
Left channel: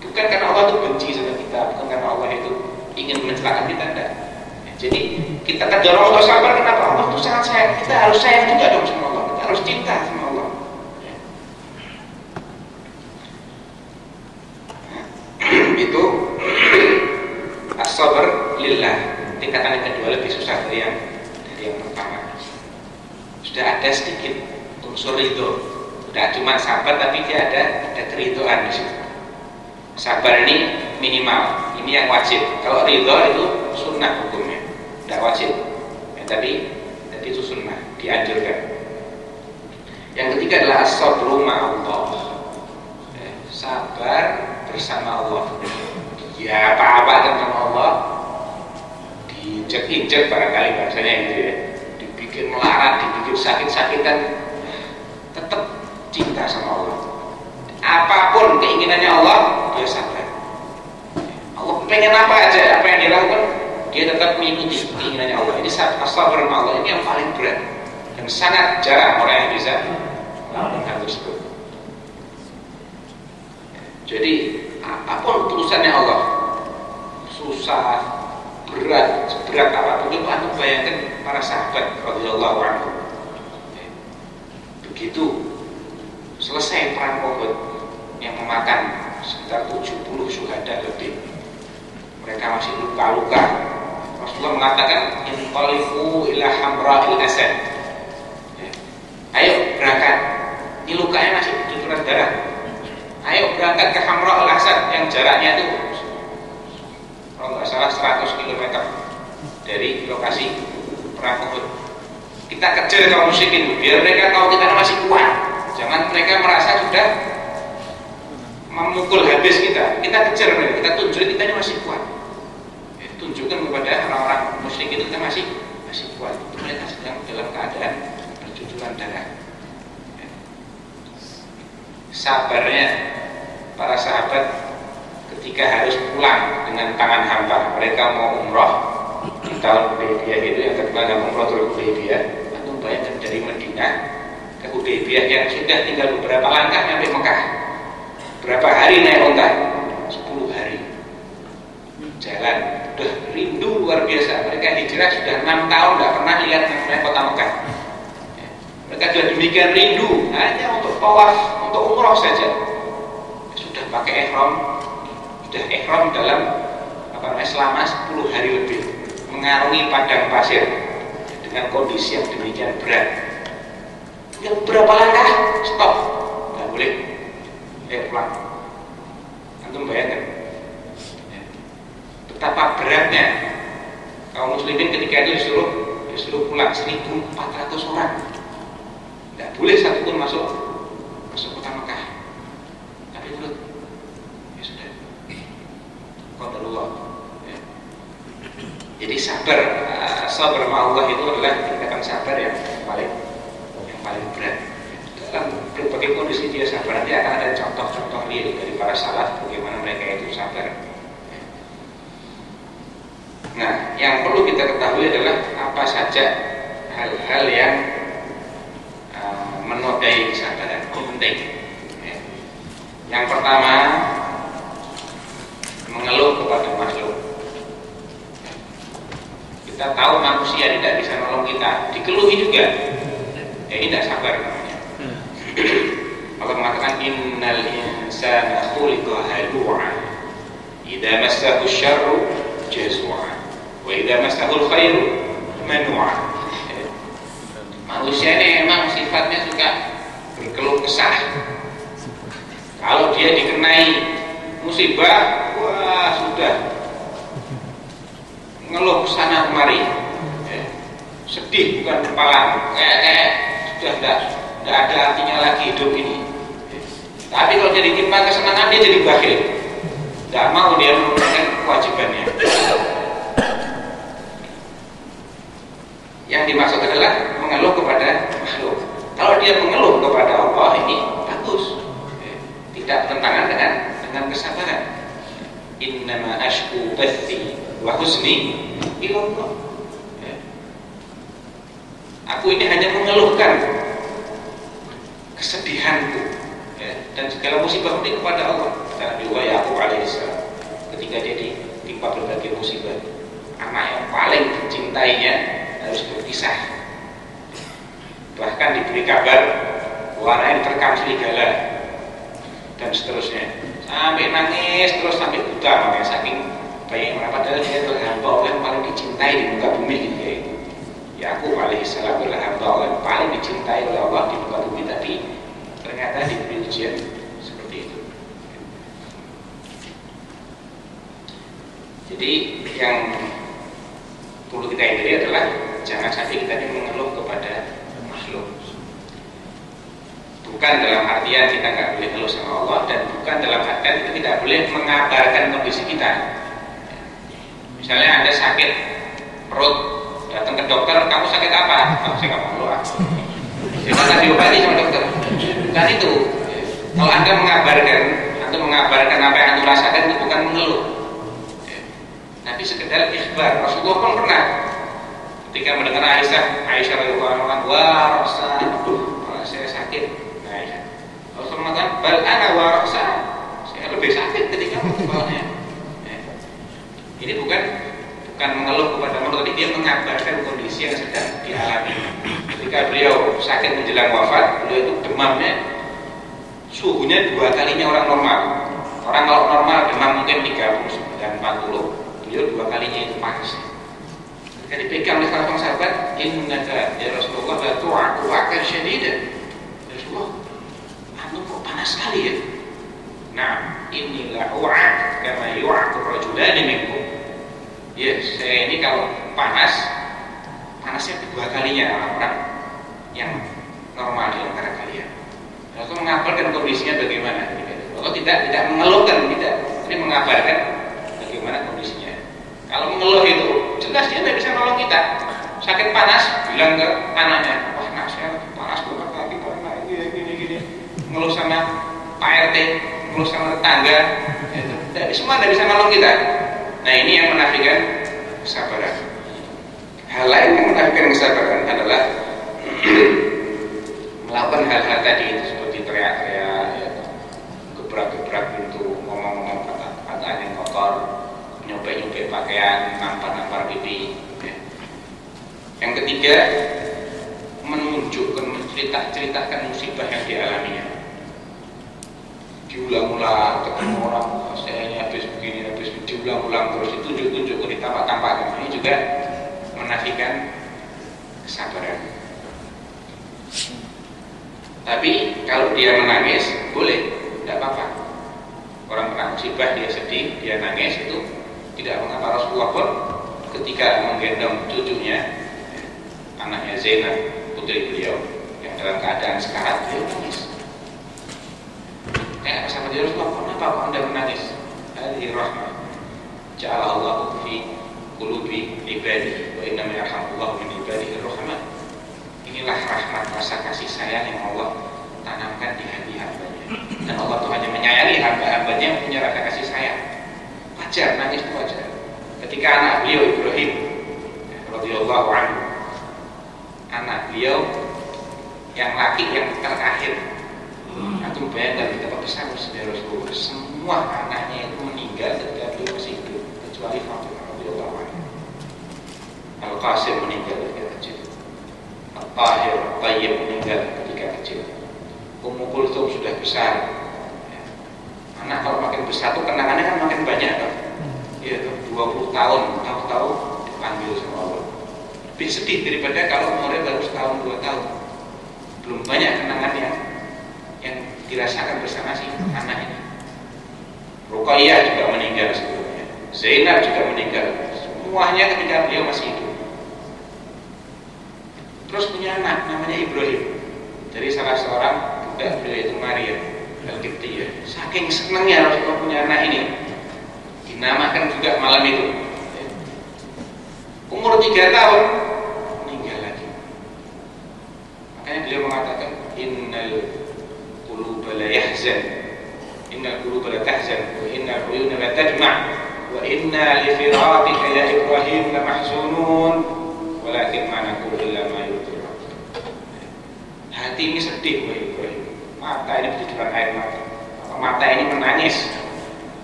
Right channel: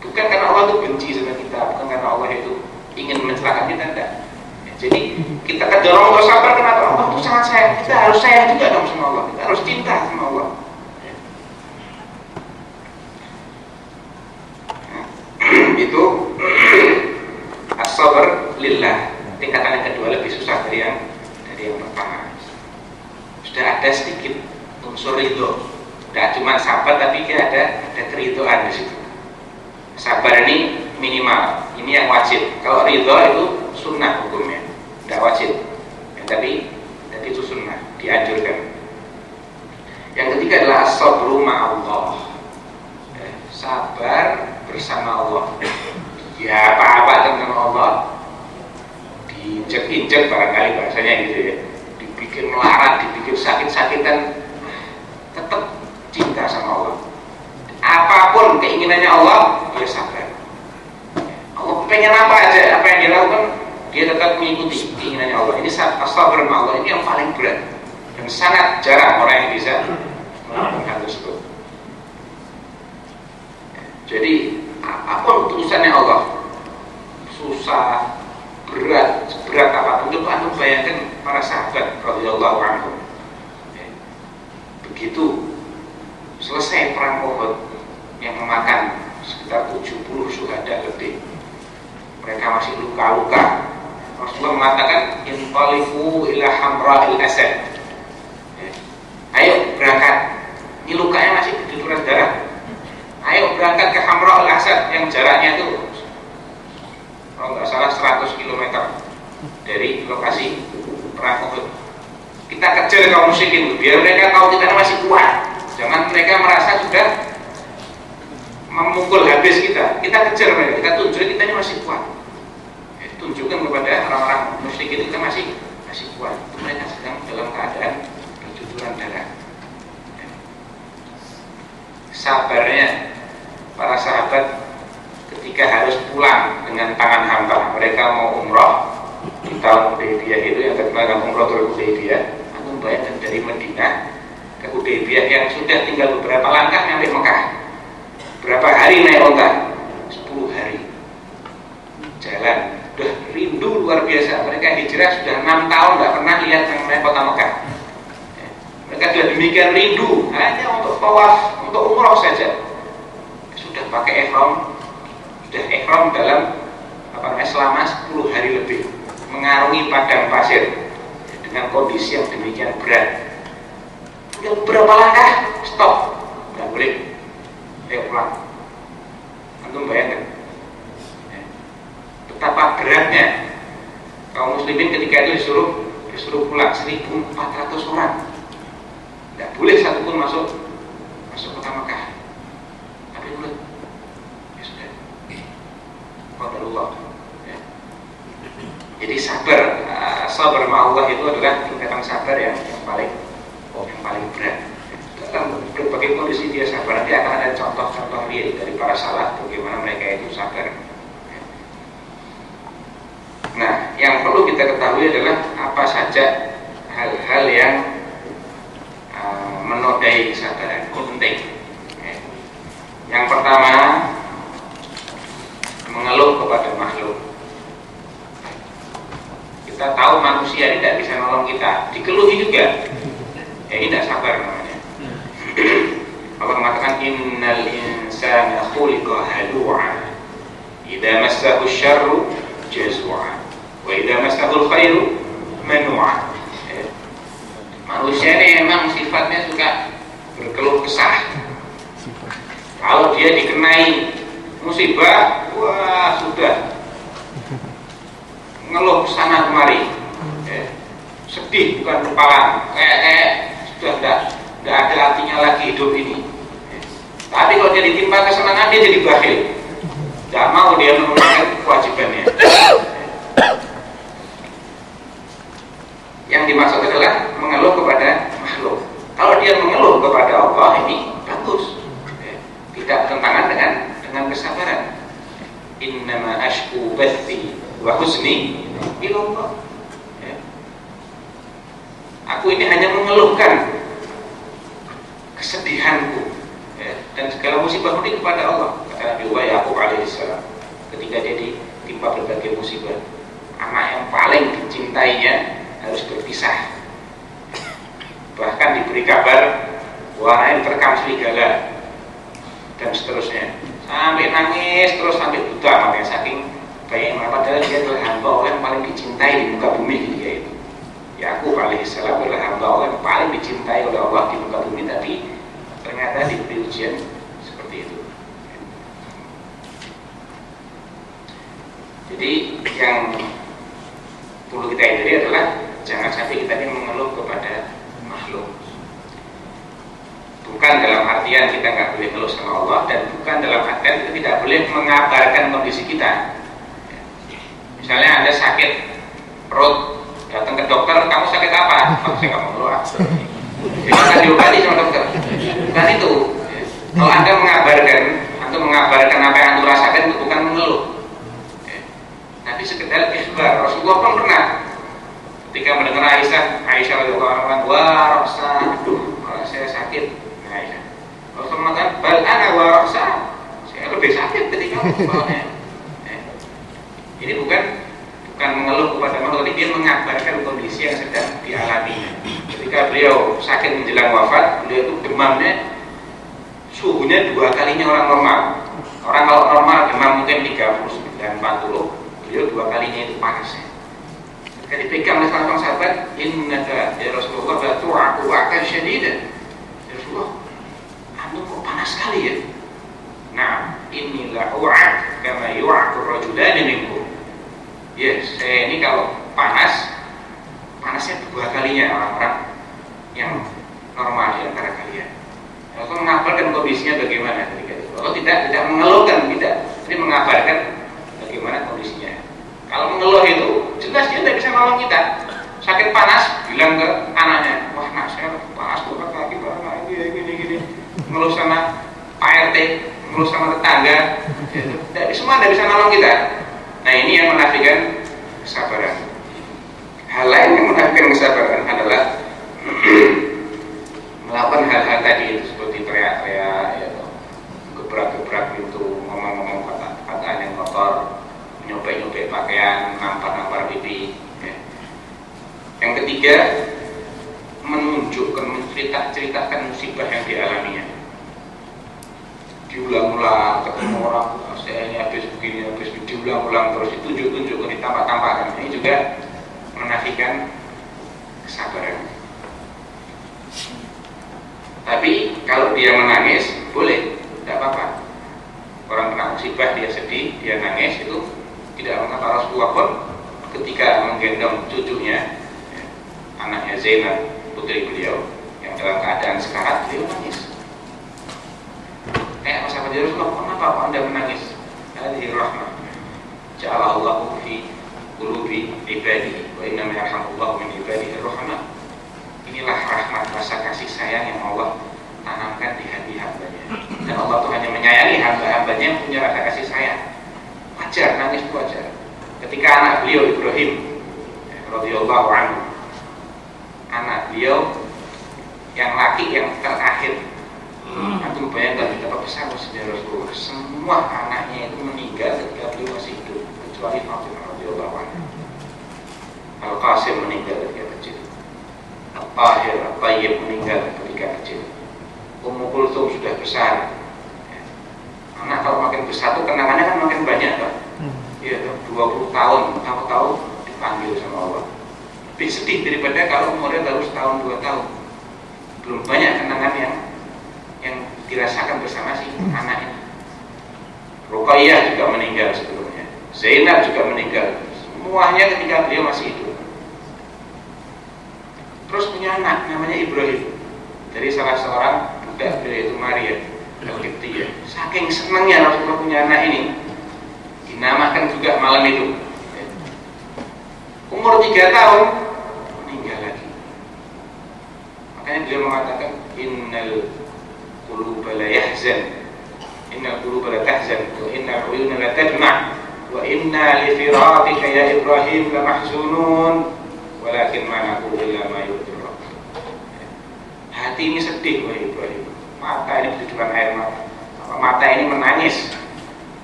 Bukan karena Allah itu benci sama kita, bukan karena Allah itu ingin mencelakakan kita, enggak. Jadi kita terdorong untuk sabar kenapa? Allah itu sangat sayang. Kita harus sayang juga dong sama Allah. Kita harus cinta sama Allah. Itu as-sabr lillah. Tingkatan yang kedua lebih susah dari yang pertama. Sudah ada sedikit unsur ridho. Tidak cuma sabar tapi dia ada keridhoan di situ. Sabar ini minimal, ini yang wajib. Kalau ridho itu sunnah hukumnya, tidak wajib. Tapi itu sunnah, dianjurkan. Yang ketiga adalah as-sabru ma'allah, sabar bersama Allah. Ya apa-apa tentang Allah diinjek-injek barangkali bahasanya gitu ya, dibikin melarat, dibikin sakit-sakitan, tetap cinta sama Allah. Apapun keinginannya Allah, dia sabar. Allah pengen apa aja, apa yang dia lakukan, dia tetap mengikuti keinginannya Allah. Ini as-sabr Allah, ini yang paling berat. Dan sangat jarang orang yang bisa melakukan hal tersebut. Jadi apapun urusannya Allah, susah, berat, seberat apapun, coba antum bayangkan para sahabat radhiyallahu anhum. Begitu selesai perang Uhud yang memakan sekitar 70 syuhada lebih, mereka masih luka-luka. Rasulullah mengatakan intaliqu ila hamra'il asad. Ayo berangkat. Ini lukanya masih bercucuran darah. Ayo berangkat ke Hamra'ul Asad yang jaraknya itu kalau nggak salah 100 km dari lokasi perang Uhud. Kita kejar kaum musyrikin biar mereka tahu kita masih kuat. Jangan mereka merasa sudah memukul habis kita. Kita kejar mereka, kita tunjukin kita ini masih kuat. Tunjukkan kepada orang-orang musyrik itu kita masih kuat. Itu mereka sedang dalam keadaan bercucuran darah. Sabarnya para sahabat ketika harus pulang dengan tangan hampa. Mereka mau umroh di tahun Hudaybiyah itu yang terkenal dengan Umrohul Hudaybiyah. Aku bayangkan dari Madinah ke Hudaybiyah yang sudah tinggal beberapa langkah sampai Mekah. Berapa hari naik onta? 10 hari jalan, udah biasa. Mereka hijrah sudah 6 tahun tidak pernah lihat namanya kota Mekah. Mereka sudah demikian rindu hanya untuk tawaf, untuk umroh saja. Sudah pakai ihram dalam selama 10 hari lebih, mengarungi padang pasir dengan kondisi yang demikian berat. Tinggal beberapa langkah, stop, nggak boleh, pulang. Antum bayangkan betapa beratnya kaum muslimin ketika itu disuruh pulang 1.400 orang. Tidak boleh satupun masuk kota Mekah. Tapi urut, ya sudah. Qadarullah. Ya. Jadi sabar sama Allah itu adalah tingkatan sabar yang paling berat. Dalam berbagai kondisi dia sabar. Nanti akan ada contoh-contoh real dari para salaf bagaimana mereka itu sabar. Nah, yang perlu kita ketahui adalah apa saja hal-hal yang menodai kesabaran. Ini penting. Yang pertama, mengeluh kepada makhluk. Kita tahu manusia tidak bisa nolong kita, dikeluhi juga. Ini tidak sabar namanya. Allah mengatakan innal insana khuliqa halu'a idza massahu syarru jazua wa idza massahu khairu manu'a. Manusia ini memang sifatnya suka berkeluh kesah. Kalau dia dikenai musibah, wah sudah ngeluh kesana kemari, sedih bukan kepala, kayak sudah tidak ada artinya lagi hidup ini. Tapi kalau dia ditimpa kesenangan, dia jadi bakhil, tidak mau dia menunaikan kewajibannya. Yang dimaksud adalah mengeluh kepada makhluk. Kalau dia mengeluh kepada Allah, ini bagus, tidak bertentangan dengan kesabaran. Innama ashku bathi wa huzni ilallah. Aku ini hanya mengeluhkan kesedihanku dan segala musibah ini kepada Allah. Kata Nabi Yaqub alaihissalam ketika dia ditimpa berbagai musibah, anak yang paling dicintainya harus berpisah. Bahkan diberi kabar warnanya terkam serigala dan seterusnya, sampai nangis terus sampai buta makanya saking banyaknya. Padahal dia adalah hamba Allah yang paling dicintai di muka bumi ketika itu. Yaqub alaihissalam adalah hamba Allah yang paling dicintai oleh Allah di muka bumi, tapi ternyata diberi ujian seperti itu. Jadi yang perlu kita hindari adalah jangan sampai kita ini mengeluh kepada makhluk. Bukan dalam artian kita nggak boleh ngeluh sama Allah, dan bukan dalam artian kita tidak boleh mengabarkan kondisi kita. Misalnya Anda sakit perut, datang ke dokter, kamu sakit apa? Oh, saya nggak mau ngeluh. Jadi akan diobati sama dokter. Bukan itu. Kalau Anda mengabarkan apa yang Anda rasakan, itu bukan mengeluh. Tapi sekedar ikhbar. Rasulullah pun pernah ketika mendengar Aisyah radhiyallahu anha, wah rasa, aduh, saya sakit. Nah, Aisyah, Rasulullah mengatakan, bal ana wa rasa, saya lebih sakit ketika mengeluhnya. Ini bukan mengeluh kepada makhluk, tapi dia mengabarkan kondisi yang sedang dialami. Ketika beliau sakit menjelang wafat, beliau itu demamnya suhunya 2 kalinya orang normal. Orang kalau normal demam mungkin 39, 40. Beliau 2 kalinya itu panasnya. Ketika dipegang oleh salah seorang sahabat, innaka ya Rasulullah la tu'aku wa'kan syadidan. Ya Rasulullah, antum kok panas sekali ya? Nah, inilah u'ak kama yu'aku rajulani minkum. Ya, saya ini kalau panasnya 2 kalinya orang-orang yang normal di antara kalian. Rasul mengabarkan kondisinya bagaimana ketika itu. Rasul tidak mengeluhkan, tapi mengabarkan bagaimana kondisinya. Kalau mengeluh itu jelas dia tidak bisa nolong kita. Sakit panas, bilang ke anaknya, wah nak saya panas banget lagi karena gini. Mengeluh sama Pak RT, mengeluh sama tetangga, semua tidak bisa nolong kita. Nah, ini yang menafikan kesabaran. Hal lain yang menafikan kesabaran adalah melakukan hal-hal tadi itu, seperti teriak-teriak, gebrak-gebrak pintu, ngomong-ngomong kata-kata yang kotor, nyopek-nyopek pakaian, nampar-nampar pipi. ketiga, menunjukkan, menceritakan musibah yang dialaminya. Diulang-ulang, ketemu orang, saya ini habis begini, diulang-ulang terus, ditunjuk-tunjukkan, ditampak-tampakkan. Ini juga menafikan kesabaran. Tapi kalau dia menangis, boleh, tidak apa-apa. Orang kena musibah, dia sedih, dia nangis, itu tidak mengapa. Rasulullah pun ketika menggendong cucunya, anaknya Zainab, putri beliau, yang dalam keadaan sekarat, beliau nangis. Kayak sahabat Rasulullah, kenapa kok Anda menangis? Hadhihi rahmah ja'alallahu fi qulubi ibadi wa innama yarhamullahu min ibadihi ar-rahmah. Inilah rahmat, rasa kasih sayang yang Allah tanamkan di hati hambanya. Dan Allah tuh hanya menyayangi hamba-hambanya yang punya rasa kasih sayang. Wajar, nangis itu wajar. Ketika anak beliau Ibrahim radhiyallahu anhu, anak beliau yang laki yang terakhir, antum bayangkan betapa besar musibah Rasulullah. Semua anaknya itu meninggal ketika beliau masih hidup, kecuali Fatimah radhiyallahu anha. Al-Qasim meninggal ketika kecil, Al-Tahir, Al-Tayyib meninggal ketika kecil, Ummu Kulthum sudah besar. Anak kalau makin besar tuh kenangannya kan makin banyak kan? Ya, 20 tahun, tahu-tahu dipanggil sama Allah. Lebih sedih daripada kalau umurnya baru setahun 2 tahun. Belum banyak kenangan yang dirasakan bersama si anak ini. Ruqayyah juga meninggal sebelumnya, Zainab juga meninggal. Semuanya ketika beliau masih hidup. Terus punya anak namanya Ibrahim dari salah seorang budak beliau, itu Maria Al-Qibtiyah. Saking senangnya Rasulullah punya anak ini, dinamakan juga malam itu. Umur 3 tahun meninggal lagi. Makanya beliau mengatakan innal quluba la yahzan, innal quluba la tahzan, wa innal uyuna la tadma', wa inna li firaqika ya Ibrahim la mahzunun, walakin ma naqulu illa ma yurdi Rabb. Hati ini sedih wahai Ibrahim, mata ini bertujuan air mata, mata ini menangis,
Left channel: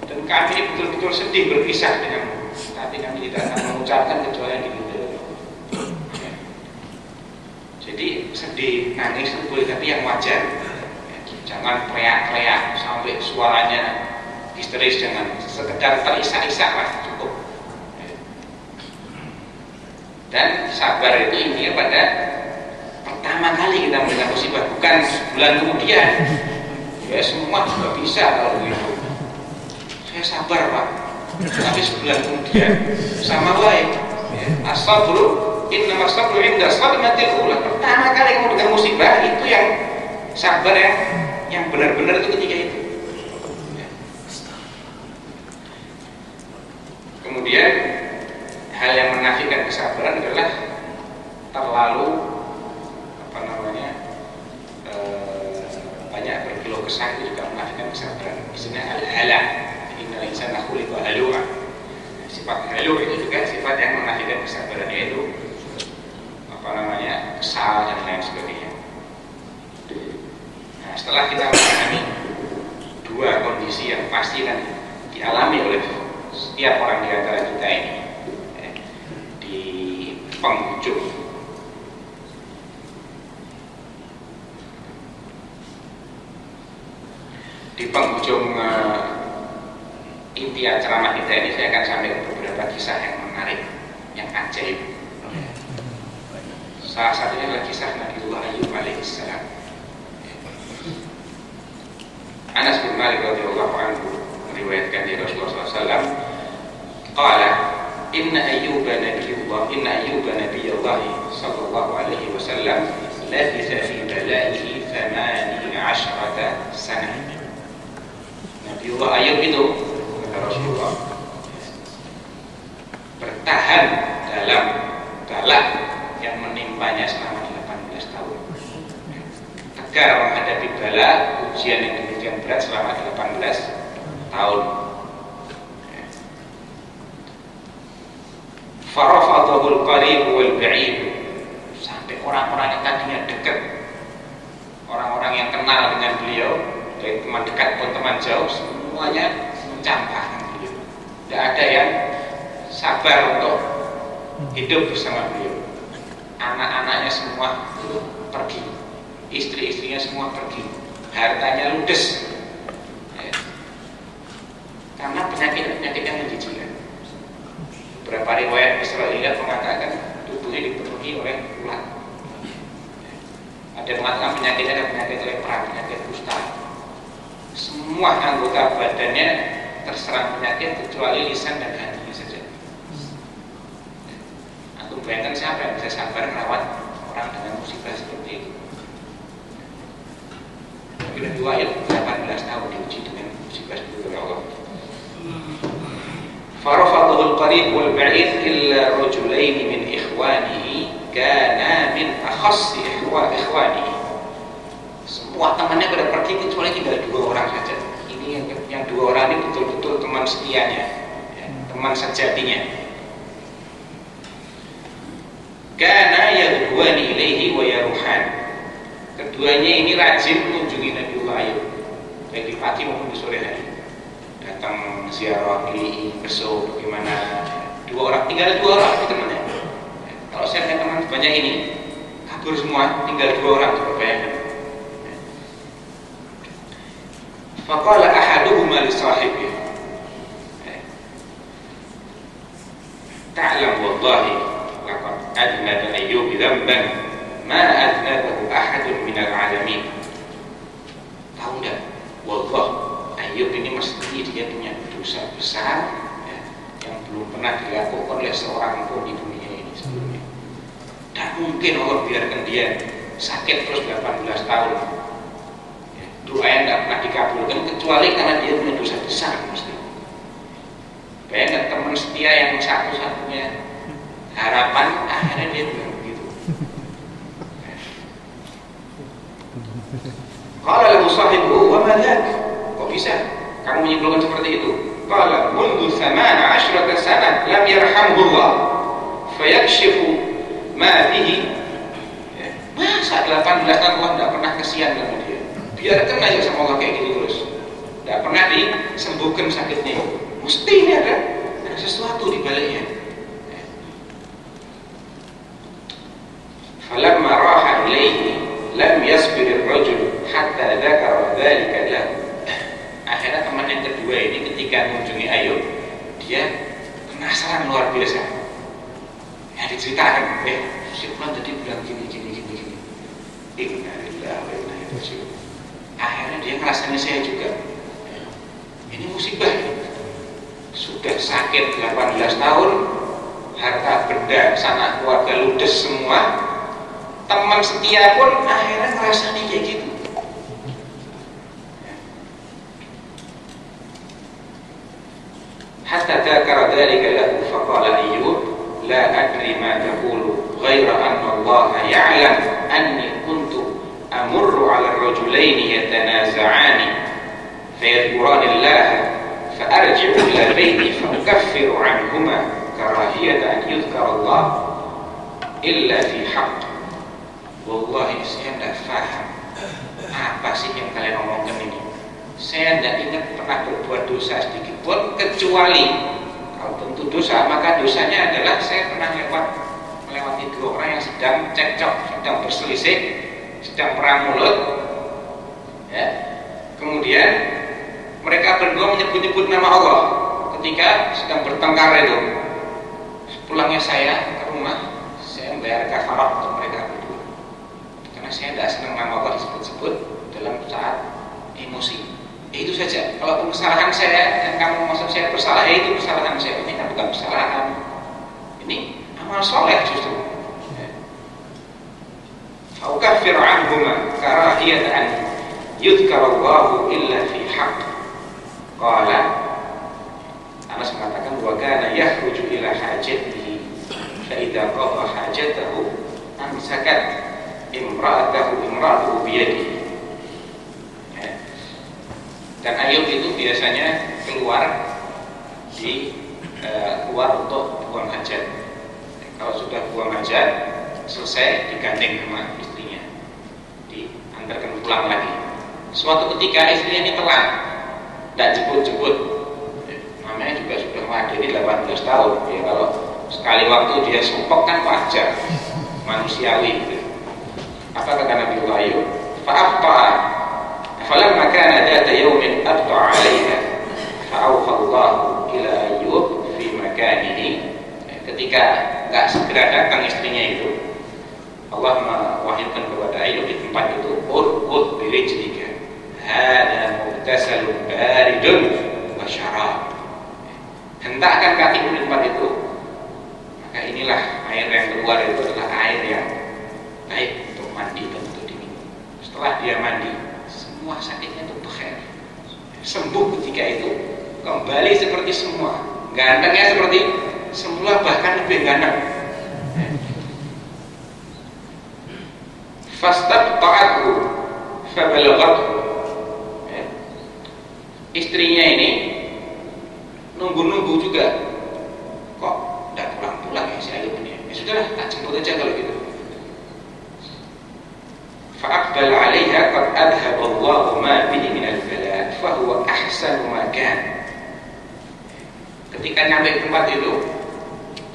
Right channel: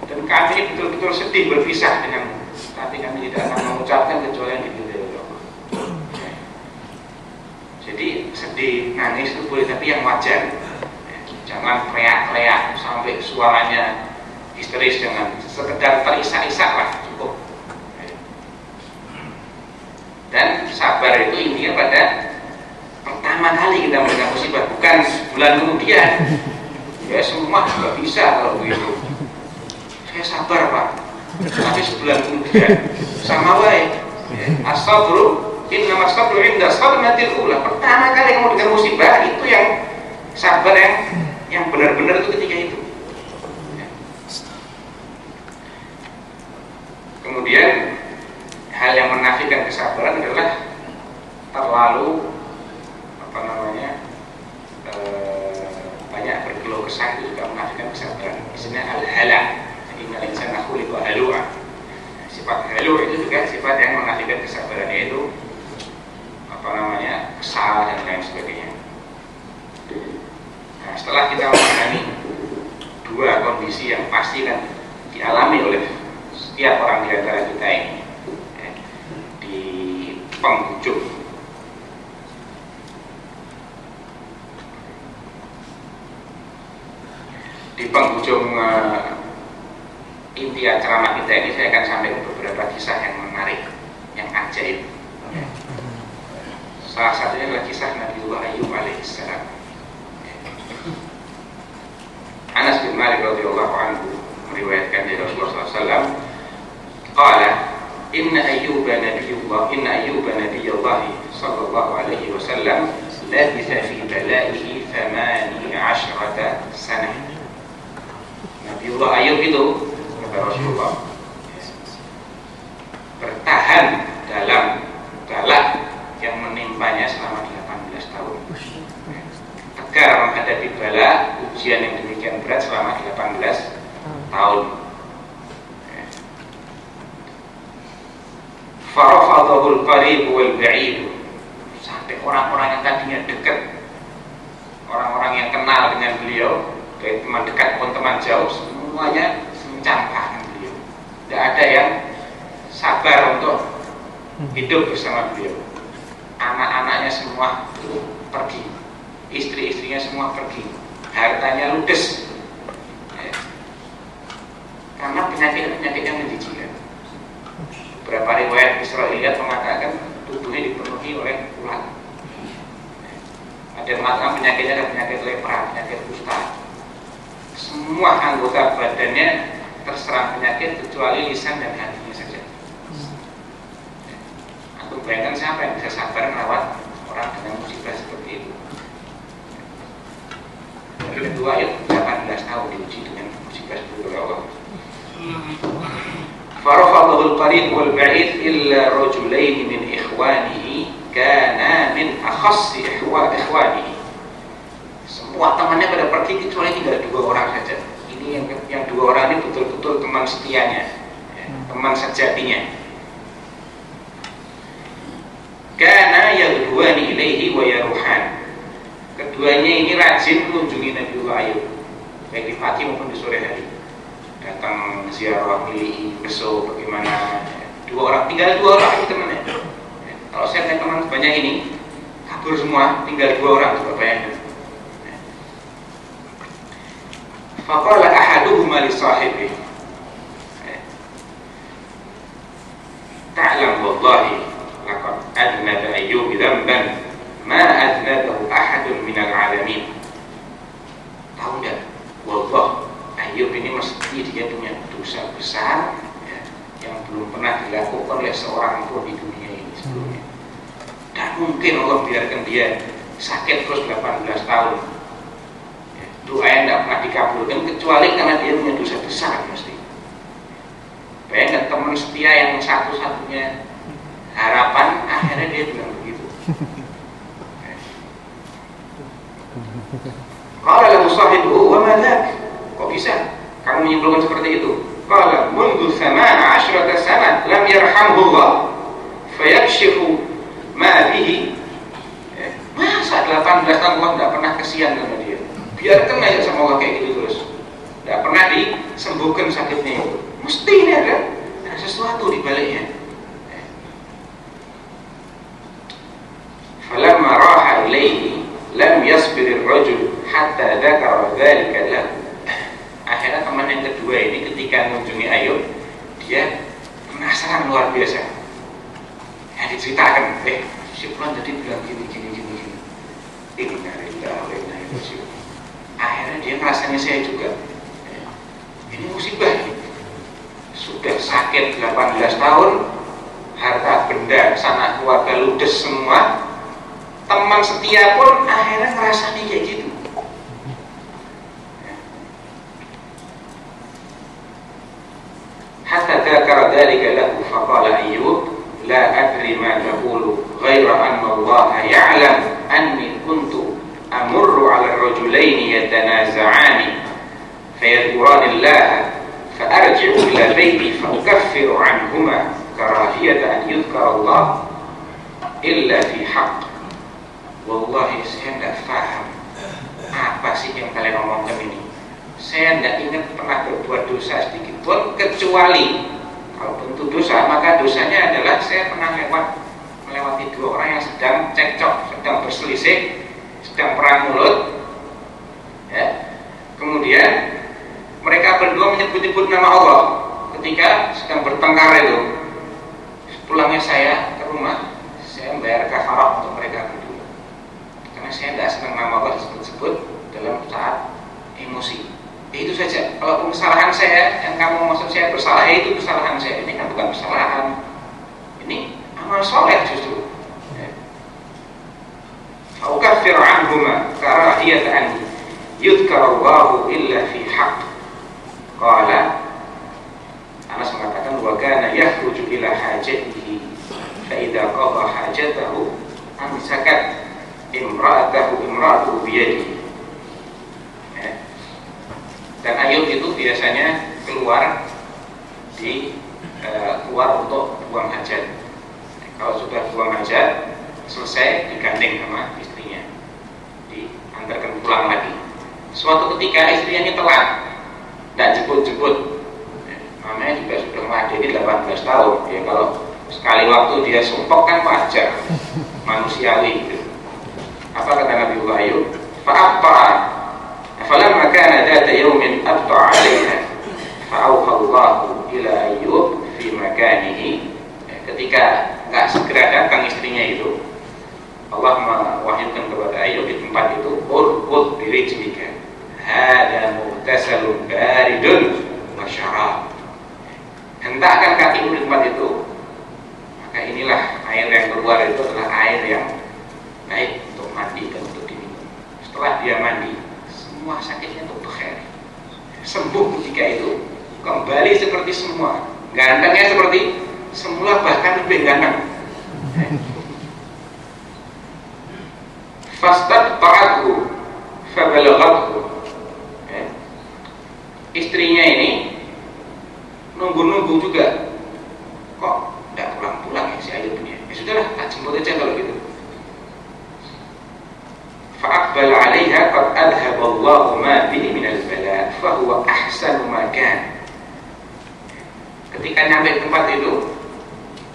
dan kami betul-betul sedih berpisah denganmu, tapi kami tidak akan mengucapkan kecuali yang diridhai oleh Allah. Jadi sedih, nangis itu boleh, tapi yang wajar. Jangan teriak-teriak sampai suaranya histeris, jangan, sekedar terisak-isak lah cukup. Dan sabar itu intinya pada pertama kali kita mendengar musibah, bukan sebulan kemudian. Ya semua juga bisa kalau begitu. Saya sabar Pak, tapi sebulan kemudian sama baik. As-sabru innama as-sabru inda sadmatil ula. Pertama kali kamu dengar musibah itu yang sabar, yang benar-benar itu ketika itu. Kemudian hal yang menafikan kesabaran adalah terlalu banyak berkeluh kesah, itu juga menafikan kesabaran. Misalnya al-hala, innal insana khuliqa halu'a. Sifat halu itu juga sifat yang menafikan kesabaran, yaitu kesal dan lain sebagainya. Nah, setelah kita memahami dua kondisi yang pasti kan dialami oleh setiap orang di antara kita ini, di penghujung inti ceramah kita ini, saya akan sampaikan beberapa kisah yang menarik, yang ajaib. Salah satunya adalah kisah Nabiullah Ayyub alaihissalam. Anas bin Malik radhiyallahu anhu meriwayatkan dari Rasulullah SAW, qala inna Ayyuba nabiyullah sallallahu alaihi wasallam labitha fi balaihi 18 sanah. Nabiullah Ayyub itu, kata Rasulullah, bertahan dalam balak yang menimpanya selama 18 tahun. Tegar menghadapi bala, ujian yang demikian berat selama 18 tahun. Farafadahul qarib wal ba'id, sampai orang-orang yang tadinya dekat, orang-orang yang kenal dengan beliau, dari teman dekat pun teman jauh, semuanya mencampakkan beliau. Tidak ada yang sabar untuk hidup bersama beliau. anak-anaknya semua pergi, istri-istrinya semua pergi, hartanya ludes, ya. Karena penyakit-penyakit yang menjijikan. Beberapa riwayat Israiliyat mengatakan tubuhnya dipenuhi oleh ulat. Ada yang mengatakan penyakitnya ada penyakit lepra, penyakit kusta. Semua anggota badannya terserang penyakit kecuali lisan dan hatinya saja. Aku bayangkan siapa yang bisa sabar merawat orang dengan musibah seperti itu. Yang kedua, ayat 18 tahun diuji dengan musibah seperti itu Allah. Farafadahul qarib wal ba'id illa rajulain min ikhwanihi kana min akhassi ikhwanihi. Semua temannya pada pergi kecuali tinggal 2 orang saja. Ini yang 2 orang ini betul-betul teman setianya, ya, teman sejatinya. Kana yadhuani ilaihi wa yaruhan. Keduanya ini rajin mengunjungi Nabiullah Ayub, baik di pagi maupun di sore hari. Datang ziarah, milih, beso, bagaimana. 2 orang, tinggal 2 orang ini temannya. Kalau saya punya teman banyak ini, kabur semua, tinggal 2 orang, coba bayangkan. Faqala ahaduhuma li sahibihi, ta'lam wallahi laqad adnaba Ayyub dhanban ma adnabahu ahadun minal alamin. Tahu enggak? Wallah, Ayyub ini mesti dia punya dosa besar, ya, yang belum pernah dilakukan oleh seorang pun di dunia ini sebelumnya. Tak mungkin Allah biarkan dia sakit terus 18 tahun. Ya, doa yang tidak pernah dikabulkan kecuali karena dia punya dosa besar mesti. Bayangkan teman setia yang satu-satunya harapan, akhirnya dia bilang begitu. Qala lahu sahibuhu wa ma dzak? Kok bisa kamu menyimpulkan seperti itu? Qala mundu 18 sana lam yarhamhu Allah fayakshifu ma bihi. Masa 18 tahun Allah tidak pernah kesian sama dia, biarkan aja sama Allah kayak gitu terus, tidak pernah disembuhkan sakitnya itu. Mesti ini ada sesuatu di baliknya. Falamma raha ilaihi lam yasbir ar-rajul hatta dzakara dzalika lahu. Akhirnya teman yang kedua ini ketika mengunjungi Ayub, dia penasaran luar biasa. Ya diceritakan, si fulan tadi bilang gini. Inna lillahi wa inna ilaihi raji'un. Akhirnya dia ngerasanya saya juga. Ini musibah ini. Sudah sakit 18 tahun, harta benda, sanak keluarga ludes semua. Teman setia pun akhirnya ngerasanya kayak gitu. Hatta dzakara dzalika lahu faqala Ayyub la adri ma taqulu ghaira anna Allah ya'lam anni kuntu amurru 'ala ar-rajulaini yatanaza'ani fayadhkurani Allah فأرجع إلى بيتي فأكفر عنهما كراهية أن يذكر الله إلا في حق. Wallahi saya tidak paham apa sih yang kalian omongkan ini. Saya tidak ingat pernah berbuat dosa sedikit pun, kecuali kalau tentu dosa, maka dosanya adalah saya pernah melewati 2 orang yang sedang cekcok, sedang berselisih, sedang perang mulut, ya. Kemudian mereka berdua menyebut-nyebut nama Allah ketika sedang bertengkar itu. Pulangnya saya ke rumah, saya membayar kafarah untuk mereka berdua, karena saya tidak senang nama Allah disebut-sebut dalam saat emosi. Itu saja. Kalaupun kesalahan saya yang kamu maksud saya bersalah, itu kesalahan saya. Ini kan bukan kesalahan, ini amal soleh justru. Faukafir anhuma karahiyatan yudhkarallahu illa fi haqq. Qala, Anas mengatakan wa kana yakhruju ila hajatihi fa idza qada hajatahu amsakat imra'atuhu biyadihi. Dan Ayub itu biasanya keluar untuk buang hajat. Kalau sudah buang hajat selesai, digandeng sama istrinya, diantarkan pulang lagi. Suatu ketika istrinya ini telat, tidak jemput-jemput, namanya juga sudah meladeni 18 tahun. Ya, kalau sekali waktu dia sumpok kan wajar. manusiawi gitu. Apa kata Nabiullah Ayub? Fa'abta'a falamma kana dhata yawmin abta'a 'alaiha fa'awhallahu ila Ayub fi makanihi. Ketika enggak segera datang istrinya itu, Allah mewahyukan kepada Ayub di tempat itu, urqud birijlika hada mughtasalun baridun wa syarab. Hentakkan kakimu di tempat itu, maka inilah air yang keluar itu adalah air yang baik untuk mandi dan untuk diminum. Setelah dia mandi, semua sakitnya itu berakhir, sembuh ketika itu, kembali seperti semua, gantengnya seperti semula, bahkan lebih ganteng. Fastabta'athu fabalaghathu. Istrinya ini nunggu-nunggu juga, kok tidak pulang-pulang ya si Ayub ini. Ya sudahlah, tak jemput aja kalau gitu. Fa'aqbala 'alaiha qad adhaballahu ma bihi minal bala fa huwa ahsanu ma kan. Ketika nyampe tempat itu,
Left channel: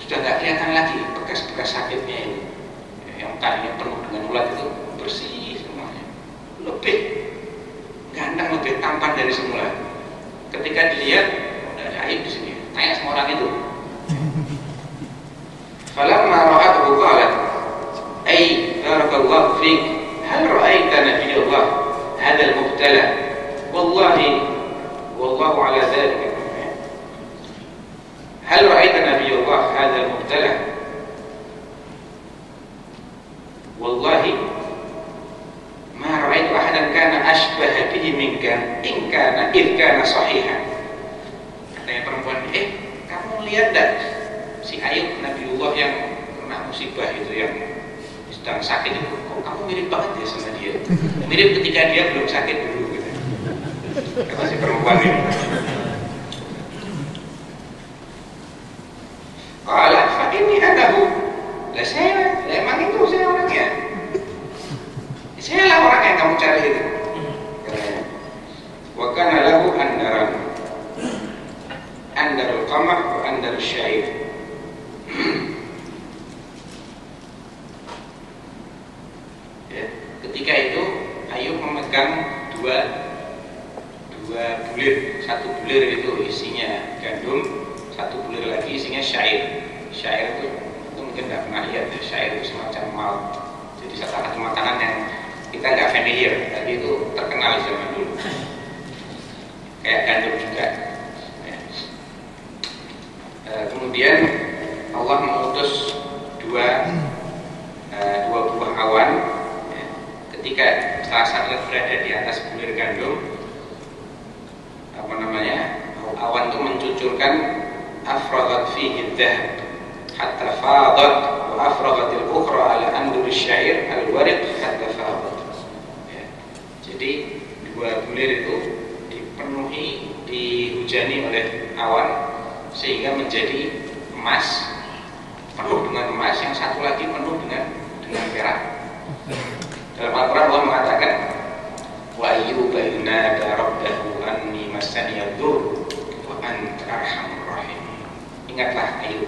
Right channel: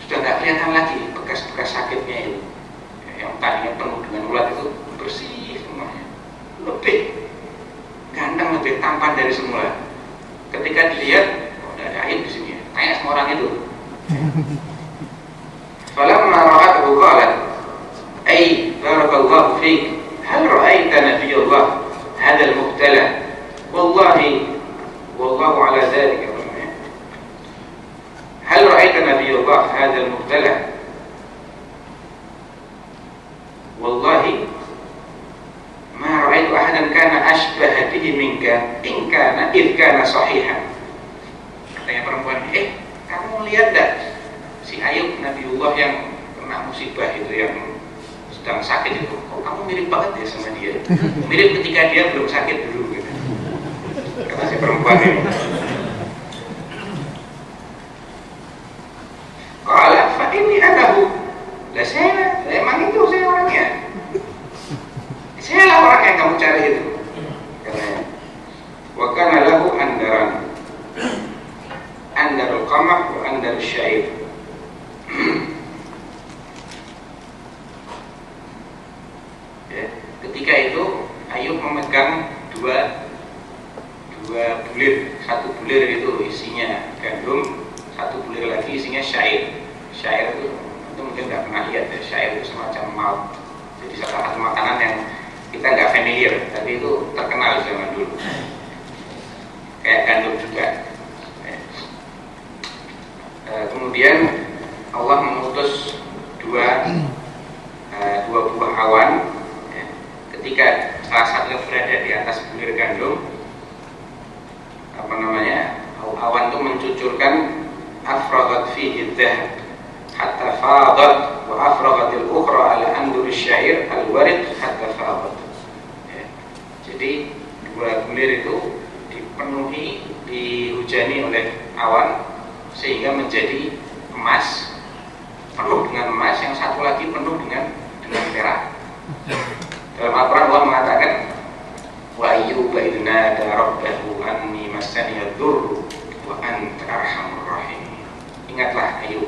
sudah tidak kelihatan lagi bekas-bekas sakitnya itu. Yang tadinya penuh dengan ulat itu bersih semuanya, lebih ganteng, lebih tampan dari semula. Ketika dilihat, oh, tidak ada air di sini. Tanya semua orang itu. Falamma ra'athu qalat, "Ay, barakallahu fik, hal ra'aita nabiyullah hadzal mubtala? Wallahi, wallahu ala dzalika. Hal ra'aita nabiyullah hadzal mubtala? Wallahi ma ra'aitu ahadan kana ashbaha bihi minka in kana sahihan." Katanya perempuan, kamu lihat tak si Ayub Nabiullah yang kena musibah itu, yang sedang sakit itu, kok kamu mirip banget ya sama dia, mirip ketika dia belum sakit dulu gitu. Kata si perempuan ini. Qala fa inni anahu. Lah saya emang itu saya orangnya. Saya lah orang yang kamu cari itu. Katanya. Wa kana lahu andarul qamah wa andarul syair. Ya, ketika itu Ayub memegang dua bulir. Satu bulir itu isinya gandum, satu bulir lagi isinya syair. Syair itu mungkin nggak pernah lihat ya. Syair itu semacam malt. Jadi salah satu makanan yang kita nggak familiar, tapi itu terkenal di zaman dulu. Kayak gandum juga. Kemudian Allah mengutus dua buah awan. Ketika salah satu berada di atas bulir gandum, awan itu mencucurkan afragat fihi dhahab hatta fadat, wa afragatil ukhra ala andur syair al-warid hatta fadat. Jadi dua bulir itu dipenuhi, dihujani oleh awan sehingga menjadi emas, penuh dengan emas, yang satu lagi penuh dengan perak. Dalam Al-Quran Allah mengatakan, wa ayyuba idh nada rabbahu anni massani yadhurru wa anta arhamur rahim. Ingatlah Ayub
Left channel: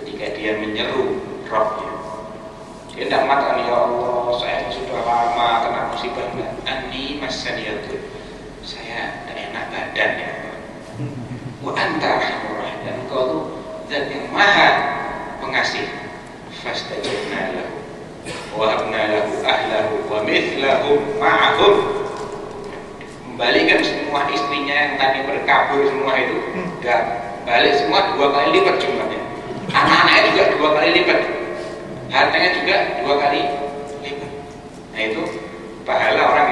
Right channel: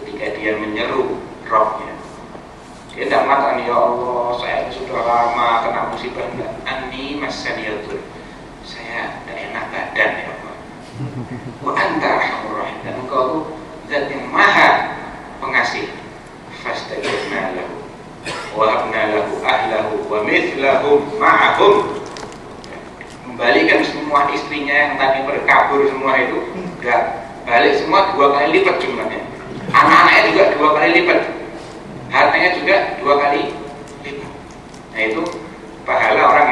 ketika dia menyeru Rabbnya. Dia tidak mengatakan, ya Allah saya sudah lama kena musibah, anni massani yadhurru, saya tidak enak badan ya Allah. Wa anta arhamur rahim, dan engkau itu zat yang maha pengasih. Fastajabna lahu wa habna lahu ahlahu wa mithlahum ma'ahum. Kembalikan semua istrinya yang tadi berkabur semua itu, udah balik semua 2 kali lipat jumlahnya. Anak-anaknya juga 2 kali lipat, hartanya juga 2 kali lipat. Nah itu pahala orang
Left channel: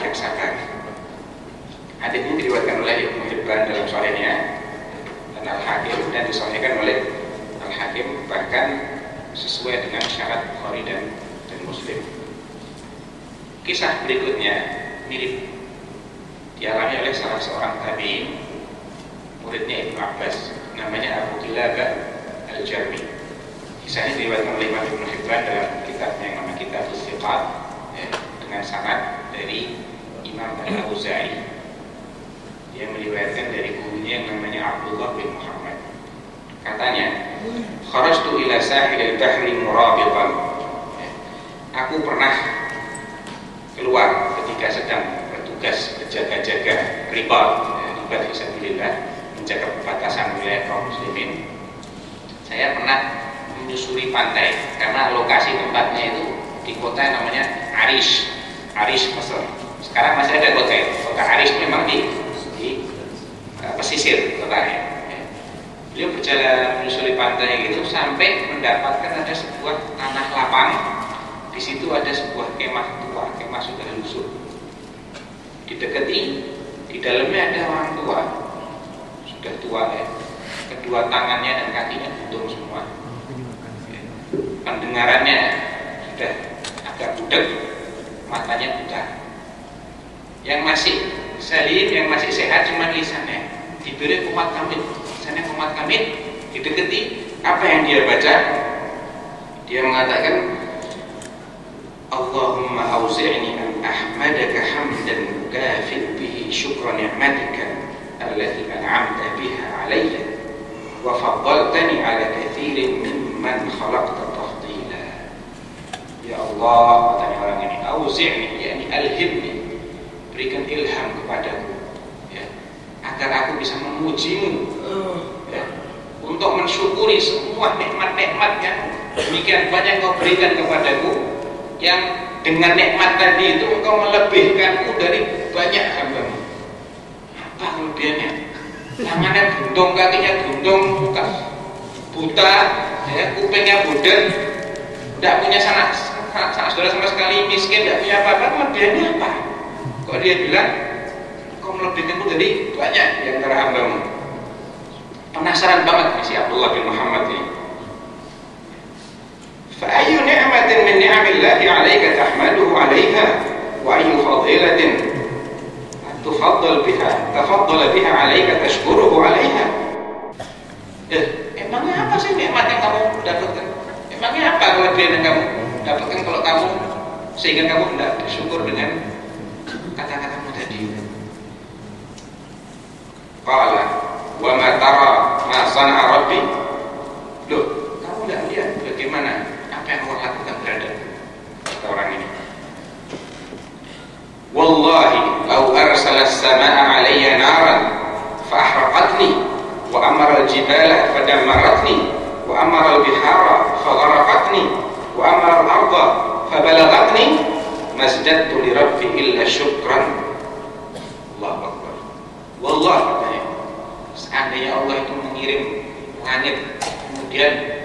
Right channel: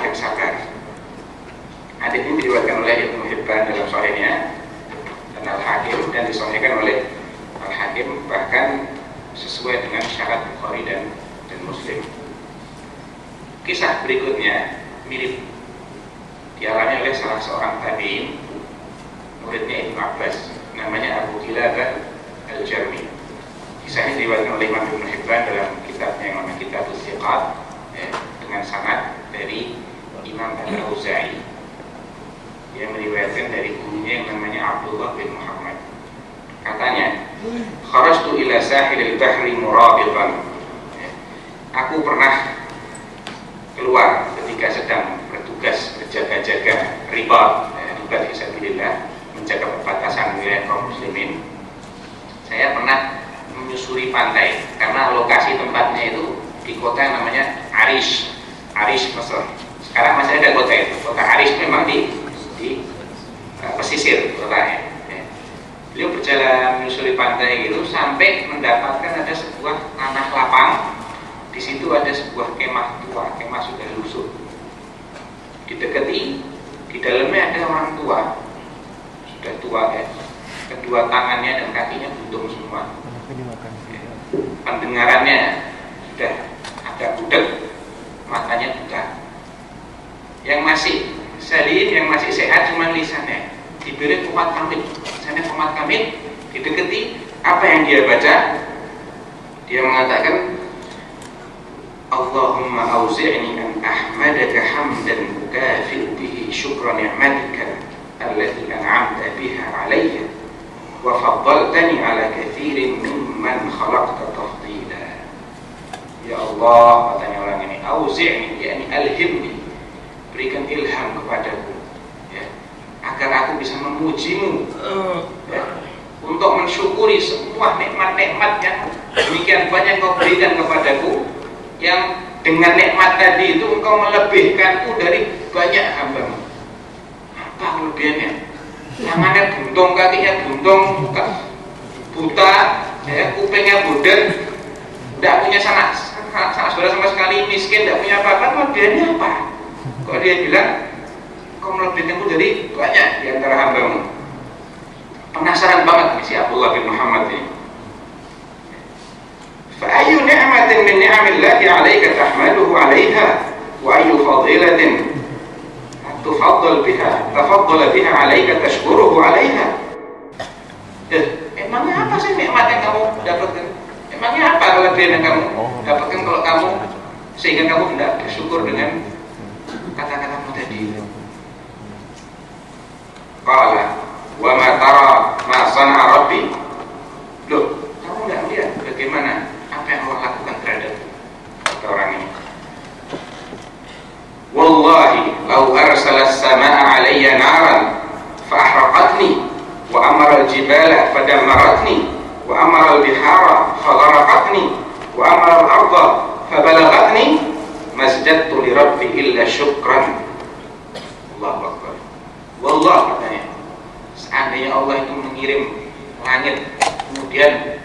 yang sabar. Hadis ini diriwayatkan oleh Ibnu Hibban dalam Sahihnya dan Al-Hakim, dan disahihkan oleh Al-Hakim, bahkan sesuai dengan syarat Bukhari dan Muslim. Kisah berikutnya mirip, dialami oleh salah seorang tabi'in, muridnya Ibnu Abbas, namanya Abu Kilabah Al-Jarmi. Kisah ini diriwayatkan oleh Imam Ibnu Hibban dalam kitabnya yang namanya Kitabuz Thiqat, dengan sanad dari Imam Al-Auza'i. Dia meriwayatkan dari gurunya yang namanya Abdullah bin Muhammad. Katanya, kharajtu ila sahilil bahri murabitan. Aku pernah keluar ketika sedang bertugas berjaga-jaga ribat fisabilillah, menjaga perbatasan wilayah kaum muslimin. Saya pernah menyusuri pantai karena lokasi tempatnya itu di kota yang namanya Arish, Mesir. Sekarang masih ada kota itu. Kota Arish memang di pesisir kotanya. Beliau berjalan menyusuri pantai gitu sampai mendapatkan ada sebuah tanah lapang. Di situ ada sebuah kemah tua, kemah sudah lusuh. Didekati, di dalamnya ada orang tua, sudah tua ya. Kedua tangannya dan kakinya buntung semua. Pendengarannya sudah agak budek, matanya buta. Yang masih salim, yang masih sehat cuma lisannya. Diberi kumat kamit, lisannya kumat kamit. Didekati, apa yang dia baca? Dia mengatakan, Allahumma auzi'ni an ahmadaka hamdan mukafi'u bihi syukra ni'matika allati an'amta biha alayya wa faddaltani ala kathirin mimman khalaqta tafdila. Ya Allah, katanya orang ini, auzi'ni, yakni alhimni, berikan ilham kepadaku ya, agar aku bisa memujimu ya, untuk mensyukuri semua nikmat-nikmat yang demikian banyak kau berikan kepadaku, yang dengan nikmat tadi itu engkau melebihkanku dari banyak hambamu. Apa kelebihannya? Tangannya buntung, kakinya buntung, muka buta, ya, kupingnya budek, tidak punya sanak saudara sama sekali, miskin, tidak punya apa-apa. Kelebihannya apa? Kok dia bilang engkau melebihkanku dari banyak di antara hambamu? Penasaran banget nih si Abdullah bin Muhammad ini. فأي نعمة من نعم الله عليك تحمده عليها وأي فضيلة تفضل بها عليك تشكره عليها. Emangnya apa sih nikmat yang kamu dapatkan? Emangnya apa kelebihan yang kamu dapatkan kalau kamu sehingga kamu tidak bersyukur dengan kata-katamu tadi? Qala wa ma tara ma sana'a rabbi. Loh, kamu tidak lihat bagaimana apa yang Allah lakukan terhadap kata orang ini? Wallahi lau arsala as-samaa'a 'alayya naran fa ahraqatni wa amara al-jibala fa dammaratni wa amara al-bihara fa gharaqatni wa amara al-ardha fa balaghatni masjadtu li rabbi illa syukran. Allahu akbar. Wallahi, katanya, seandainya Allah itu mengirim langit kemudian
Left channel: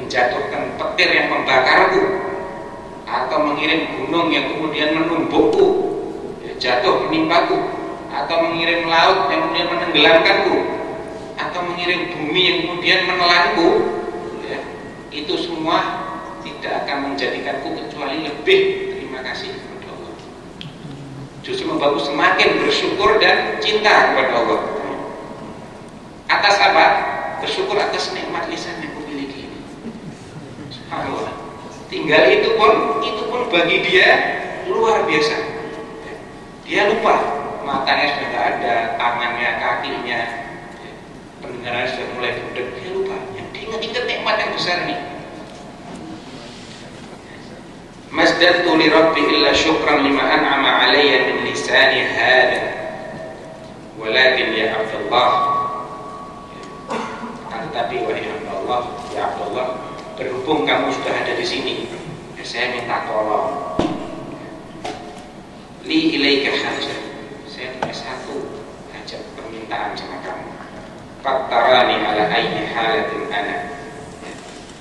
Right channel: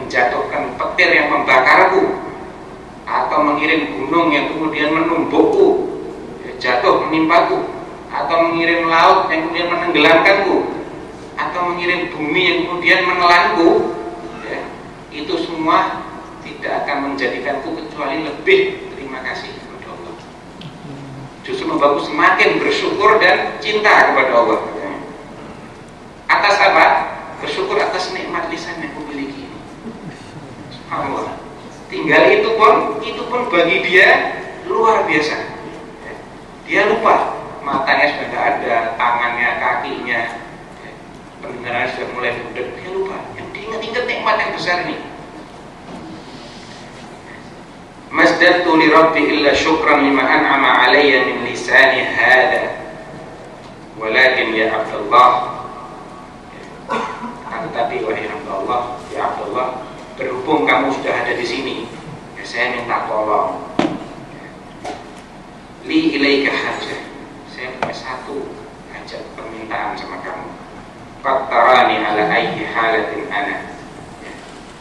menjatuhkan petir yang membakarku, atau mengirim gunung yang kemudian menumbukku, jatuh menimpaku, atau mengirim laut yang kemudian menenggelamkanku, atau mengirim bumi yang kemudian menelanku, ya, itu semua tidak akan menjadikanku kecuali lebih terima kasih kepada Allah. Justru membuatku semakin bersyukur dan cinta kepada Allah. Atas apa? Bersyukur atas nikmat lisan yang kumiliki ini. Subhanallah. Tinggal itu pun bagi dia luar biasa. Dia lupa, matanya sudah tidak ada, tangannya, kakinya, pendengarannya sudah mulai budek. Dia lupa. Yang diingat-ingat nikmat yang besar ini. Masdadtu li rabbi illa syukran lima an'ama alayya min lisani hada. Walakin ya Abdullah, tetapi wahai hamba Allah, ya Abdullah, berhubung kamu sudah ada di sini, ya saya minta tolong. Li ilaika hajah, saya punya satu hajat permintaan sama kamu. Qattarani ala ayyi halatin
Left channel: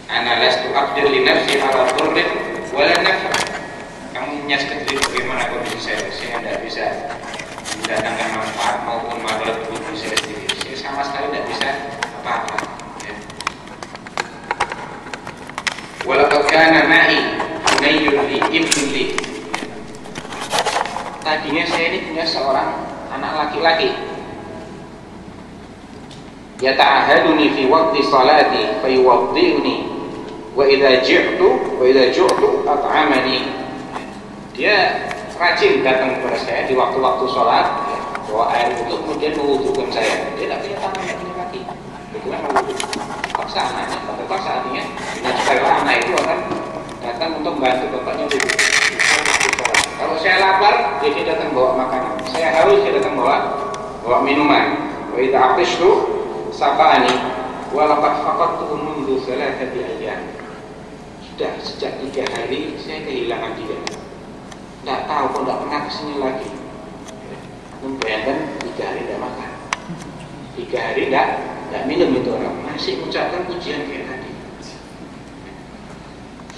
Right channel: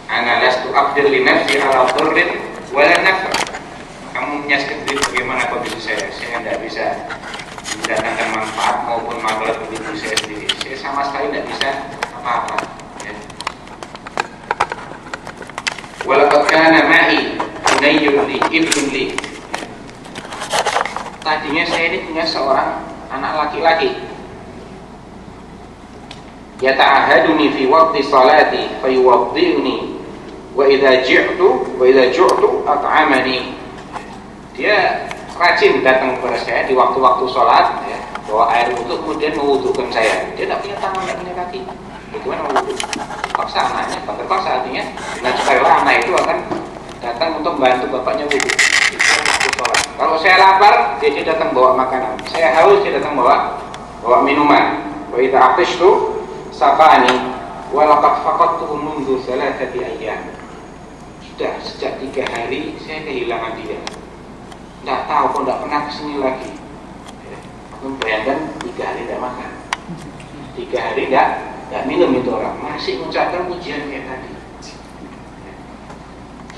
ana lastu aqdir li nafsi ala dhurrin wala nafa. Kamu menyaksikan sendiri bagaimana kondisi saya tidak bisa mendatangkan manfaat maupun madarat bagi diri saya sendiri. Saya sama sekali tidak bisa apa-apa. Walaqad kana ma'i hunayyun li ibn li. Tadinya saya ini punya seorang anak laki-laki. Yata'ahaduni fi waqti salati fayuwaddi'uni wa idza ju'tu at'amani. Dia rajin datang kepada saya di waktu-waktu salat, ya, bawa air untuk kemudian mewudukan saya. Dia tidak punya tangan, tidak punya kaki. Bagaimana mewudu? Paksa anaknya, terpaksa artinya dengan sukarela anak itu akan datang untuk membantu bapaknya wudhu. Kalau saya lapar, dia datang bawa makanan. Saya haus, dia datang bawa minuman. Wa idza atishtu saqani wa laqad faqadtuhu mundu 3 ayyam. Sudah sejak 3 hari saya kehilangan dia. Tidak tahu kok tidak pernah kesini lagi. Bayangkan 3 hari tidak makan, 3 hari tidak minum, itu orang masih mengucapkan pujian kayak tadi.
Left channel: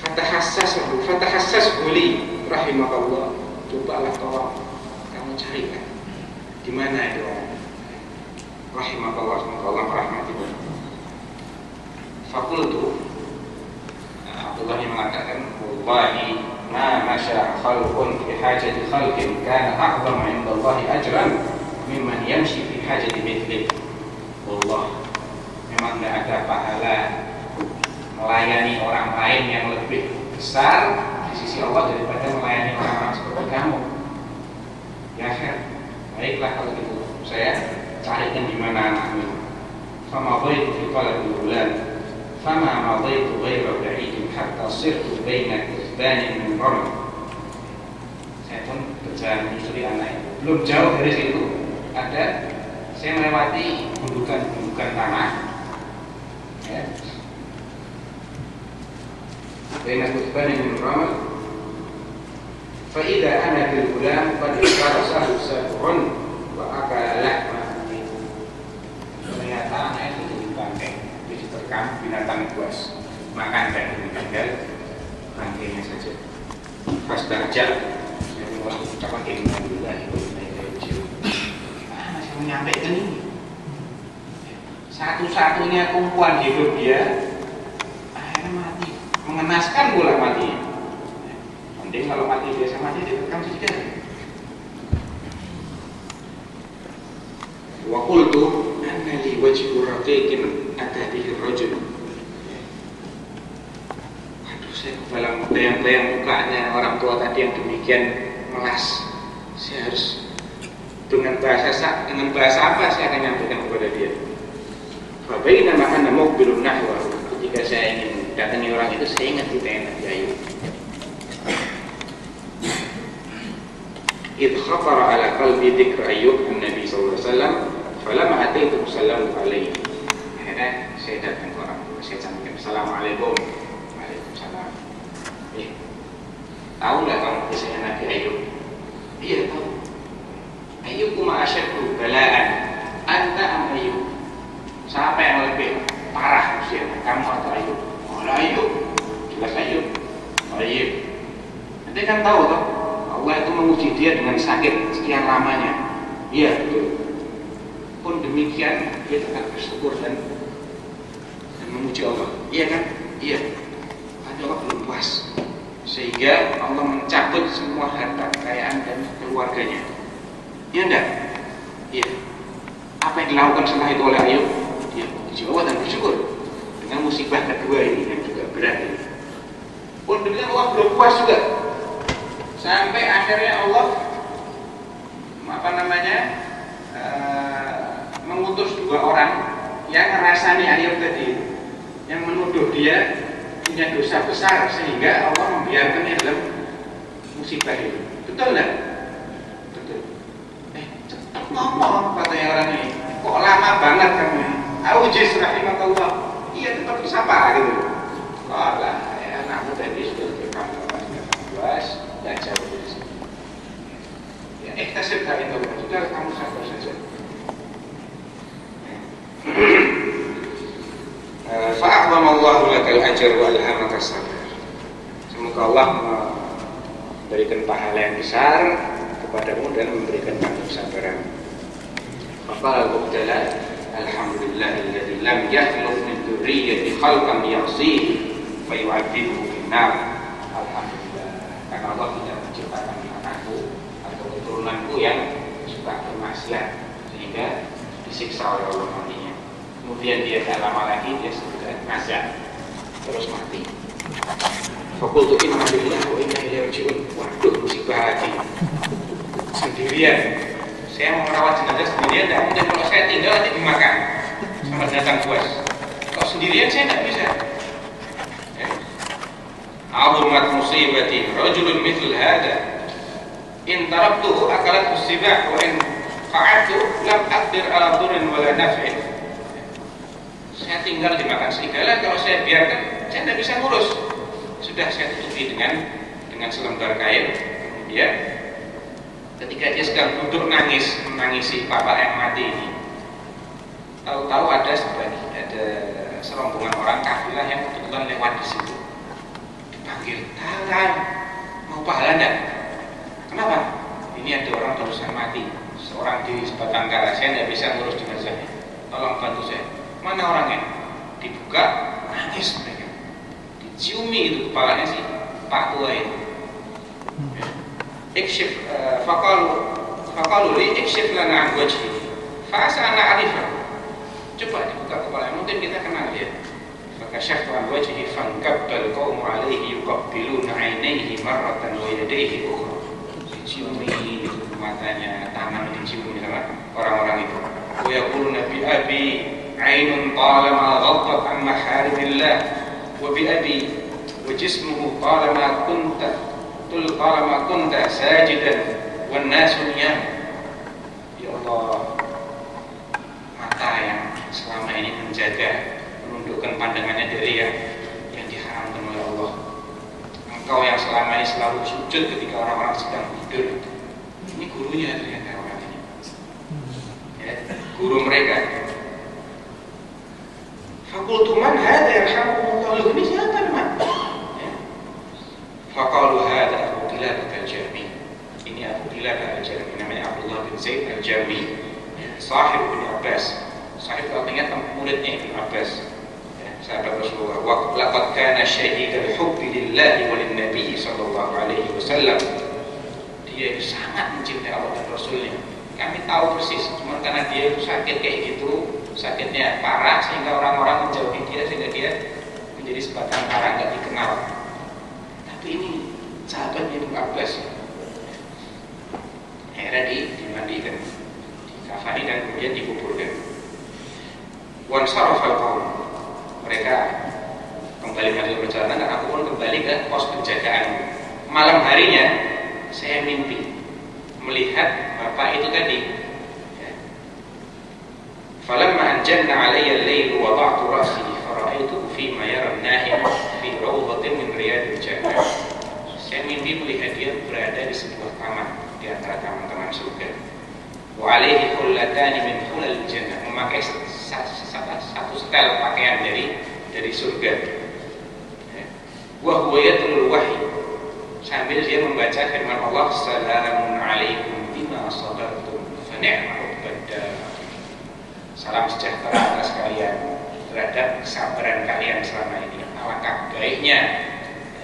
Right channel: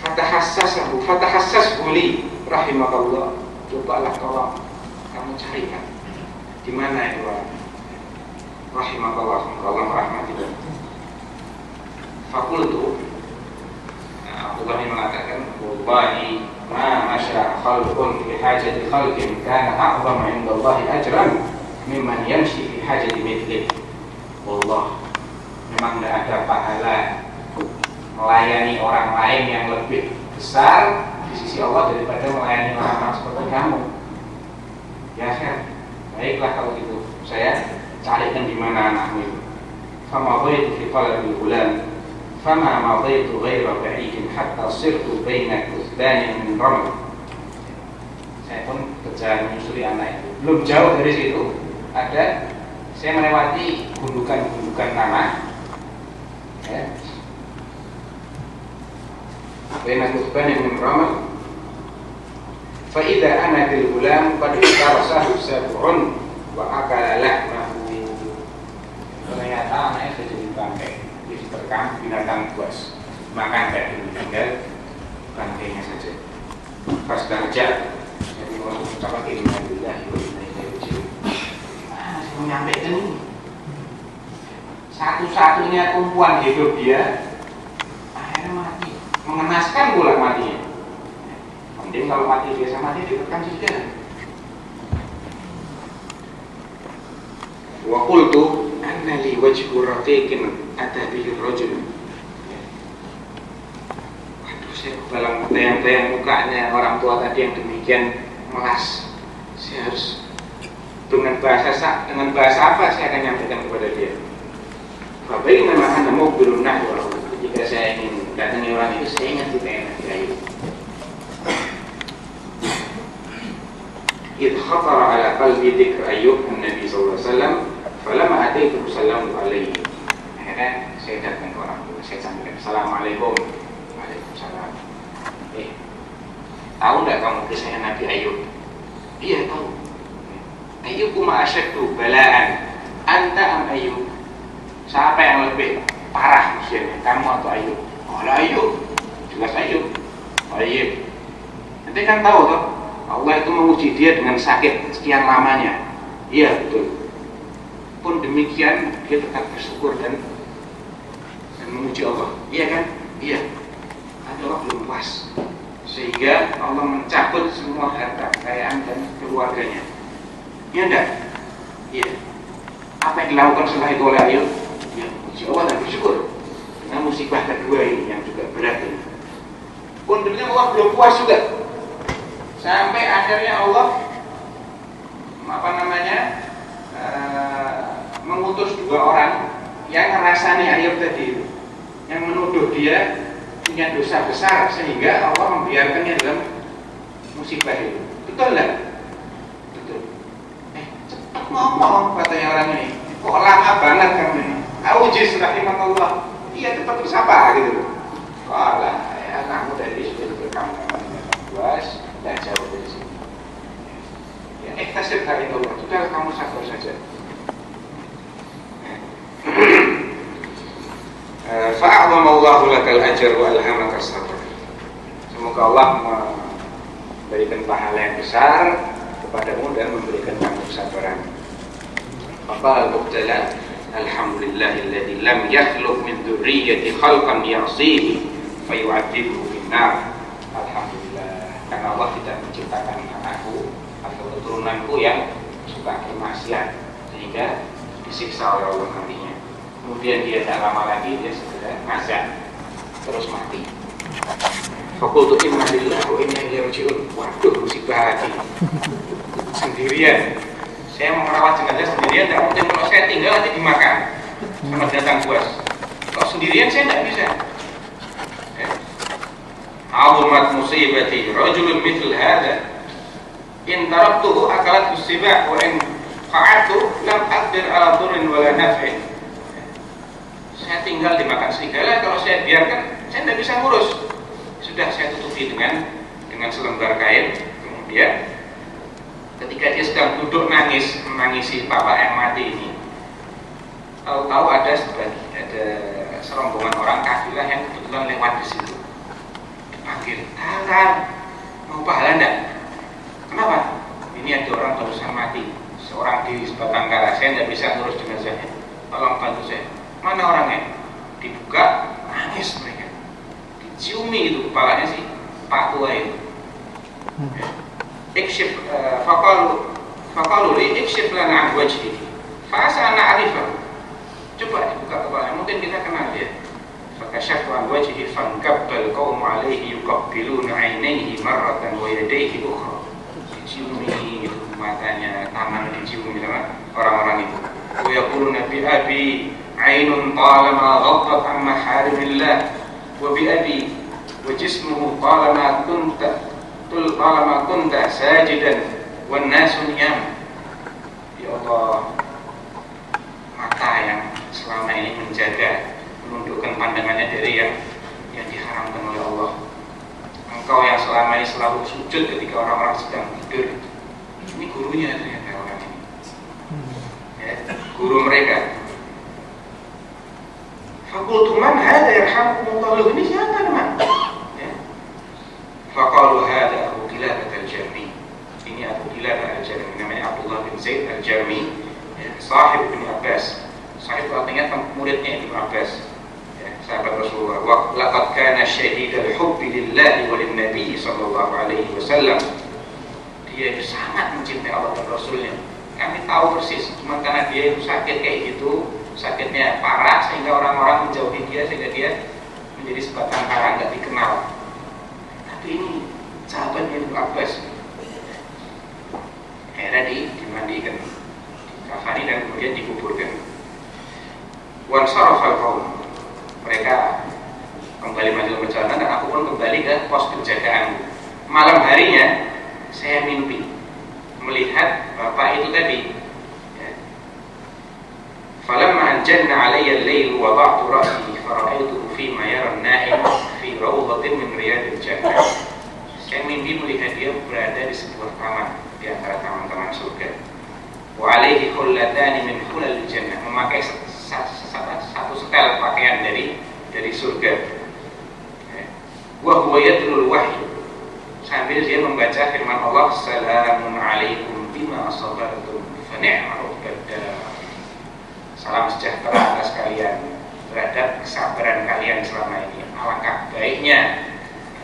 Fatahassas huli rahimakallah. Cobalah tolong kamu carikan di mana itu orang. Rahimakallah, semoga Allah merahmati. Fakultu, Abdullah mengatakan, wallahi ma masya khalqun fi hajati khalqin kana a'zama 'inda Allah ajran mimman yamshi fi hajati mithlihi. Wallah, memang tidak ada pahala melayani orang lain yang lebih besar di sisi Allah daripada melayani orang-orang seperti kamu. Ya khair, baiklah kalau gitu, saya carikan di mana anakmu itu. Fama dhaitu fi qalbi bulan, fama madaitu ghaira ba'idin hatta sirtu baina kuthbanin min raml. Saya pun berjalan menyusuri anak itu. Belum jauh dari situ ada, saya melewati gundukan-gundukan tanah, ya, baina kuthbanin min raml. Fa idza ana bil gulam qad istarasahu sab'un wa akala lahmahu. Ternyata anaknya sudah jadi bangkai, diterkam binatang buas, makan kayak gini, tinggal bangkainya saja. Pas darjat, jadi orang ucapan innalillahi wa inna ilaihi raji'un. Masih menyampaikan ini. Satu-satunya tumpuan hidup dia akhirnya mati, mengenaskan pula matinya. Mending kalau mati biasa mati ditekan saja. Wa qultu anna li wajhu raqiqin ata bihi ar-rajul. Waduh, saya kebalang bayang-bayang mukanya orang tua tadi yang demikian melas. Saya harus dengan bahasa apa saya akan nyampaikan kepada dia. Fa bainama ana muqbilun nahwa, ketika saya ingin datangi orang itu, saya ingat kita yang Nabi Ayub. إذ خطر على قلبي ذكر أيوب النبي صلى الله عليه وسلم فلما أتيته سلمت عليه. Akhirnya saya datang ke orang tua, saya sampaikan Assalamualaikum. Waalaikumsalam. Tahu nggak kamu kisahnya Nabi Ayub? Iya tahu. Ayub ma asyaddu balaan anta am Ayub. Siapa yang lebih parah usianya, kamu atau Ayub? Oh Ayub, jelas Ayub. Ayub. Nanti kan tahu toh, Allah itu menguji dia dengan sakit sekian lamanya. Iya betul. Pun demikian dia tetap bersyukur dan memuji Allah. Iya kan? Iya. Tapi Allah belum puas, sehingga Allah mencabut semua harta kekayaan dan keluarganya. Iya enggak? Iya. Apa yang dilakukan setelah itu oleh Ayub? Dia memuji Allah dan bersyukur dengan musibah kedua ini yang juga berat ini. Pun demikian Allah belum puas juga, sampai akhirnya Allah mengutus 2 orang yang ngerasani Ayub tadi, yang menuduh dia punya dosa besar sehingga Allah membiarkannya dalam musibah itu. Betul nggak? Betul. Cepat ngomong katanya orang ini. Kok lama banget kamu ini? Aujis rahimakallah. Iya tetap bersapa gitu. Kalau ya anakmu tadi sudah kamu puas, tidak jauh dari sini. Ya, tasib dari itu, sudah kamu sabar saja. Fa'adhamallahu lakal ajr wa alhamaka sabar. Semoga Allah memberikan pahala yang besar kepadamu dan memberikan kamu kesabaran. Faqala al-mubtala alhamdulillahilladzi lam yakhluq min dzurriyyati khalqan ya'sihi fayu'adzibuhu bin-nar. Alhamdulillah, karena Allah tidak menciptakan anakku atau keturunanku yang suka bermaksiat sehingga disiksa oleh Allah nantinya. Kemudian dia tak lama lagi dia sudah ngajak terus mati. Fakultu inna lillahi wa inna ilaihi raji'un. Waduh, musibah lagi. Sendirian. Saya mau merawat jenazah sendirian, tidak mungkin. Kalau saya tinggal nanti dimakan sama binatang buas. Kalau sendirian saya tidak bisa. 'azumat musibati rajulun mithl hada in taraktuhu akalat usibah wa in qa'adtu lam aqdir ala dhurrin wala naf'in. Saya tinggal dimakan serigala, kalau saya biarkan saya tidak bisa ngurus. Sudah saya tutupi dengan selembar kain. Kemudian ketika dia sedang duduk menangisi bapak yang mati ini, tahu-tahu ada serombongan orang kafilah yang kebetulan lewat di situ. Dipanggil, tahan, mau pahala enggak? Kenapa? Ini ada orang barusan mati, seorang di sebatang kara, saya tidak bisa ngurus jenazahnya. Tolong bantu saya. Mana orangnya? Dibuka, nangis mereka. Diciumi itu kepalanya si Pak Tua itu. Ikshif faqalu li ikshif lana an wajhihi fa asa na'rifahu. Coba dibuka kepalanya, mungkin kita kenal dia. Fakashaftu an wajhihi fankabbal qaumu alayhi yuqabbiluna 'ainaihi marratan wa yadayhi ukhra. Diciumi itu matanya, tangan diciumi sama orang-orang itu. Wa yaquluna bi abi 'ainun talama ghaddat an maharimillah wa bi abi wa jismuhu talama kunta sajidan wan nasu niyam. Ya Allah, mata yang selama ini menjaga, menundukkan pandangannya dari yang diharamkan oleh Allah. Engkau yang selama ini selalu sujud ketika orang-orang sedang tidur. Ini gurunya ternyata orang ini, ya, guru mereka. Fakultu man hada yarhamukumullah, ini siapa teman? Ya. Faqalu hada Abu Qiladah al-Jarmi. Ini Abu Qiladah al-Jarmi, namanya Abdullah bin Zaid al-Jarmi, ya, sahib bin Abbas. Sahib artinya muridnya Ibnu Abbas, ya, sahabat Rasulullah. Wa laqad kana syahidal hubbi lillahi wa lin-nabi sallallahu alaihi wasallam. Dia itu sangat mencintai Allah dan Rasulnya. Kami tahu persis, cuma karena dia itu sakit kayak gitu, sakitnya parah sehingga orang-orang menjauhi dia, sehingga dia menjadi sebatang kara, nggak dikenal. Tapi ini sahabatnya Ibnu Abbas. Akhirnya dimandikan, dikafani dan kemudian dikuburkan. Wan sarafal qaum, mereka kembali melanjutkan perjalanan dan aku pun kembali ke pos penjagaan. Malam harinya saya mimpi melihat bapak itu tadi. Falamma anjanna alayya al-lail wada'tu ra'si fara'aytuhu fi ma yara an-na'im fi rawdatin min riyadil jannah. Saya mimpi melihat dia berada di sebuah taman di antara taman-taman surga. Wa alayhi hullatani min hulal jannah, memakai satu setel pakaian dari surga. Wa huwa yatlul wahyi, sambil dia membaca firman Allah, salamun alaikum bima sabartum fa ni'mal uqbad. Salam sejahtera atas kalian terhadap kesabaran kalian selama ini. Alangkah baiknya,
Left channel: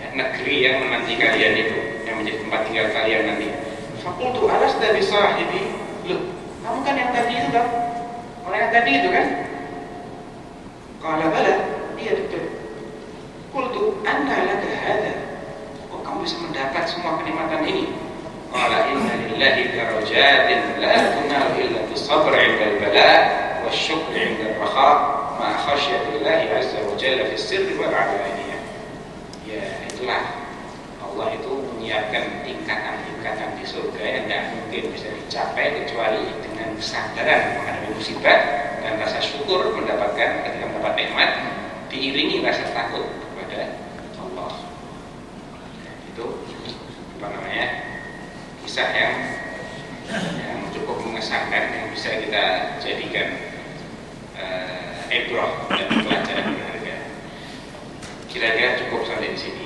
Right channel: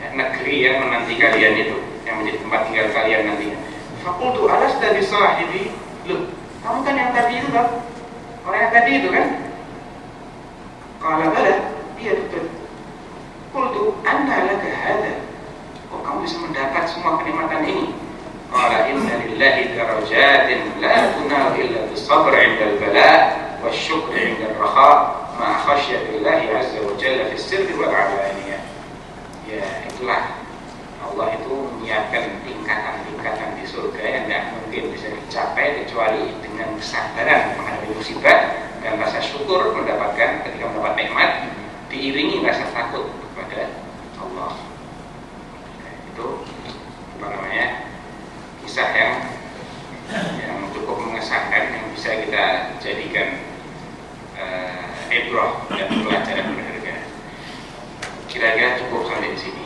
ya, negeri yang menanti kalian itu, yang menjadi tempat tinggal kalian nanti. Fakultu alasda bi sahibi. Loh, kamu kan yang tadi itu kan? Orang yang tadi itu kan? Qala bala, iya betul. Qultu anna laka hada, kok kamu bisa mendapat semua kenikmatan ini? Qala inna lillahi darajatin la tunal illa bisabr 'inda al-bala wa syukr 'inda ar-raha ma khasyatillahi 'azza wa jalla fi sirri wal 'alaniyah. Ya, itulah Allah itu menyiapkan tingkatan-tingkatan di surga yang tidak mungkin bisa dicapai kecuali dengan kesadaran menghadapi musibah dan rasa syukur mendapatkan ketika mendapat nikmat, diiringi rasa takut kepada Allah. Itu kisah yang cukup mengesankan, yang bisa kita jadikan ibrah dan pelajaran berharga. Kira-kira cukup sampai di sini.